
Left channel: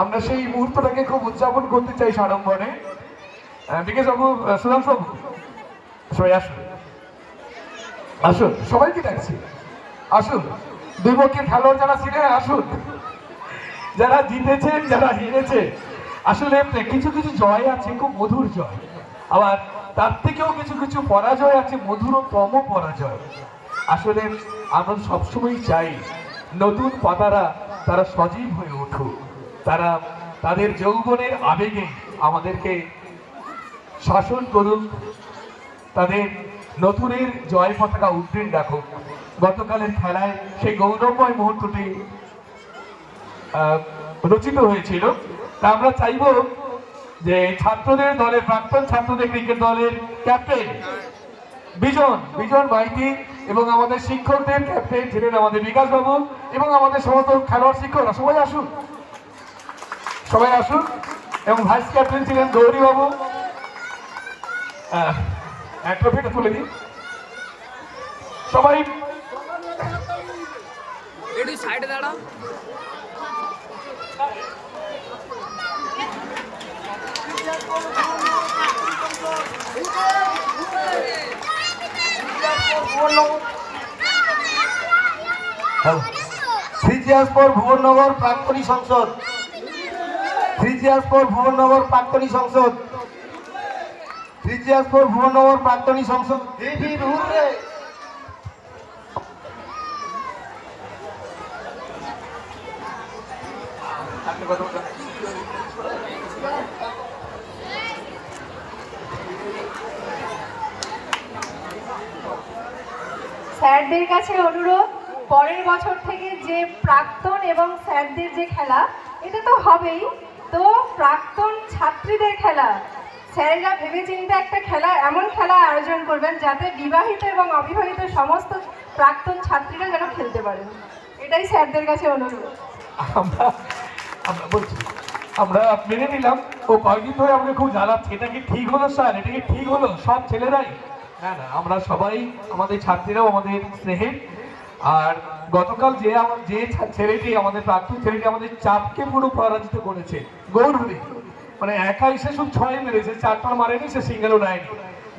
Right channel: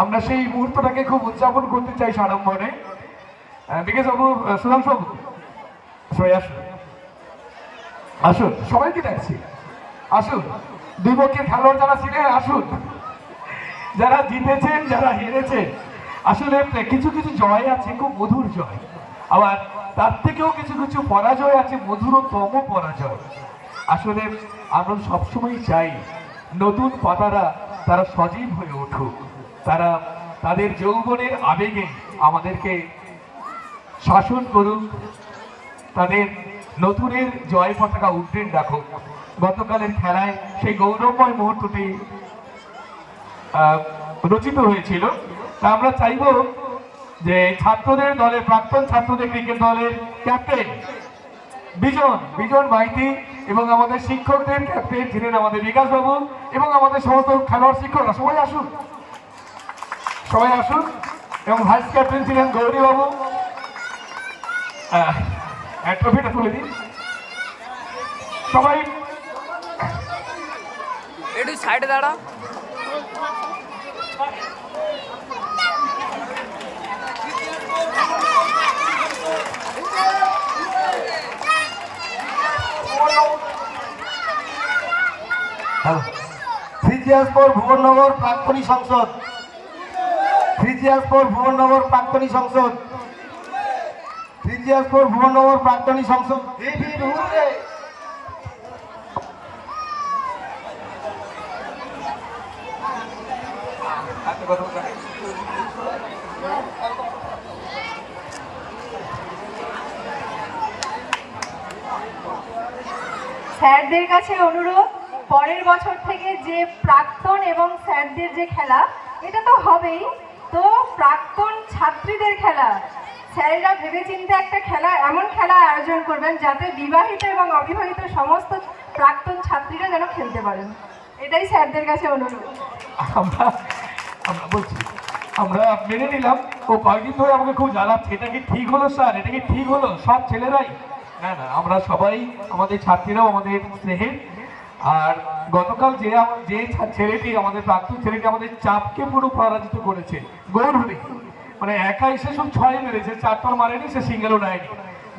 আমরা সেই মুহূর্তটাকে খুব উদযাপন করতে চাই সাড়ম্বরে। বিকাশ বাবু, সুধাংশু বাবু, সবাই আসুন, আসুন, সবাইকে ডাকছি, আসুন। দুই পক্ষের খেলোয়াড় যারা ছিলেন আসুন, যারা জিতেছেন, যারা হেরেছে। আসলে কিছু কিছু জয় আছে খুব মধুর জয়, আবার তার থেকেও কিছু কিছু পরাজয় আছে মধুরতম পরাজয়। আসলে আমরা সবসময় চাই নতুন পাতারা তারা সজীব হয়ে উঠুক, তারা তাদের যৌবনের আবেগে আমাদেরকে শাসন করুক, তাদের নতুনের জয় পতাকা উড্ডীন রাখুক। গতকালের খেলায় সেই গৌরবময় মুহূর্তটি রচিত হয়েছিল। তা আমরা চাইব যে ছাত্রদের দলের, প্রাক্তন ছাত্রদের ক্রিকেট দলের ক্যাপ্টেন বিজন মাইতি এবং আমাদের শিক্ষকদের ক্যাপ্টেন ছিলেন আমাদের বিকাশ বাবু এবং আমাদের সমস্ত খেলোয়াড় শিক্ষকরা সবাই আসুন এবং ভাইস ক্যাপ্টেন ছিলেন গৌরী বাবু। ট্রফিটা তুলে দিন সবাই। একটু সাইডে দাঁড়া। ফ্রিজিয়াসপুর ভুবননগর প্রাক্তনী সংসদ, ফ্রিজিয়াসপুর ভুবননগর প্রাক্তনী সংসদ, ফ্রিজিয়াসপুর ভুবননগর প্রাক্তনী সংসদ। স্যারদের কাছে অনুরোধ, পরের বছর থেকে যে প্রাক্তন এবং স্যারদের যে খেলা, এটা তো হবেই, তো প্রাক্তন ছাত্রীদের খেলা স্যারেরা ভেবেচিন্তে একটা খেলা, এমন খেলা আয়োজন করবেন যাতে বিবাহিত এবং অবিবাহিত সমস্ত প্রাক্তন ছাত্রীরা যেন খেলতে পারেন। এটাই স্যারদের কাছে অনুরোধ। আমরা মেনে নিলাম। ও কয়েকদিন ধরে আমাকে খুব জ্বালাচ্ছে, এটা কি ঠিক হলো স্যার, এটা কি ঠিক হলো সব ছেলেরাই? না, আমরা সবাই, আমাদের ছাত্রীরাও আমাদের স্নেহের। আর গতকাল যে ছেলেটি, আমাদের প্রাক্তন ছেলেটি আমাদের চাপকে পুরো পরাজিত করেছে গৌরহরি, মানে একা এসে সব 6 মেরেছে, 4 মারেনি, সে সিঙ্গেলও নেয়নি।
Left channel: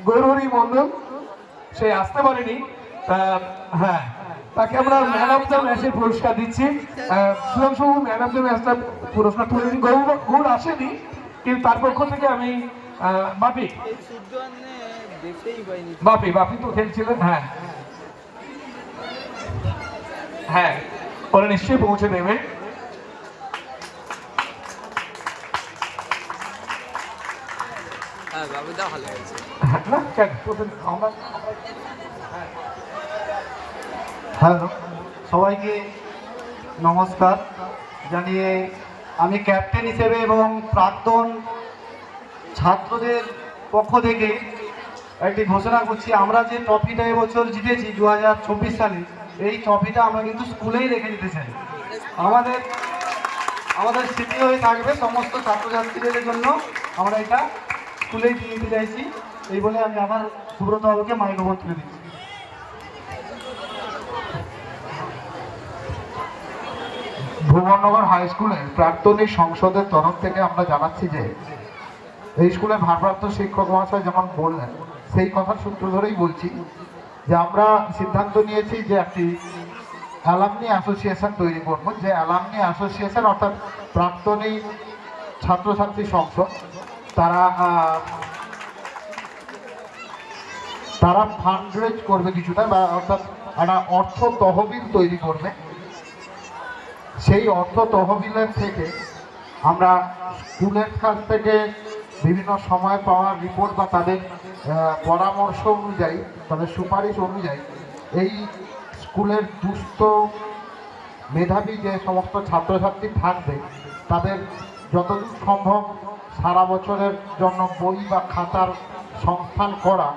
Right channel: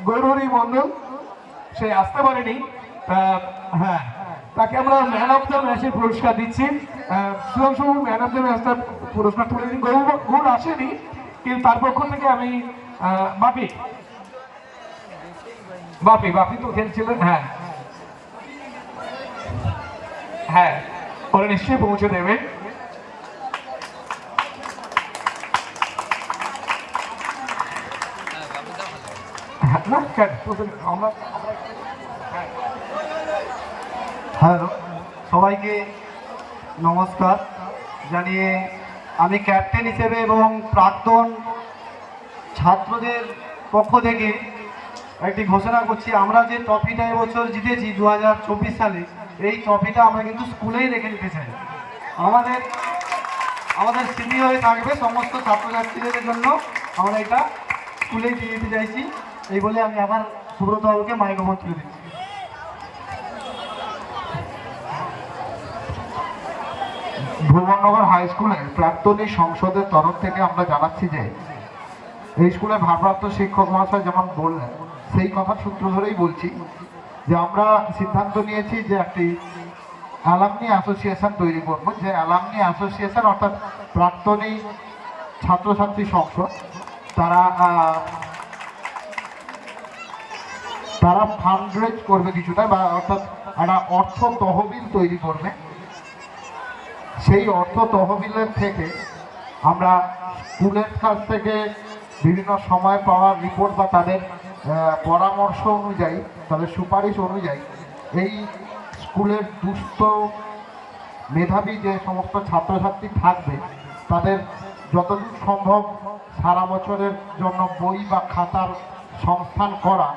গৌরহরি মন্ডল সে আসতে পারেনি। হ্যাঁ, তাকে আমরা ম্যান অফ দ্য ম্যাচের পুরস্কার দিচ্ছি। সুধাংশু ম্যান অফ দ্য ম্যাচটার পুরস্কার তুলে দিই। গৌর আসেনি, কিন্তু তার পক্ষ থেকে আমি বাপি তো খেলছিলেন। হ্যাঁ, ওরা নিশ্চয়ই পৌঁছে দেবে। হ্যালো, সবাইকে নমস্কার জানিয়ে আমি ক্যাপ্টেন হিসেবে এবং প্রাক্তন ছাত্রদের পক্ষ থেকে একটি ঘোষণা করছি, আমরা যে ট্রফিটা এবছর জিতেছি 2024 সালে, এই ট্রফিটা আমরা কিন্তু স্কুলেই রেখে যেতে চাই। আমাদের স্মৃতি হয়ে থাকবে সমস্ত ছাত্রছাত্রীদের জন্য, আমরা এটা স্কুলেই দিয়ে দিতে চাইছি। এই বলে আমি আবার সুব্রত বাবুকে মাইক্রোফোন তুলে দিচ্ছি। ভুবননগর হাই স্কুলে প্রাক্তনী সংসদের তরফ থেকে আমরা জানাচ্ছি যে এই স্কুলের ভারপ্রাপ্ত শিক্ষক মহাশয় যেমন বললেন, সেই কথার সূত্র ধরেই বলছি যে আমরা সিদ্ধান্ত নিয়েছি যে একটি অ্যালামনি অ্যাসোসিয়েশন তৈরি করব। যে অ্যালামনি অ্যাসোসিয়েশন অর্থাৎ প্রাক্তনী ছাত্রছাত্রী সংসদ, তারা ফান্ড রেজ করবে কিছুটা, বা অর্থাৎ একটা অর্থ তহবিল তৈরি করবে। সেই অর্থ তহবিলের থেকে আমরা স্কুলের কাছ থেকে বিভিন্ন সময় পাওয়ার রিপোর্ট বা তাদের পরামর্শ অনুযায়ী, তাদের সুপারিশ অনুযায়ী এই স্কুলের দুস্থ মেধাবী যে সমস্ত ছাত্রছাত্রী থাকবে তাদের যতদূর সম্ভব সারা বছরের জন্য বই বা খাতার সংস্থান করা।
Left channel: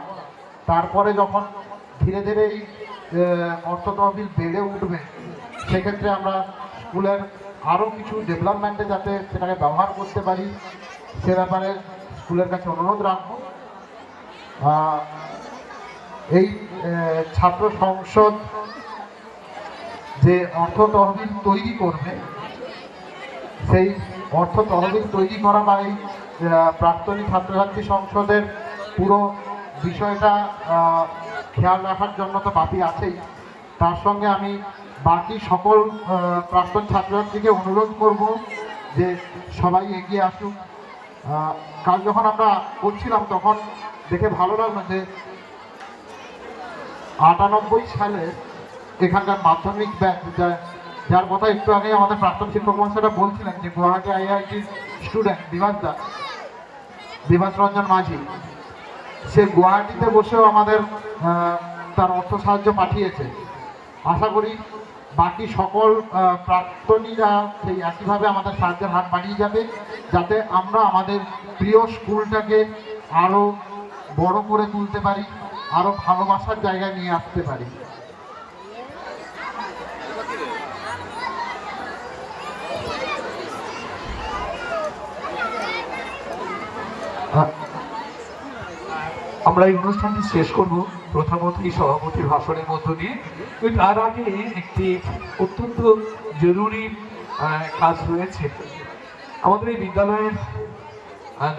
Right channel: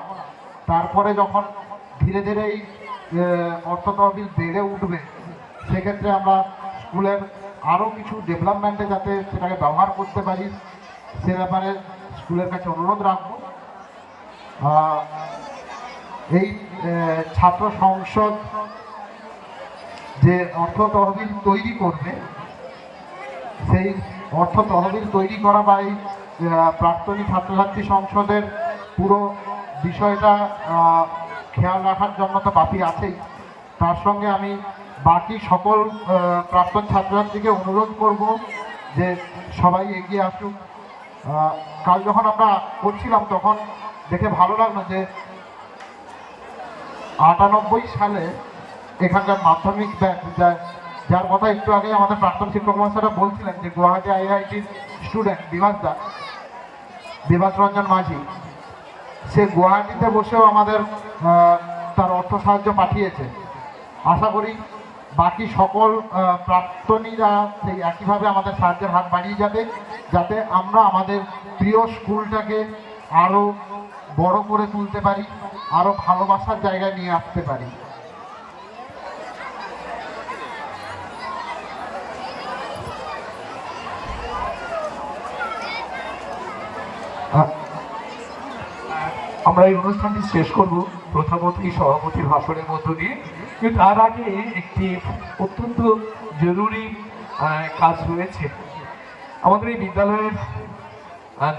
তারপরে যখন ধীরে ধীরে এই অর্থ তহবিল বেড়ে উঠবে, সেক্ষেত্রে আমরা স্কুলের আরও কিছু ডেভেলপমেন্টে যাতে সেটাকে ব্যবহার করতে পারি সে ব্যাপারে স্কুলের কাছে অনুরোধ রাখব। এই ছাত্র সংসদ যে অর্থ তহবিল তৈরি করবে, সেই অর্থ তহবিল তৈরি করা বা এই প্রাক্তনী ছাত্রছাত্রী সংসদের পুরো বিষয়টা খেয়াল রাখার জন্য তো বাপি আছেই, তার সঙ্গে আমি বাকি সকল প্রাক্তন ছাত্রছাত্রীকে অনুরোধ করব যে সবাই এগিয়ে আসুন। কাল যখন আমরা করছিলাম তখন দেখে ভালো লাগলো যে 98 সালে এখানকার মাধ্যমিক ব্যাচ যার কথা একটু আগে আমাদের প্রাক্তন শিক্ষক মহাশয়রা বলছিলেন, যে গুয়াহাটি IIT স্টুডেন্ট দিবাস রঞ্জন মাঝি, সে গুয়াহাটিতে বসেও আমাদের তার অর্থ সাহায্য পাঠিয়েছে। আশা করি বাকি সকল প্রাক্তনীরা সেই একইভাবে আমাদের সাহায্যের হাত বাড়িয়ে যাবে, যাতে আমরা আমাদের প্রিয় স্কুলটাকে আরও বড় করে তুলতে পারি, আরও ভালোবাসার জায়গায় নিয়ে আসতে পারি। আমরা এই অনুষ্ঠানটি শেষ করব প্রথমত এই সভাপতির ভাষণের মধ্য দিয়ে। কিন্তু তার আগে একটি অত্যন্ত জরুরি কাজ রয়েছে। আমাদের এই বিদ্যালয়ের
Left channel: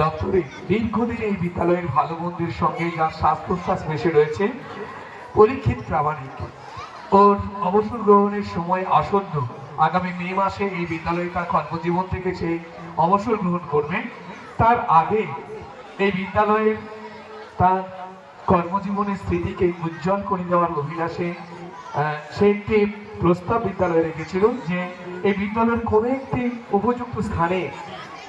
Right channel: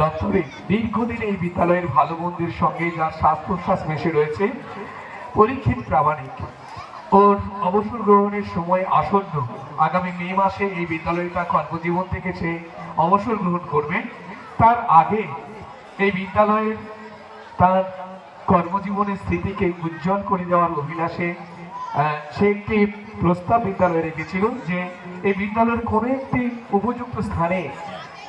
দপ্তরে দীর্ঘদিন এই বিদ্যালয়ের ভালো মন্দের সঙ্গে যার শ্বাস প্রশ্বাস মিশে রয়েছে, পরীক্ষিত প্রামাণিক, ওর অবসর গ্রহণের সময় আসন্ন। আগামী মে মাসে এই বিদ্যালয় তার কর্মজীবন থেকে সে অবসর গ্রহণ করবে। তার আগে এই বিদ্যালয়ের তার কর্মজীবনের স্মৃতিকে উজ্জ্বল করে দেওয়ার অভিলাষে সে একটি প্রস্তাব বিদ্যালয়ে রেখেছিল যে এই বিদ্যালয়ের কোনো একটি উপযুক্ত স্থানে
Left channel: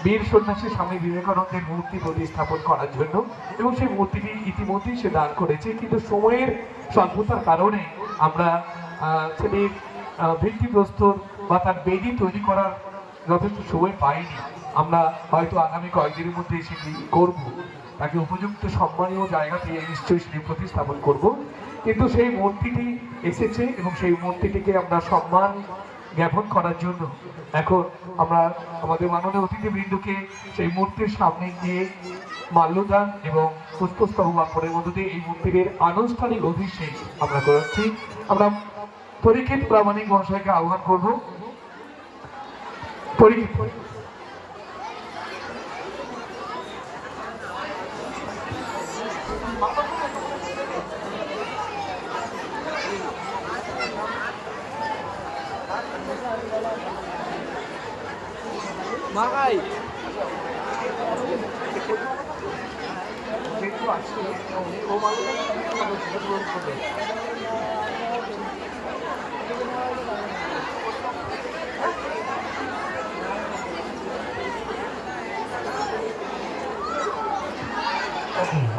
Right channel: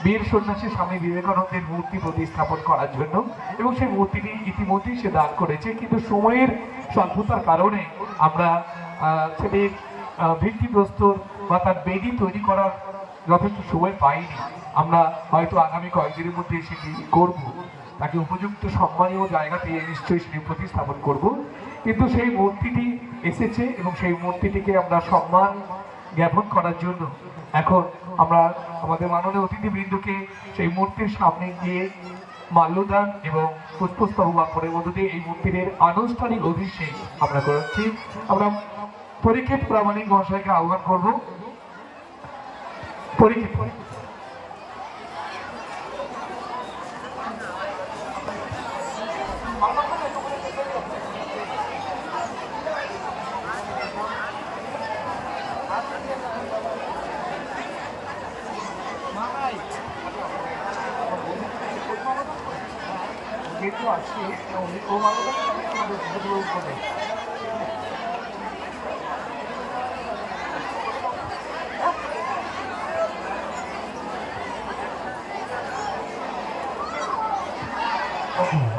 বীর সন্ন্যাসী স্বামী বিবেকানন্দের মূর্তি প্রতিস্থাপন করার জন্য, এবং সেই মূর্তিটি ইতিমধ্যেই সে দান করেছে। কিন্তু সময়ের স্বল্পতার কারণে আমরা সেটির ভিত্তিপ্রস্তর বা তার বেদি তৈরি করার যথেষ্ট সময় পাইনি। আমরা হয়তো আগামী কয়েকদিনের মধ্যে সেটি করব, তাকে উপযুক্ত সম্মানীয় জায়গাতে নিশ্চয়ই সেটি প্রতিস্থাপন করব। কিন্তু সেই মূর্তিটি এসেছে এবং সেই মূর্তিটিকে আমরা সম্মান জ্ঞাপন করার জন্য এখন আমরা আমাদের মাননীয় অতিথিবৃন্দকে সেই মূর্তির সামনে গিয়ে মাল্যদান এবং পুষ্পস্তবক অর্পণের মধ্য দিয়ে এই মূর্তির আনুষ্ঠানিক অভিষেক আমরা করাচ্ছি। আমরা পরীক্ষিত প্রামাণিক মহাশয়কে আহ্বান করব। পরীক্ষিত মাকাই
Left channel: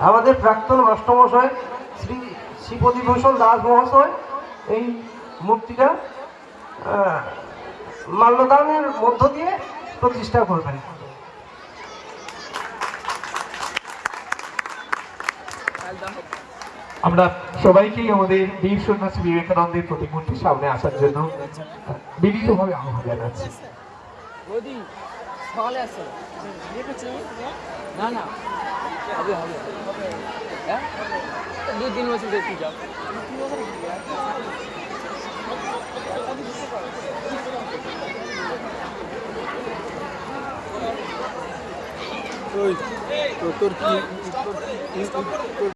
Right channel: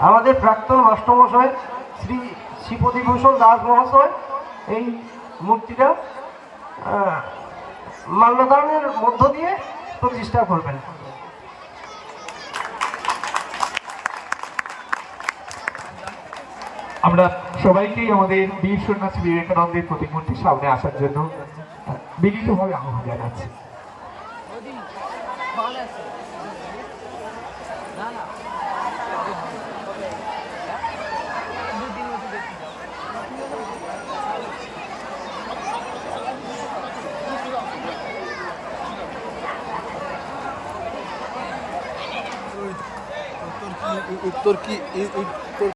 আমাদের প্রাক্তন মাস্টারমশাই শ্রী শ্রীপতিভূষণ দাস মহাশয় এই মূর্তিটা মাল্যদানের মধ্য দিয়ে প্রতিষ্ঠা করবেন। আমরা সবাইকেই আমাদের বীর সন্ন্যাসী বিবেকানন্দের প্রতিমূর্তির সামনে আসার জন্য বিনীতভাবে আহ্বান জানাচ্ছি। যদি সকালে আসে না না হবে হবে হ্যাঁ 2-3 বছর দেখতে যাও তোর কি উত্তর কি